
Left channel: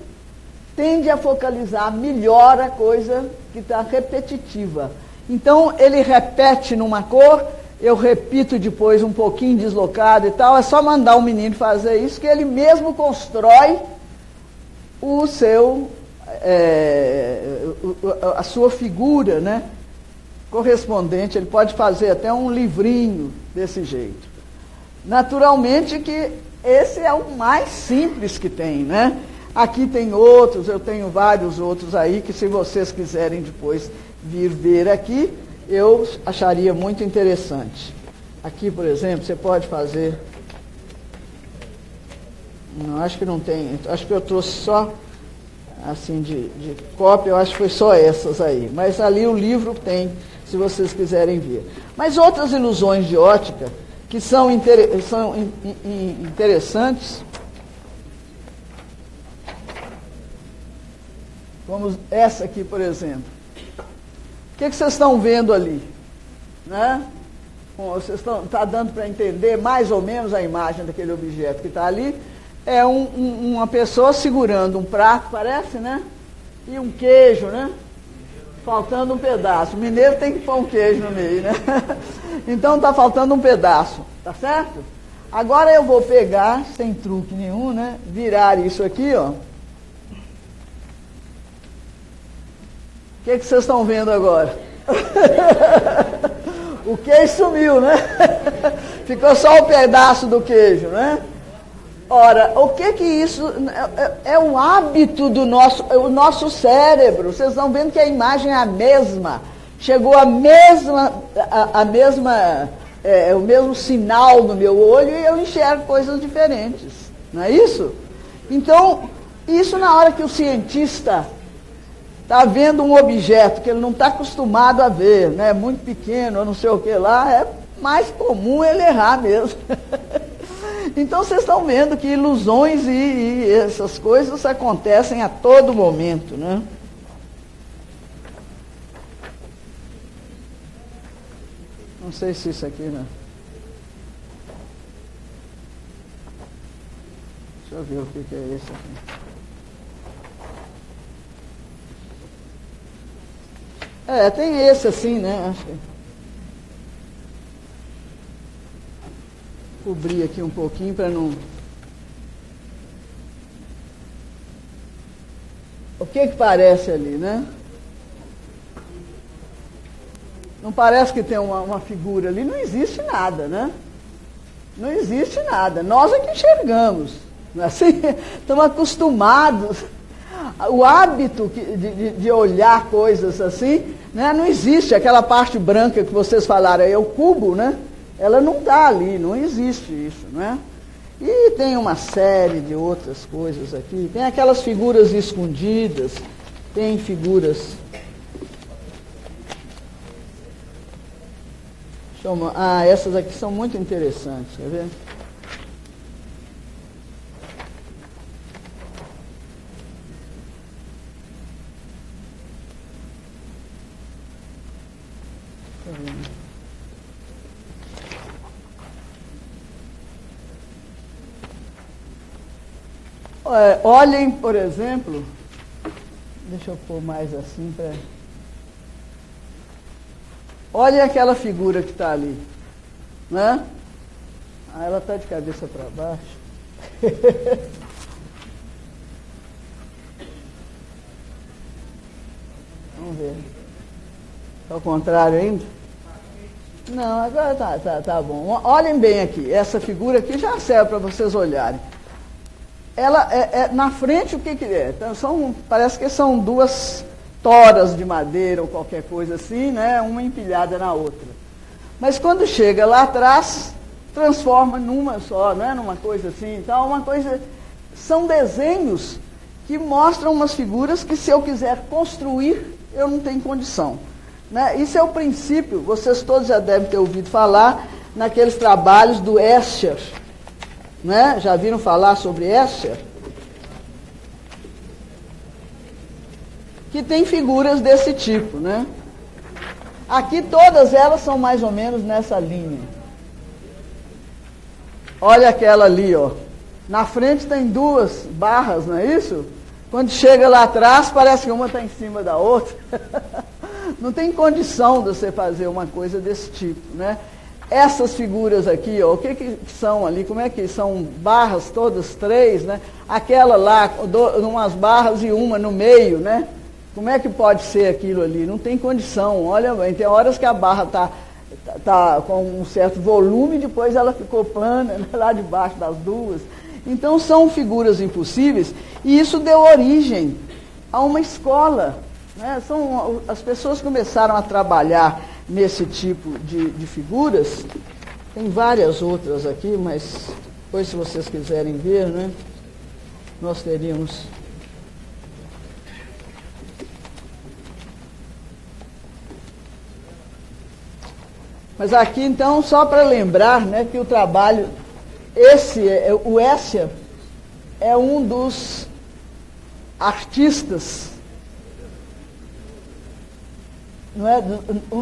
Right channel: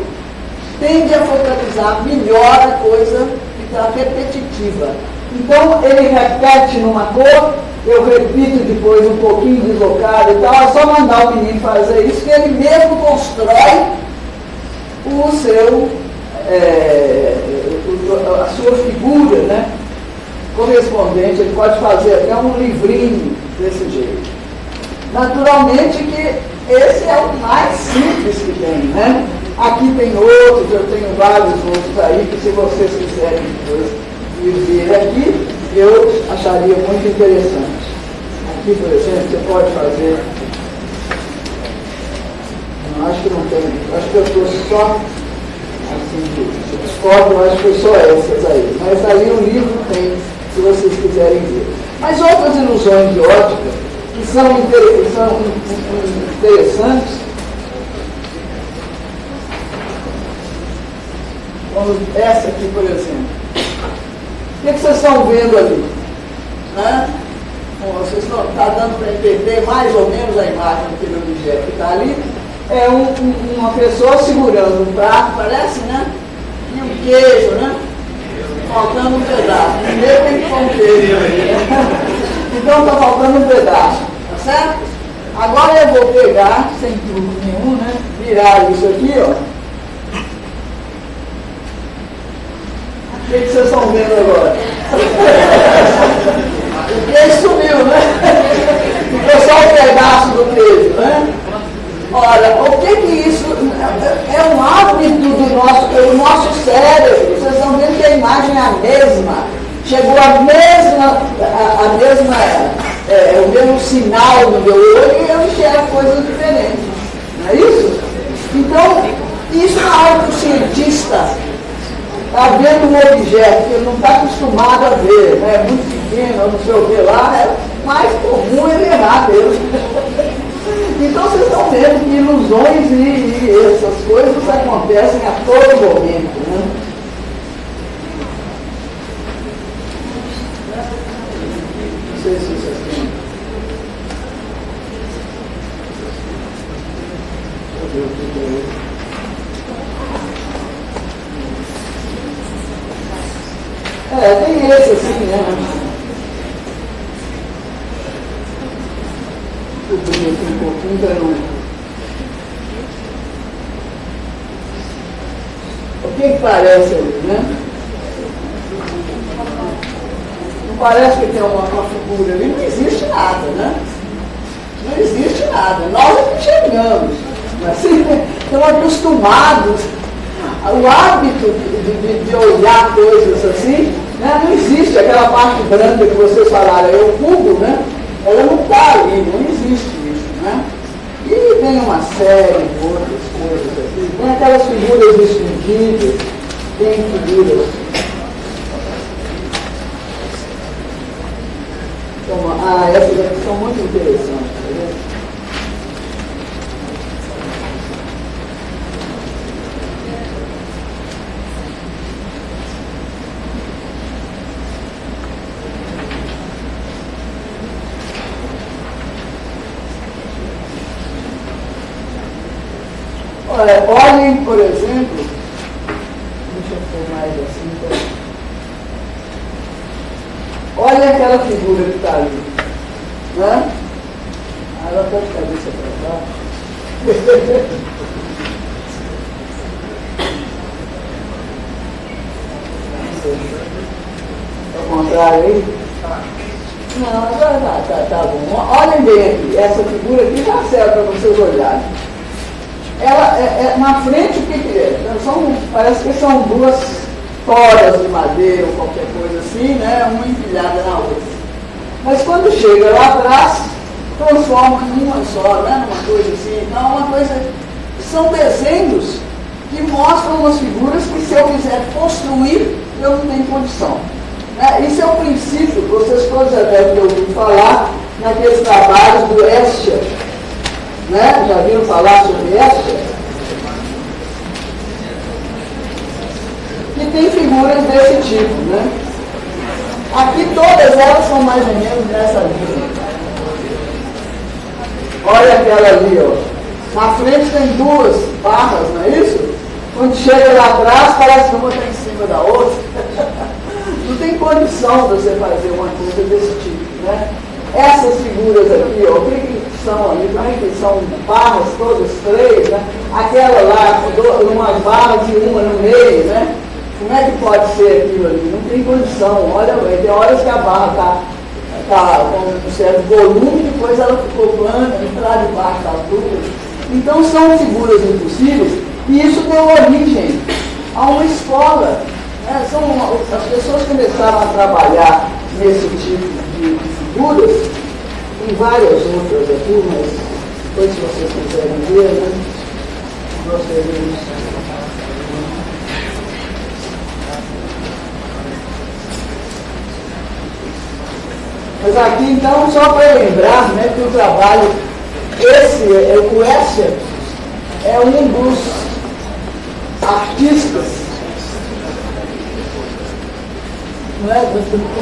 tende a focalizar melhor a coisa que está repetitiva. Então, ele repete numa cor, eu repito depois um pouquinho deslocado e tal, é só mandar o menino fazer isso, que ele mesmo constrói o seu, a sua figura, né, correspondente. Ele pode fazer até um livrinho desse jeito. Naturalmente que esse é o mais simples que tem, né? Aqui tem outros, eu tenho vários outros aí, que se vocês quiserem depois vir ver aqui, eu acharia muito interessante. Aqui, por exemplo, você pode fazer... Não, acho que não tem. Acho que eu trouxe só, assim, de foto, eu acho que foi só essas aí. Mas aí o livro tem, se vocês quiserem ver. Mas outras ilusões de ótica, que são interessantes, como essa aqui, por exemplo. O que vocês estão vendo ali? Né? Bom, vocês estão dando para entender mais ou menos a imagem daquele objeto que está ali. É uma pessoa segurando um prato, parece, né? E um queijo, né? Faltando um pedaço. Primeiro tem que pôr um queijo ali. Então está faltando um pedaço, tá certo? Agora eu vou pegar, sem truque nenhum, né? Virar isso aqui, ó. O que vocês estão vendo agora? O queijo subiu, né? Ficou só um pedaço do queijo, né? Olha, o que isso é um hábito do nosso cérebro. Vocês estão vendo que a imagem é a mesma. Chegou o mesmo sinal no meu olho e eu enxergo coisas diferentes. Não é isso? Então, isso é algo que o cientista está vendo um objeto que ele não está acostumado a ver, né? É muito pequeno, não sei o que lá, é mais comum ele errar mesmo. Então vocês estão vendo que ilusões e essas coisas acontecem a todo momento, né? Não sei se isso é assim. Deixa eu ver o que é isso. Tem esse assim, né? Deixa eu ver aqui um pouquinho para não. O que parece ali, né? Não parece que tem uma figura ali, não existe nada, né? Não existe nada. Nós não chegamos. Assim, né? Estamos acostumados. O hábito de olhar coisas assim, né? Não existe aquela parte branca que vocês falaram, é o cubo, né? Ela não está ali, não existe isso, né? E tem uma série de outras coisas aqui. Tem aquelas figuras escondidas, tem figuras. Essas aqui são muito interessantes, tá vendo? Olhem, por exemplo, deixa eu ter mais assim, olha aquela figura que está ali, né? Ela está de cabeça para cá. Ao contrário aí. Não, tá bom. Olhem bem aqui, essa figura aqui já serve para vocês olharem. Ela na frente, o que é? Parece que são duas toras de madeira ou qualquer coisa assim, né? Uma empilhada na outra. Mas quando chega lá atrás, transforma em uma só, né? Uma coisa assim. Então, uma coisa. São desenhos que mostram as figuras que, se eu quiser construir, eu não tenho condição. Né? Isso é o princípio, vocês todos já devem ter ouvido falar naqueles trabalhos do Escher. Né? Já viram falar sobre Escher? Que tem figuras desse tipo. Né? Aqui todas elas são mais ou menos nessa linha. Olha aquela ali, ó. Na frente tem duas barras, não é isso? Quando chega lá atrás, parece que uma está em cima da outra. Não tem condição de você fazer uma coisa desse tipo, né? Essas figuras aqui, ó, o que são ali? Como é que são barras todas três, né? Aquela lá, com umas barras e uma no meio, né? Como é que pode ser aquilo ali? Não tem condição. Olha, tem horas que a barra está com um certo volume, depois ela ficou plana, entrar debaixo da altura. Então são figuras impossíveis, e isso deu origem a uma escola. Né? As pessoas começaram a trabalhar nesse tipo de figuras, e várias outras aqui, mas depois, se vocês quiserem ver, né? Nós veremos. Mas aqui, então, só para lembrar, né, que o trabalho, o Escher é um dos artistas, né,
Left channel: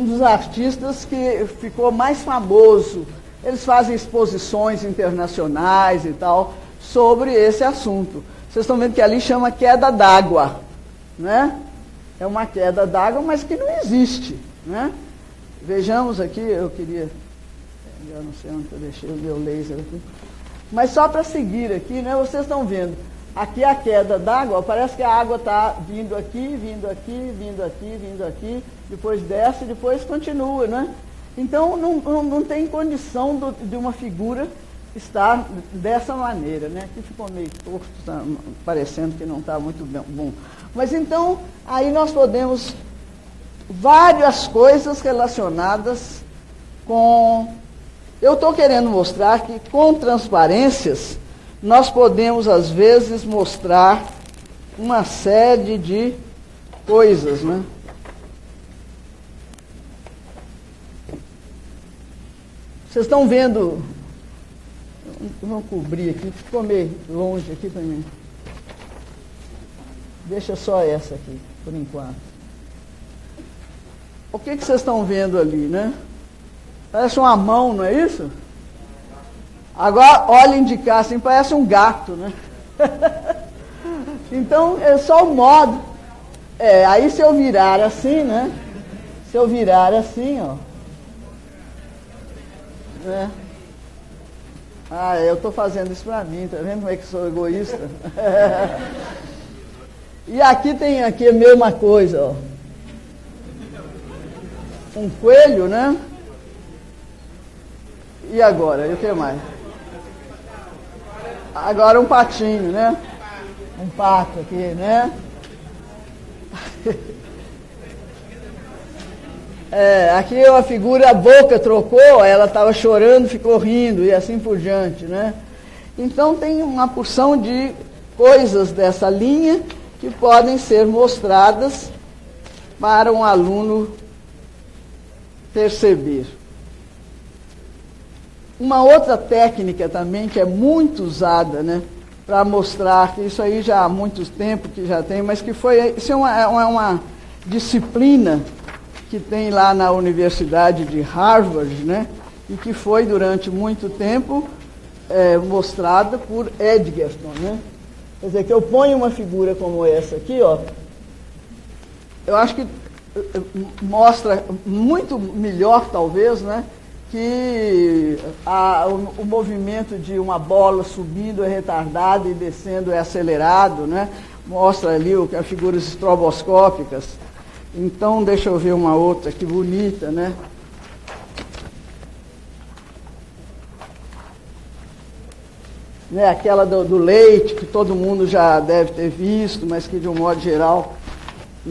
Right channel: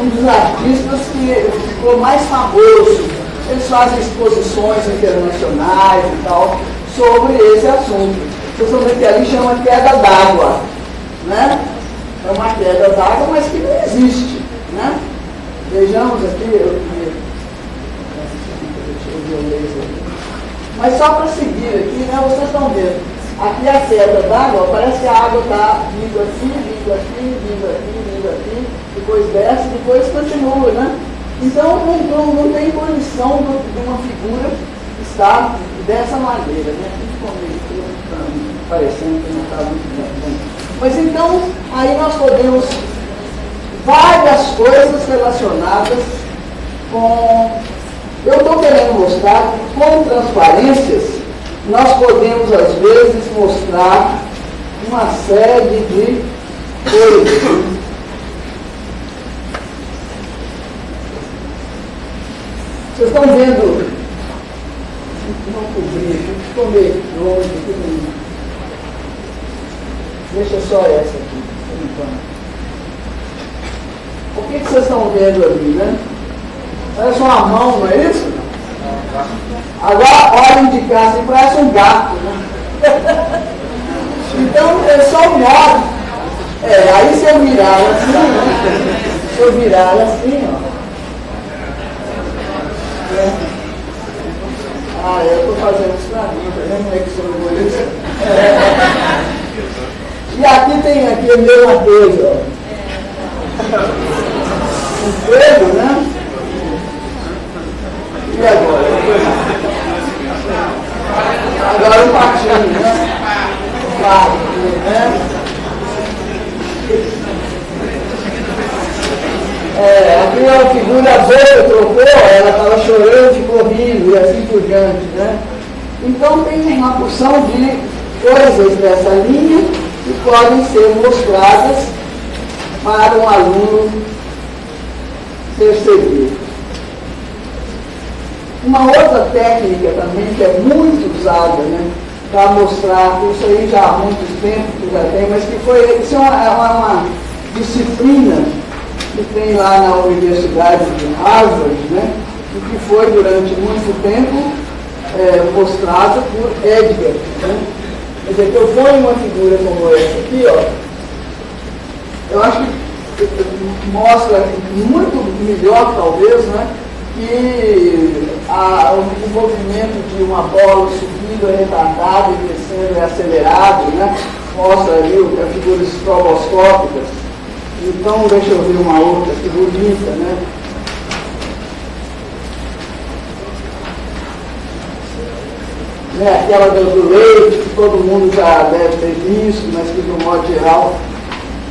um dos artistas que ficou mais famoso. Eles fazem exposições internacionais e tal sobre esse assunto. Vocês estão vendo que ali chama queda d'água, né? É uma queda d'água, mas que não existe, né? Vejamos aqui, mas só para seguir aqui, né, vocês estão vendo, aqui a queda d'água, parece que a água está vindo aqui, depois desce, depois continua, né? Então não tem condição de uma figura estar dessa maneira, né? Principalmente parecendo que não está muito bem. Mas então, aí nós podemos várias coisas relacionadas com... Eu estou querendo mostrar que, com transparências, nós podemos, às vezes, mostrar uma série de coisas. Vocês estão vendo? Não cobri, ficou meio longe. Deixa só essa aqui, por enquanto. O que vocês estão vendo ali, né? Parece uma mão, não é isso? Agora, olhem de cá, assim, parece um gato, né? Então, é só um modo. Aí se eu virar assim, né? Se eu virar assim, ó. Eu estou fazendo isso para mim, tá vendo? Como é que sou por isso? E aqui tem aqui a mesma coisa, ó. O coelho, né? E agora? Agora o patinho, né? O pato, né? Aqui a figura boa trocou, ela estava chorando, ficou rindo e assim por diante, né? Então tem uma porção de coisas dessa linha que podem ser mostradas para um aluno perceber. Uma outra técnica também que é muito usada, né, para mostrar, isso aí já há muito tempo que já tem, mas que foi, isso é uma disciplina que tem lá na Universidade de Harvard, né, e que foi durante muito tempo mostrada por Edgar. Né? Quer dizer, eu ponho uma figura como essa aqui, ó, eu acho que mostra muito melhor, talvez, né, que o movimento de uma bola subindo é retardado e crescendo é acelerado, né? Mostra ali as figuras estroboscópicas. Então, deixa eu ver uma outra aqui bonita, né? né, aquela do leite, que todo mundo já deve ter visto, mas que, de um modo geral,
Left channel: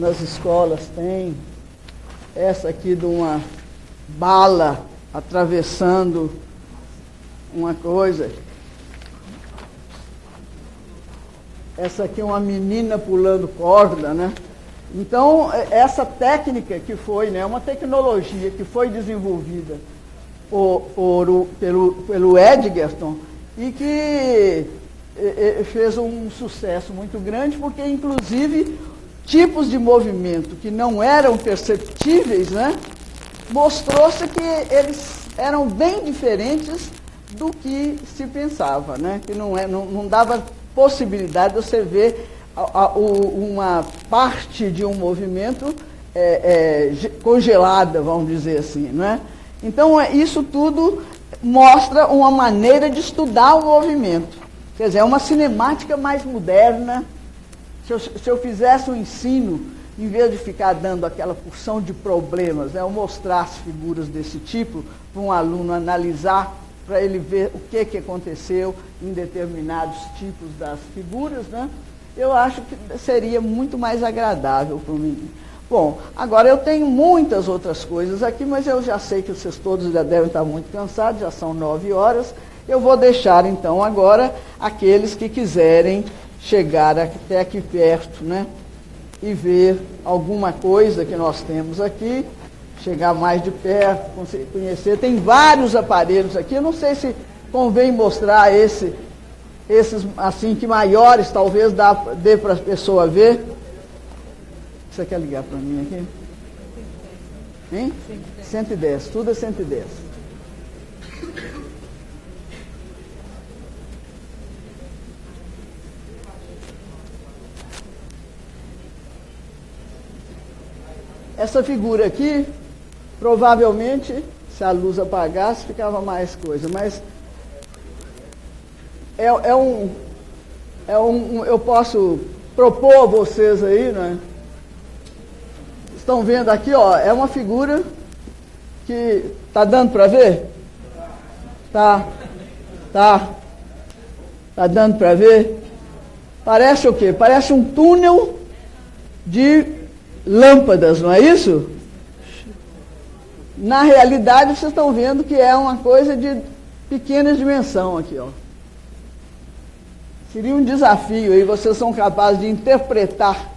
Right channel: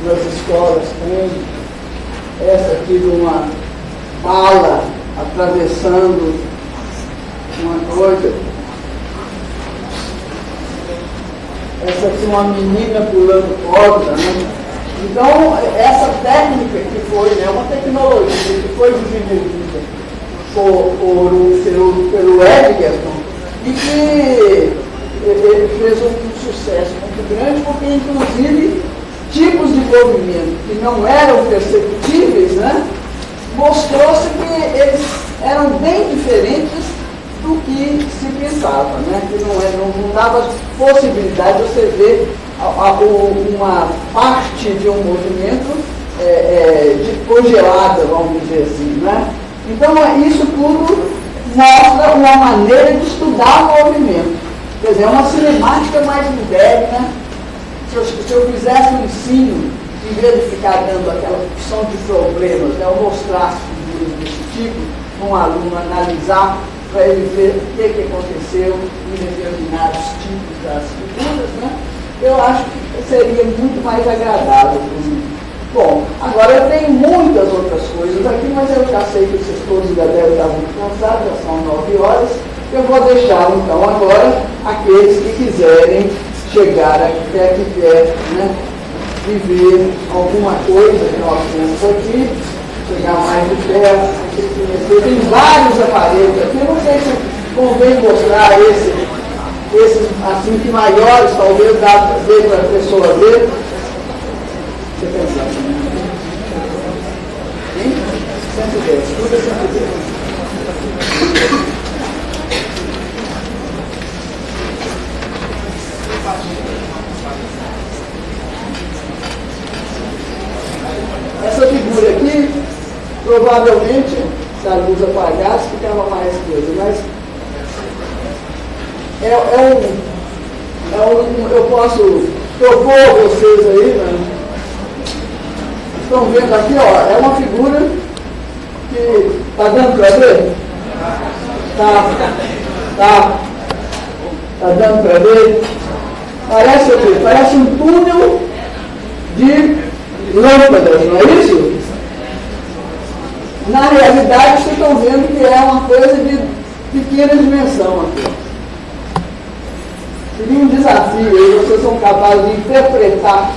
nas escolas tem. Essa aqui de uma bala atravessando uma coisa. Essa aqui é uma menina pulando corda, né? Então, essa técnica que foi, é uma tecnologia que foi desenvolvida pelo Edgerton e que ele fez um sucesso muito grande, porque, inclusive, tipos de movimento que não eram perceptíveis, né? Mostrou-se que eles eram bem diferentes do que se pensava, né? Que não dava possibilidade de você ver uma parte de um movimento congelada, vamos dizer assim, né? Então, isso tudo mostra uma maneira de estudar o movimento. Quer dizer, é uma cinemática mais moderna. Se eu fizesse um ensino, em vez de ficar dando aquela opção de problemas, eu mostrasse figuras desse tipo, um aluno analisar para ele ver o que aconteceu em determinados tipos das figuras, né? Eu acho que seria muito mais agradável para mim. Bom, agora eu tenho muitas outras coisas aqui, mas eu já sei que vocês todos já devem estar muito cansados, já são 9 horas. Eu vou deixar, então, agora aqueles que quiserem chegar aqui perto, né, e ver alguma coisa que nós temos aqui, chegar mais de perto. Tem vários aparelhos aqui, eu não sei se convém mostrar esses assim, que maiores, talvez dá para a pessoa ver. Você pensar, né? 110, tudo 110. Essa figura aqui, provavelmente, se a luz apagasse, ficava mais coisa, mas eu posso propor vocês aí, né? Estão vendo aqui, ó, é uma figura que está dando para ver? Tá dando para ver? Parece o quê? Parece um túnel de lâmpadas, não é isso? Na realidade, vocês estão vendo que é uma coisa de pequena dimensão aqui. Seria um desafio aí, vocês são capazes de interpretar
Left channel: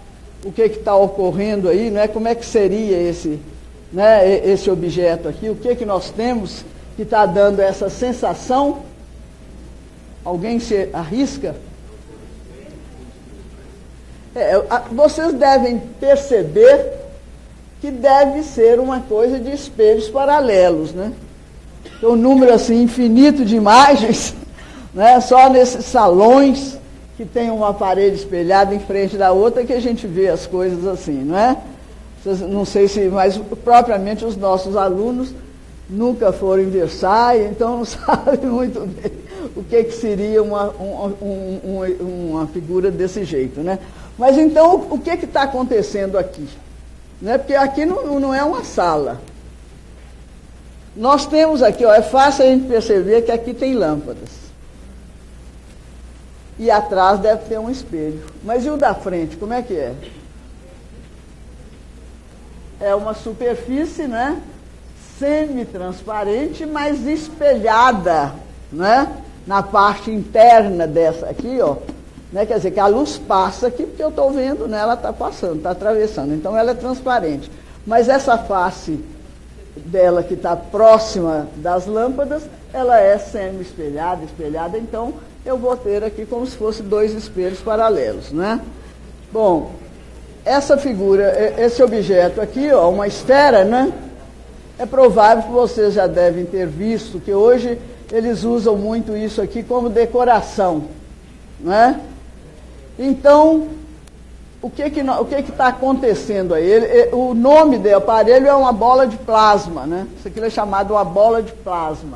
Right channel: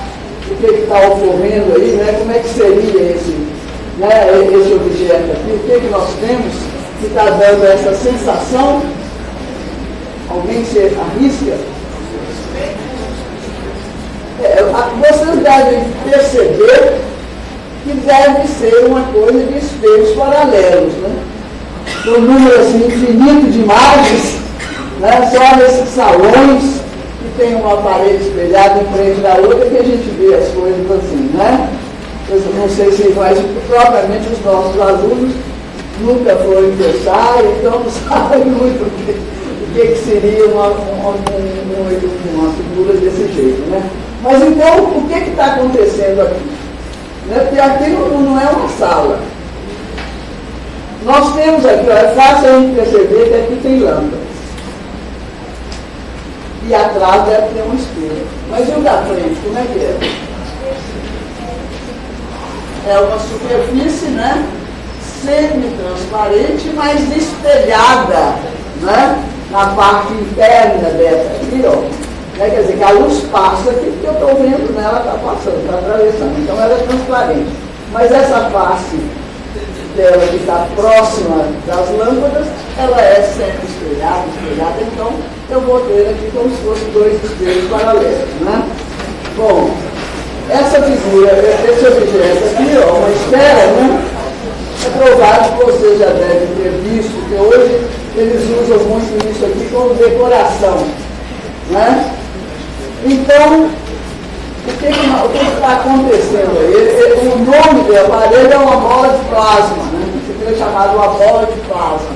o que está ocorrendo aí, né? Como é que seria esse objeto aqui, o que nós temos que está dando essa sensação? Alguém se arrisca? Vocês devem perceber que deve ser uma coisa de espelhos paralelos, né? Um número assim infinito de imagens, né? Só nesses salões que tem uma parede espelhada em frente da outra que a gente vê as coisas assim, né? Eu não sei se vai, propriamente os nossos alunos nunca foram ingressar, então não sabem muito o que seria uma figura desse jeito, né? Mas então, o que está acontecendo aqui? Né? Porque aqui não é uma sala. Nós temos aqui, ó, é fácil a gente perceber que aqui tem lâmpadas. E atrás deve ter um espelho. Mas o da frente, como é que é? É uma superfície, né? Semi-transparente, mas espelhada, né? Na parte interna dessa aqui, ó. Quer dizer, que a luz passa aqui, porque eu estou vendo, né? Ela está passando, está atravessando. Então ela é transparente. Mas essa face dela que está próxima das lâmpadas, ela é semi-espelhada, então eu vou ter aqui como se fossem dois espelhos paralelos, né? Bom, essa figura, esse objeto aqui, ó, uma esfera, né? É provável que vocês já devem ter visto que hoje eles usam muito isso aqui como decoração, né? Então, o que está acontecendo aí? O nome do aparelho é uma bola de plasma, né? Que foi chamado uma bola de plasma.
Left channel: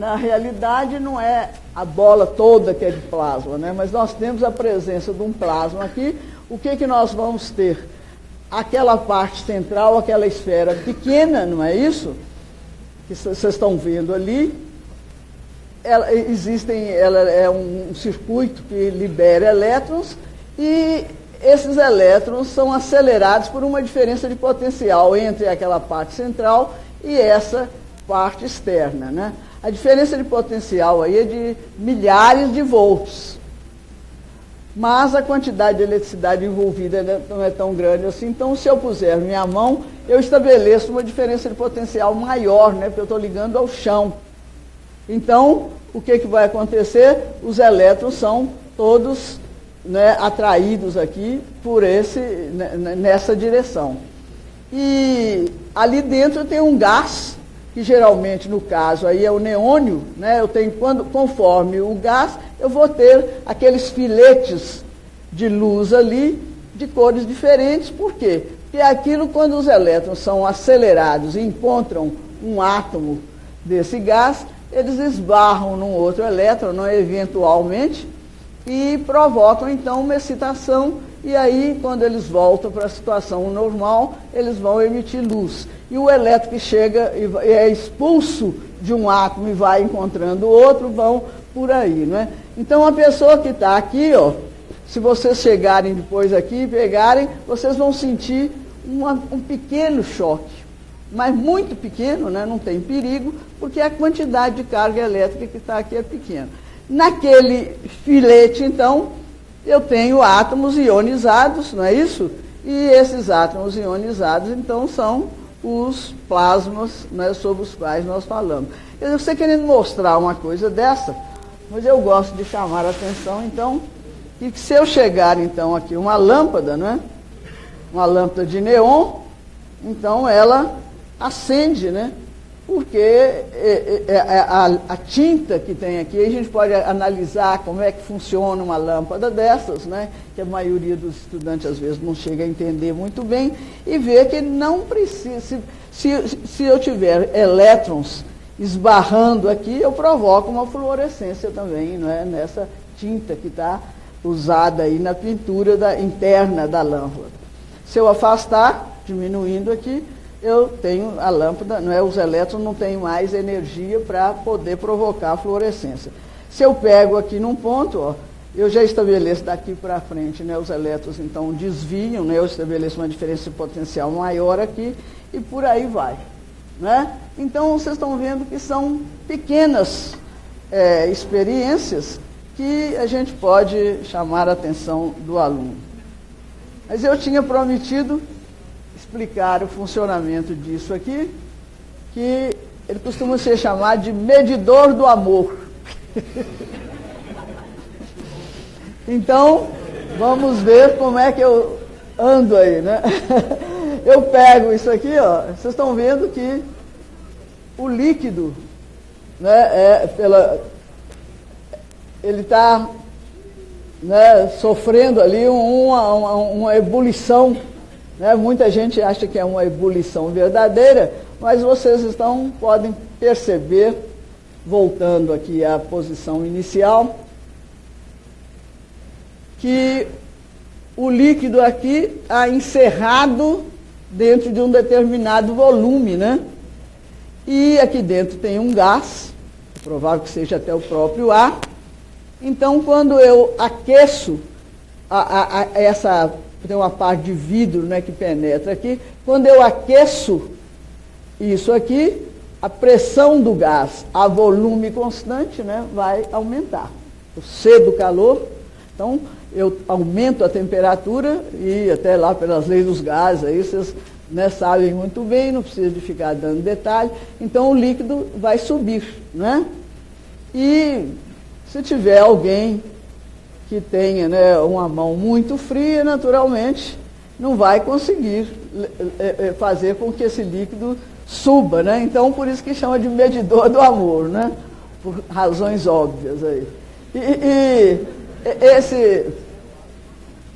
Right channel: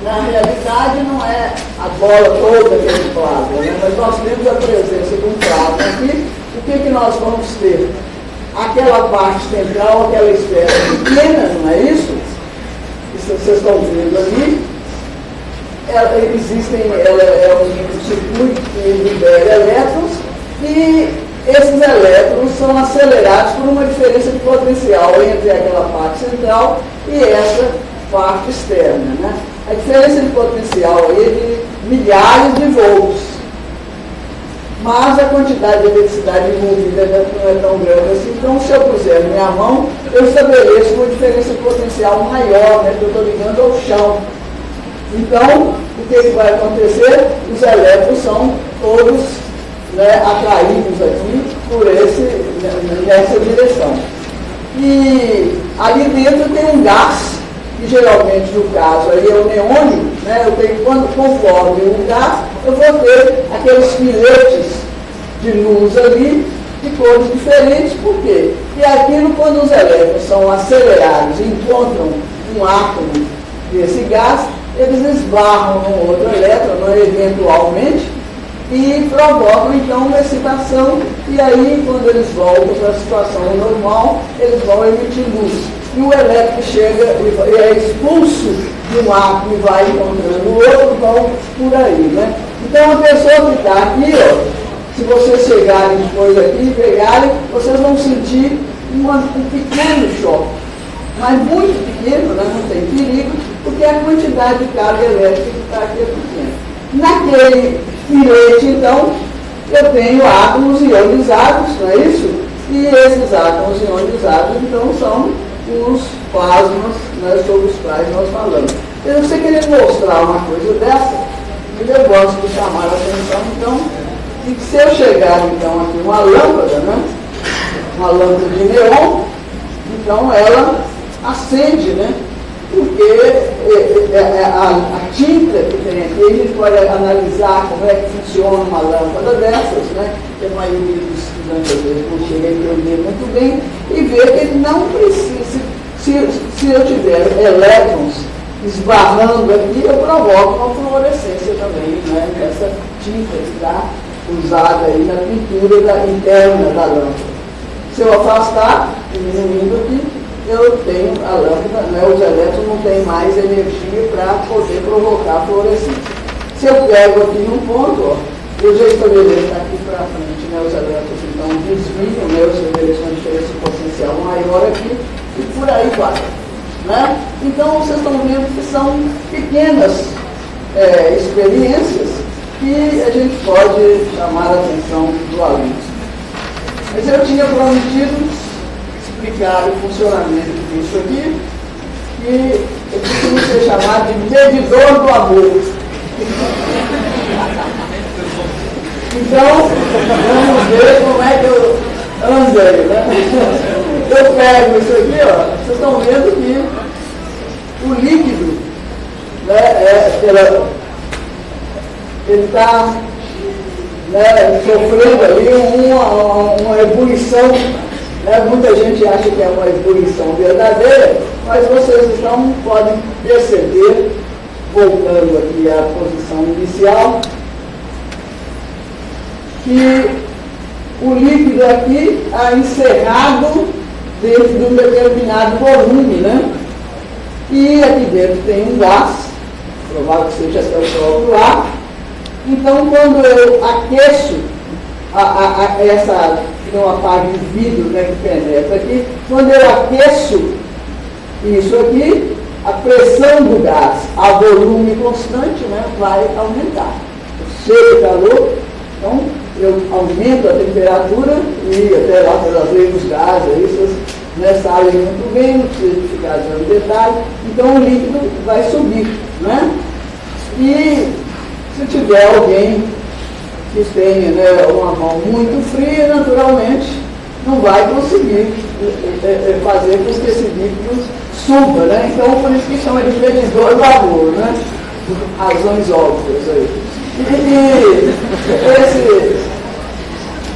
Na realidade, não é a bola toda que é de plasma, né? Mas nós temos a presença de um plasma aqui. O que nós vamos ter? Aquela parte central, aquela esfera pequena, não é isso? Isso vocês estão vendo ali. Ela é um circuito que libera elétrons e esses elétrons são acelerados por uma diferença de potencial entre aquela parte central e essa parte externa. Né? A diferença de potencial é de milhares de volts. Mas a quantidade de eletricidade envolvida não é tão grande assim. Então, se eu puser a minha mão, eu estabeleço uma diferença potencial maior, né, que eu estou ligando ao chão. Então, o que vai acontecer? Os elétrons são todos, né, atraídos aqui por nessa direção. E ali dentro tem um gás, que geralmente no caso aí é o neônio, né, eu tenho, conforme o gás, eu vou ter aqueles filetes de luz ali, de cores diferentes. Por quê? E aquilo, quando os elétrons são acelerados e encontram um átomo desse gás, eles esbarram no outro elétron, eventualmente, e provocam então uma excitação, e aí, quando eles voltam para a situação normal, eles vão emitir luz. E o elétron chega e é expulso de um átomo e vai encontrando o outro, vão por aí, né? Então, a pessoa que está aqui, ó, se vocês chegarem depois aqui e pegarem, vocês vão sentir um pequeno choque, mas muito pequeno, né? Não tem perigo, porque a quantidade de carga elétrica que está aqui é pequena. Naquele filete, então, eu tenho átomos ionizados, não é isso? E esses átomos ionizados, então, são os plasmas, né, sobre os quais nós falamos. Eu sei que ele mostrar uma coisa dessa, mas eu gosto de chamar a atenção, então, e se eu chegar, então, aqui uma lâmpada, né, uma lâmpada de neon, então ela acende, né, porque a tinta que tem aqui, a gente pode analisar como é que funciona uma lâmpada dessas, né, que a maioria dos estudantes às vezes não chega a entender muito bem, e ver que ele não precisa, se eu tiver elétrons esbarrando aqui, eu provoco uma fluorescência também, né, nessa tinta que está usada aí na pintura interna da lâmpada. Se eu afastar, diminuindo aqui, eu tenho a lâmpada, né, os elétrons não têm mais energia para poder provocar a fluorescência. Se eu pego aqui num ponto, ó, eu já estabeleço aqui para frente, né, os elétrons então desviam, né, eu estabeleço uma diferença potencial maior aqui, e por aí vai. Né? Então, vocês estão vendo que são pequenas experiências que a gente pode chamar a atenção do aluno. Mas eu tinha prometido explicar o funcionamento disso aqui, que eu costumo ser chamado de medidor do amor. Então, vamos ver como é que eu ando aí, né? Eu pego isso aqui, ó, vocês estão vendo que o líquido, né, ele está, né, sofrendo ali uma ebulição, né? Muita gente acha que é uma ebulição verdadeira, mas vocês então podem perceber, voltando aqui à posição inicial, que o líquido aqui está encerrado dentro de um determinado volume, né? E aqui dentro tem um gás, provável que seja o próprio ar. Então, quando eu aqueço essa, tem uma parte de vidro, né, que penetra aqui, quando eu aqueço isso aqui, a pressão do gás a volume constante, né, vai aumentar. Cheio de calor, então eu aumento a temperatura e até lá trazer os gases, aí vocês, né, sabem muito bem, não precisa ficar dando detalhe, então o líquido vai subir, né? E se tiver alguém que tenha, né, uma mão muito fria, naturalmente não vai conseguir fazer com que esse líquido suba, né? Então por isso que chama de medidor do amor, né? Por razões óbvias aí. E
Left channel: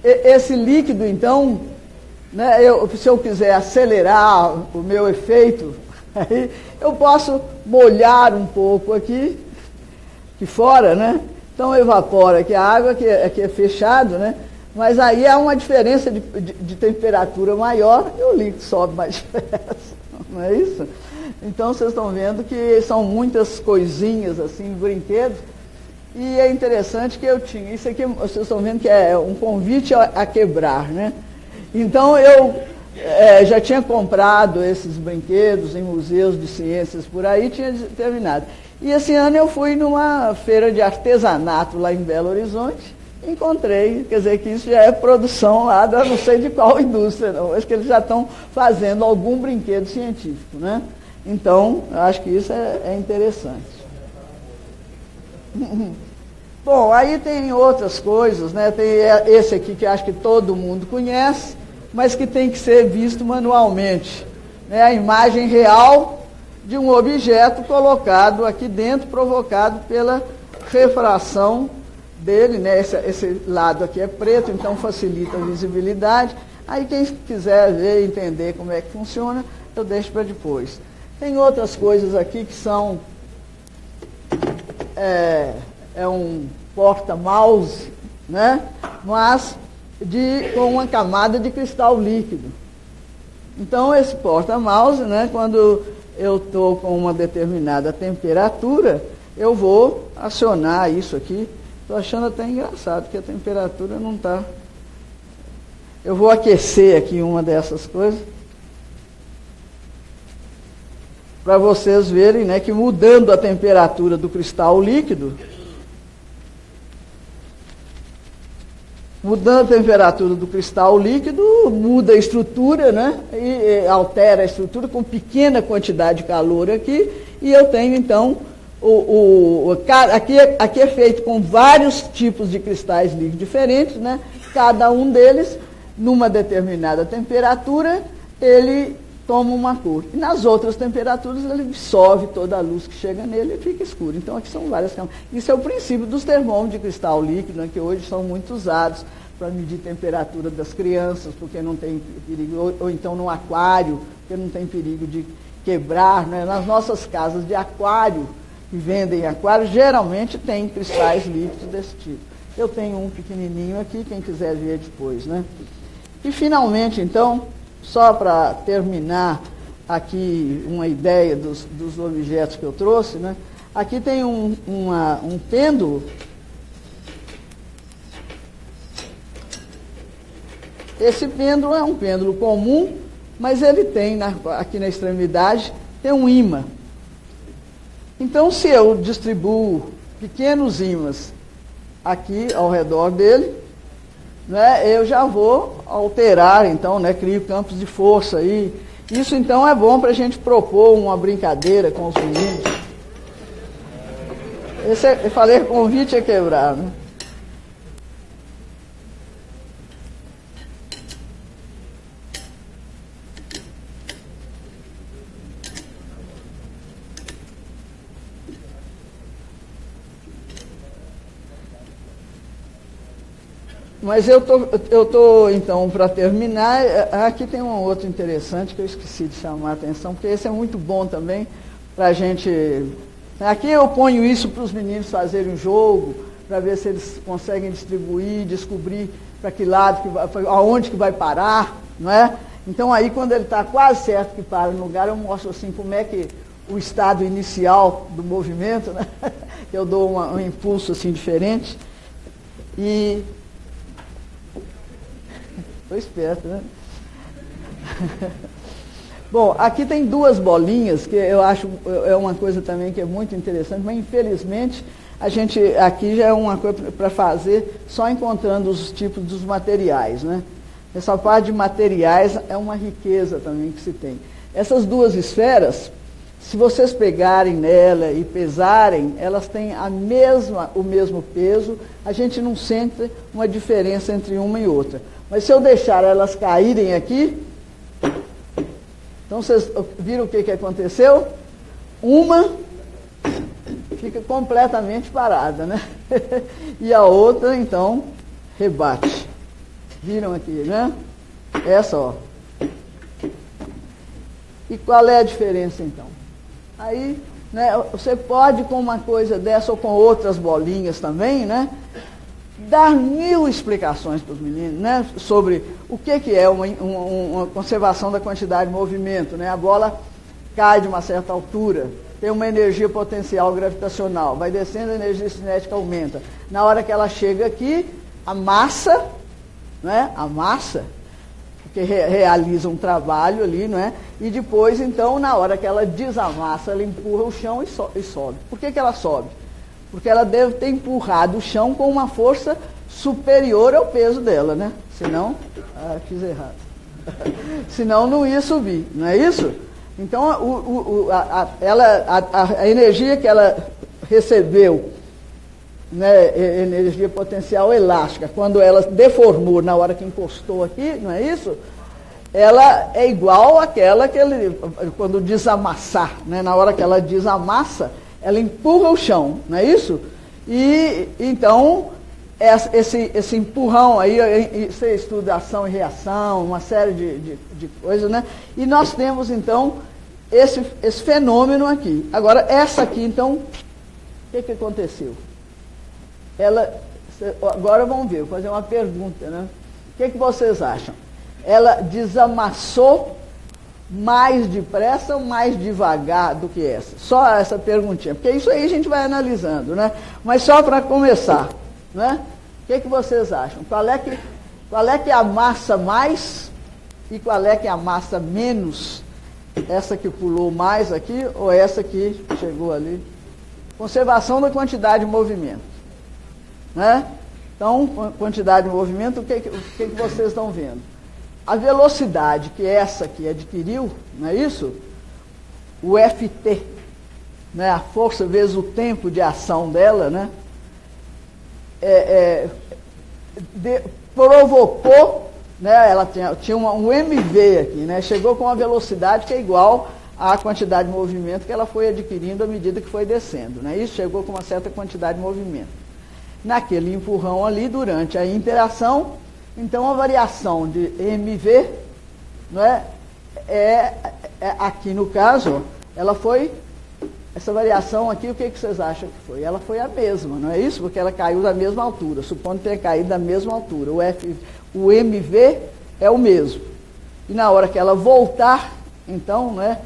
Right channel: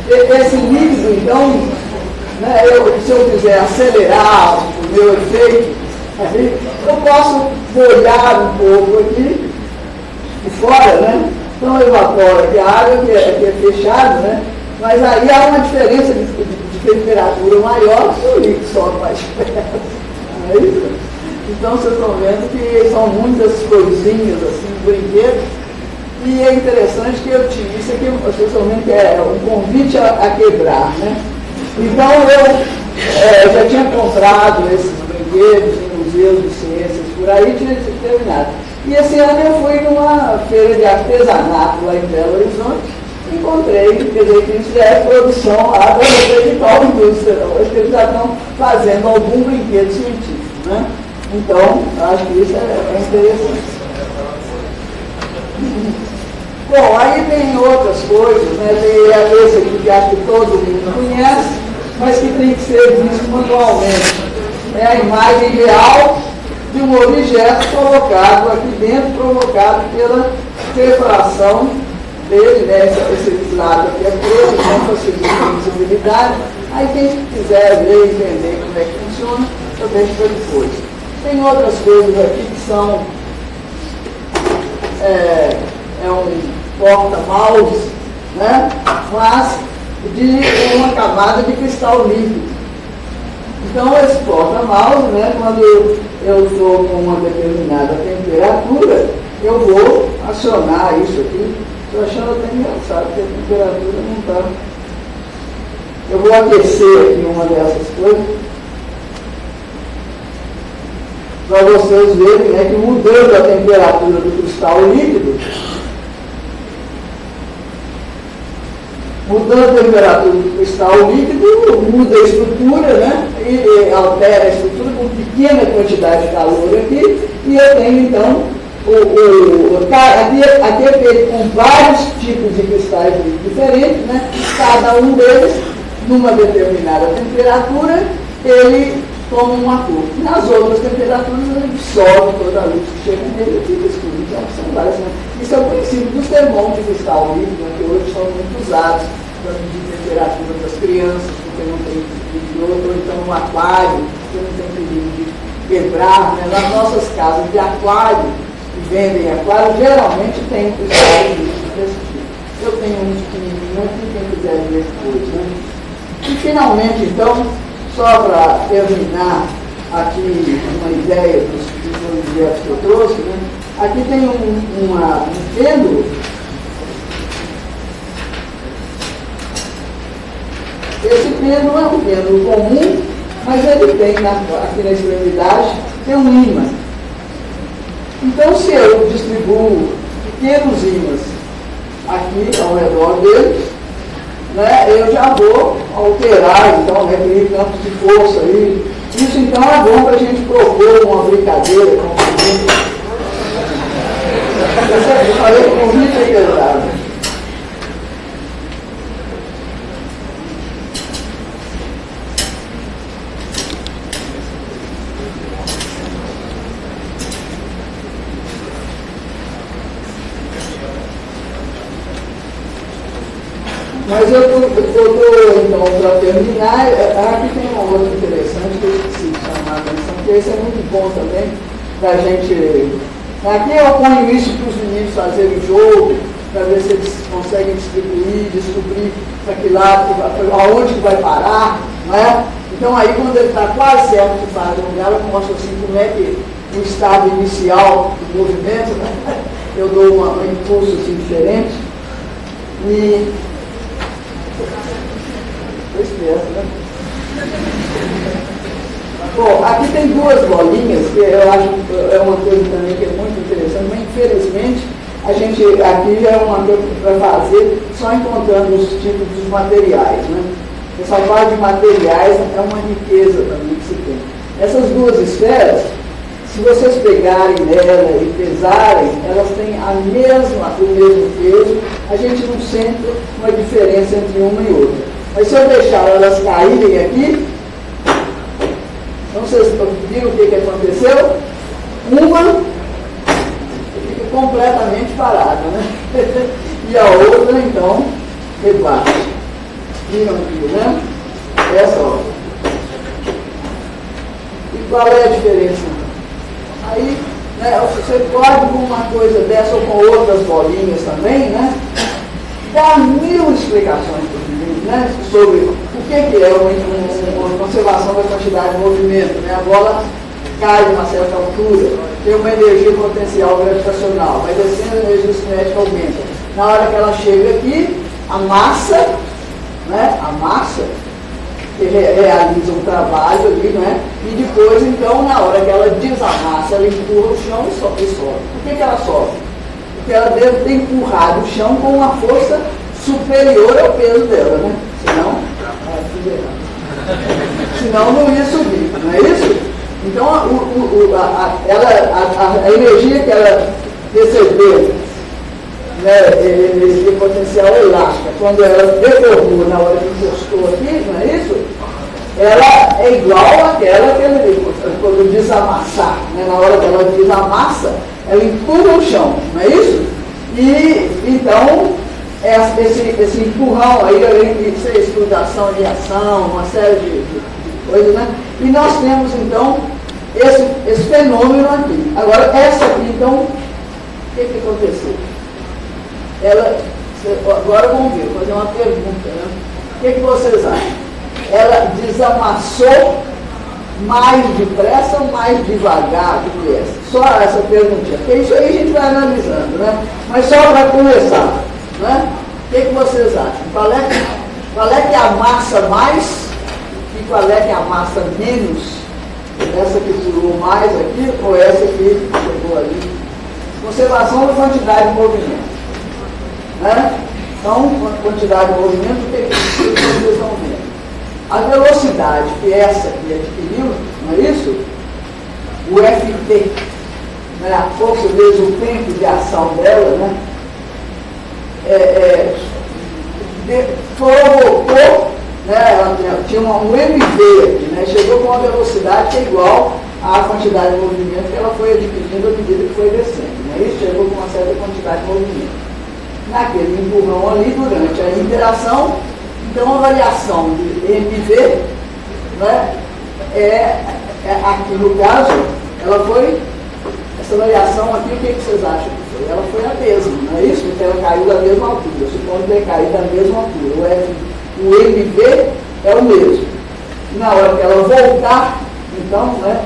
esse líquido, então, né, se eu quiser acelerar o meu efeito, aí, eu posso molhar um pouco aqui de fora, né? Então evapora aqui a água, que é fechado, né? Mas aí há uma diferença de temperatura maior que o líquido sobe mais perto. Não é isso? Então vocês estão vendo que são muitas coisinhas assim, brinquedos, E é interessante que eu tive isso aqui, vocês estão vendo que é um convite a quebrar, né? Então eu já tinha comprado esses brinquedos em museus de ciências por aí, tinha terminado. E esse ano eu fui numa feira de artesanato lá em Belo Horizonte, e encontrei, quer dizer, que isso já é produção lá da principal indústria, hoje eles já estão fazendo algum brinquedo científico, né? Então, acho que isso é interessante. Bom, aí tem outras coisas, né? Tem esse aqui que acho que todo mundo conhece, mas que tem que ser visto manualmente. É a imagem real de um objeto colocado aqui dentro, provocado pela perfuração dele, né? Esse lado aqui é preto, com possibilidade. Aí quem quiser ver e entender como é que funciona, eu deixo para depois. Tem outras coisas aqui que são um porta-mouse, né? Mas de uma camada de cristal líquido. Então, esse porta-mouse, né, quando eu estou com uma determinada temperatura, eu vou acionar isso aqui. Estou achando até engraçado, porque a temperatura não está. Eu vou aquecer aqui uma dessas coisas, para vocês verem, né, que mudando a temperatura do cristal líquido, mudando a temperatura do cristal líquido, muda a estrutura, né? E altera a estrutura com pequena quantidade de calor aqui, e eu tenho então, aqui é feito com vários tipos de cristais diferentes, né? Cada um deles, numa determinada temperatura, ele toma uma cor. Nas outras temperaturas, ele dissolve toda a luz que chega nele e fica escuro. Então, são várias. Isso é o princípio dos termômetros de cristal líquido, que hoje são muito usados para medir a temperatura das crianças, porque não tem que ou então no aquário, porque não tem que quebrar. Né? Nas nossas casas de aquário, que vendem aquário, geralmente tem um cristal líquido desse tipo. Eu tenho um pequenininho aqui, quem quiser ver depois. Né? E finalmente, então, só para terminar aqui uma ideia dos objetos que eu trouxe, né? Aqui tem um pêndulo. Esse pêndulo é um pêndulo comum, mas ele tem aqui na extremidade, tem um ímã. Então, se eu distribuo pequenos ímãs aqui ao redor dele, né, eu já vou alterar, então, né, aquele campo de força ali. Isso, então, é bom para a gente propor uma brincadeira com o seguinte. Eu falei, o convite é quebrado. Mas eu estou, então, para terminar, aqui tem uma coisa interessante que eu esqueci de chamar a atenção, porque esse é muito bom também para a gente. Aqui eu ponho isso para os meninos fazerem jogo, para ver se eles conseguem descobrir para que lado, aonde vai parar, né? Então aí quando ele está quase certo de parar no lugar, eu mostro assim como é que o estado inicial do movimento, né? Eu dou um impulso assim diferente. E né? Bom, aqui tem duas bolinhas, que eu acho que é uma coisa também que é muito interessante, mas infelizmente a gente aqui é uma coisa para fazer só encontrando os tipos dos materiais, né? Essa parte de materiais é uma riqueza também que se tem. Essas duas esferas, se vocês pegarem ela e pesarem, elas têm o mesmo peso, a gente não sente uma diferença entre uma e outra. Mas se eu deixar elas caírem aqui, então vocês viram o que aconteceu? Uma fica completamente parada, né? E a outra, então, rebaixa. Viram aqui, né? Essa, ó. E qual é a diferença? Aí, né, você pode com uma coisa dessa ou com outras bolinhas também, né? Dá mil explicações para o menino, né? Sobre o que é uma conservação da quantidade de movimento. Né? A bola cai de uma certa altura, tem uma energia potencial gravitacional, vai descendo, a energia cinética aumenta. Na hora que ela chega aqui, a massa, né, que realiza o trabalho ali, né, e depois, então, na hora que ela desamassa, ela empurra o chão e sobe. Por que ela sobe? Porque ela deve ter empurrado o chão com uma força superior ao peso dela, né? Senão não ia subir, não é isso? Então, a energia que ela recebeu, né, energia potencial elástica, quando ela deformou na hora que encostou aqui, não é isso? Ela é igual àquela que quando desamassar, né, na hora que ela desamassa, ela empurra o chão, não é isso? E então, esse empurrão aí, além de ser estudação de ação, uma série de coisas, né? E nós temos então esse fenômeno aqui. Agora, essa aqui, então, o que aconteceu? Agora vamos ver, vou fazer uma pergunta, né? O que vocês acham? Ela desamassou mais depressa ou mais devagar do que essa? Só essa perguntinha. Porque isso aí a gente vai analisando, né? Mas só para começar, né? O que vocês acham? Qual é que amassa mais e qual é que amassa menos? Essa que durou mais aqui ou essa que chegou ali? Conservação da quantidade de movimento, né? Então, a quantidade de movimento, o que vocês estão vendo? A velocidade, que é essa que adquirimos, não é isso? O FT, né? A força vezes o tempo de ação dela, né? Provocou, né? Tinha um MV aqui, né? Chegou com uma velocidade que é igual à quantidade de movimento que ela foi adquirindo à medida que foi descendo, né? Isso chegou com uma certa quantidade de movimento. Naquele empurrão ali, durante a interação, então a variação de MV, né, aqui no caso, ela foi, essa variação aqui, o que vocês acham que foi? Ela foi a mesma, não é isso? Porque ela caiu da mesma altura, supondo ter caído da mesma altura. O MV é o mesmo. E na hora que ela voltar, então, né,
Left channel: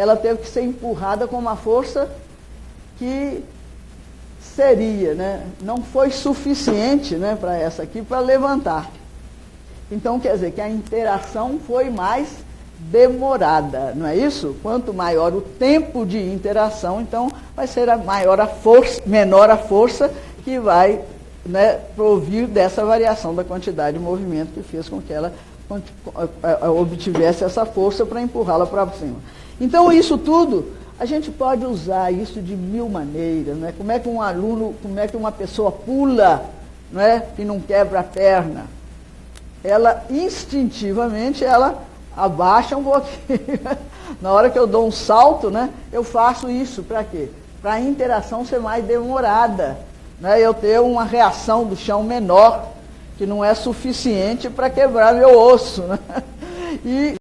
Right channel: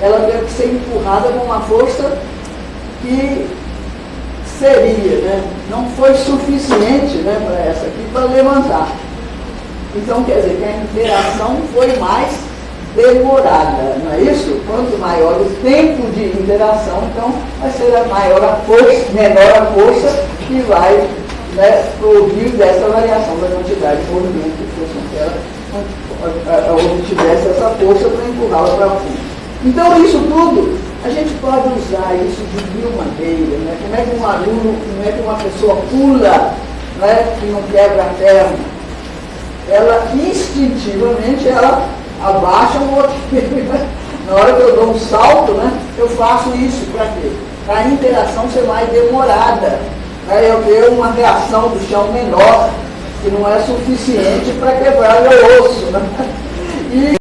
ela deve ser empurrada com uma força que seria, né? Não foi suficiente, né, para essa aqui para levantar. Então, quer dizer que a interação foi mais demorada, não é isso? Quanto maior o tempo de interação, então vai ser menor a força que vai, né, provir dessa variação da quantidade de movimento que fez com que ela obtivesse essa força para empurrá-la para fundo. Então, isso tudo, a gente pode usar isso de mil maneiras, né? Como é que um aluno, como é que uma pessoa pula, né, que não quebra a perna? Ela, instintivamente, ela abaixa o roteiro. Na hora que eu dou um salto, né, eu faço isso para quê? Para a interação ser mais demorada. Aí eu tenho uma reação do chão menor, que não é suficiente para quebrar o osso, né?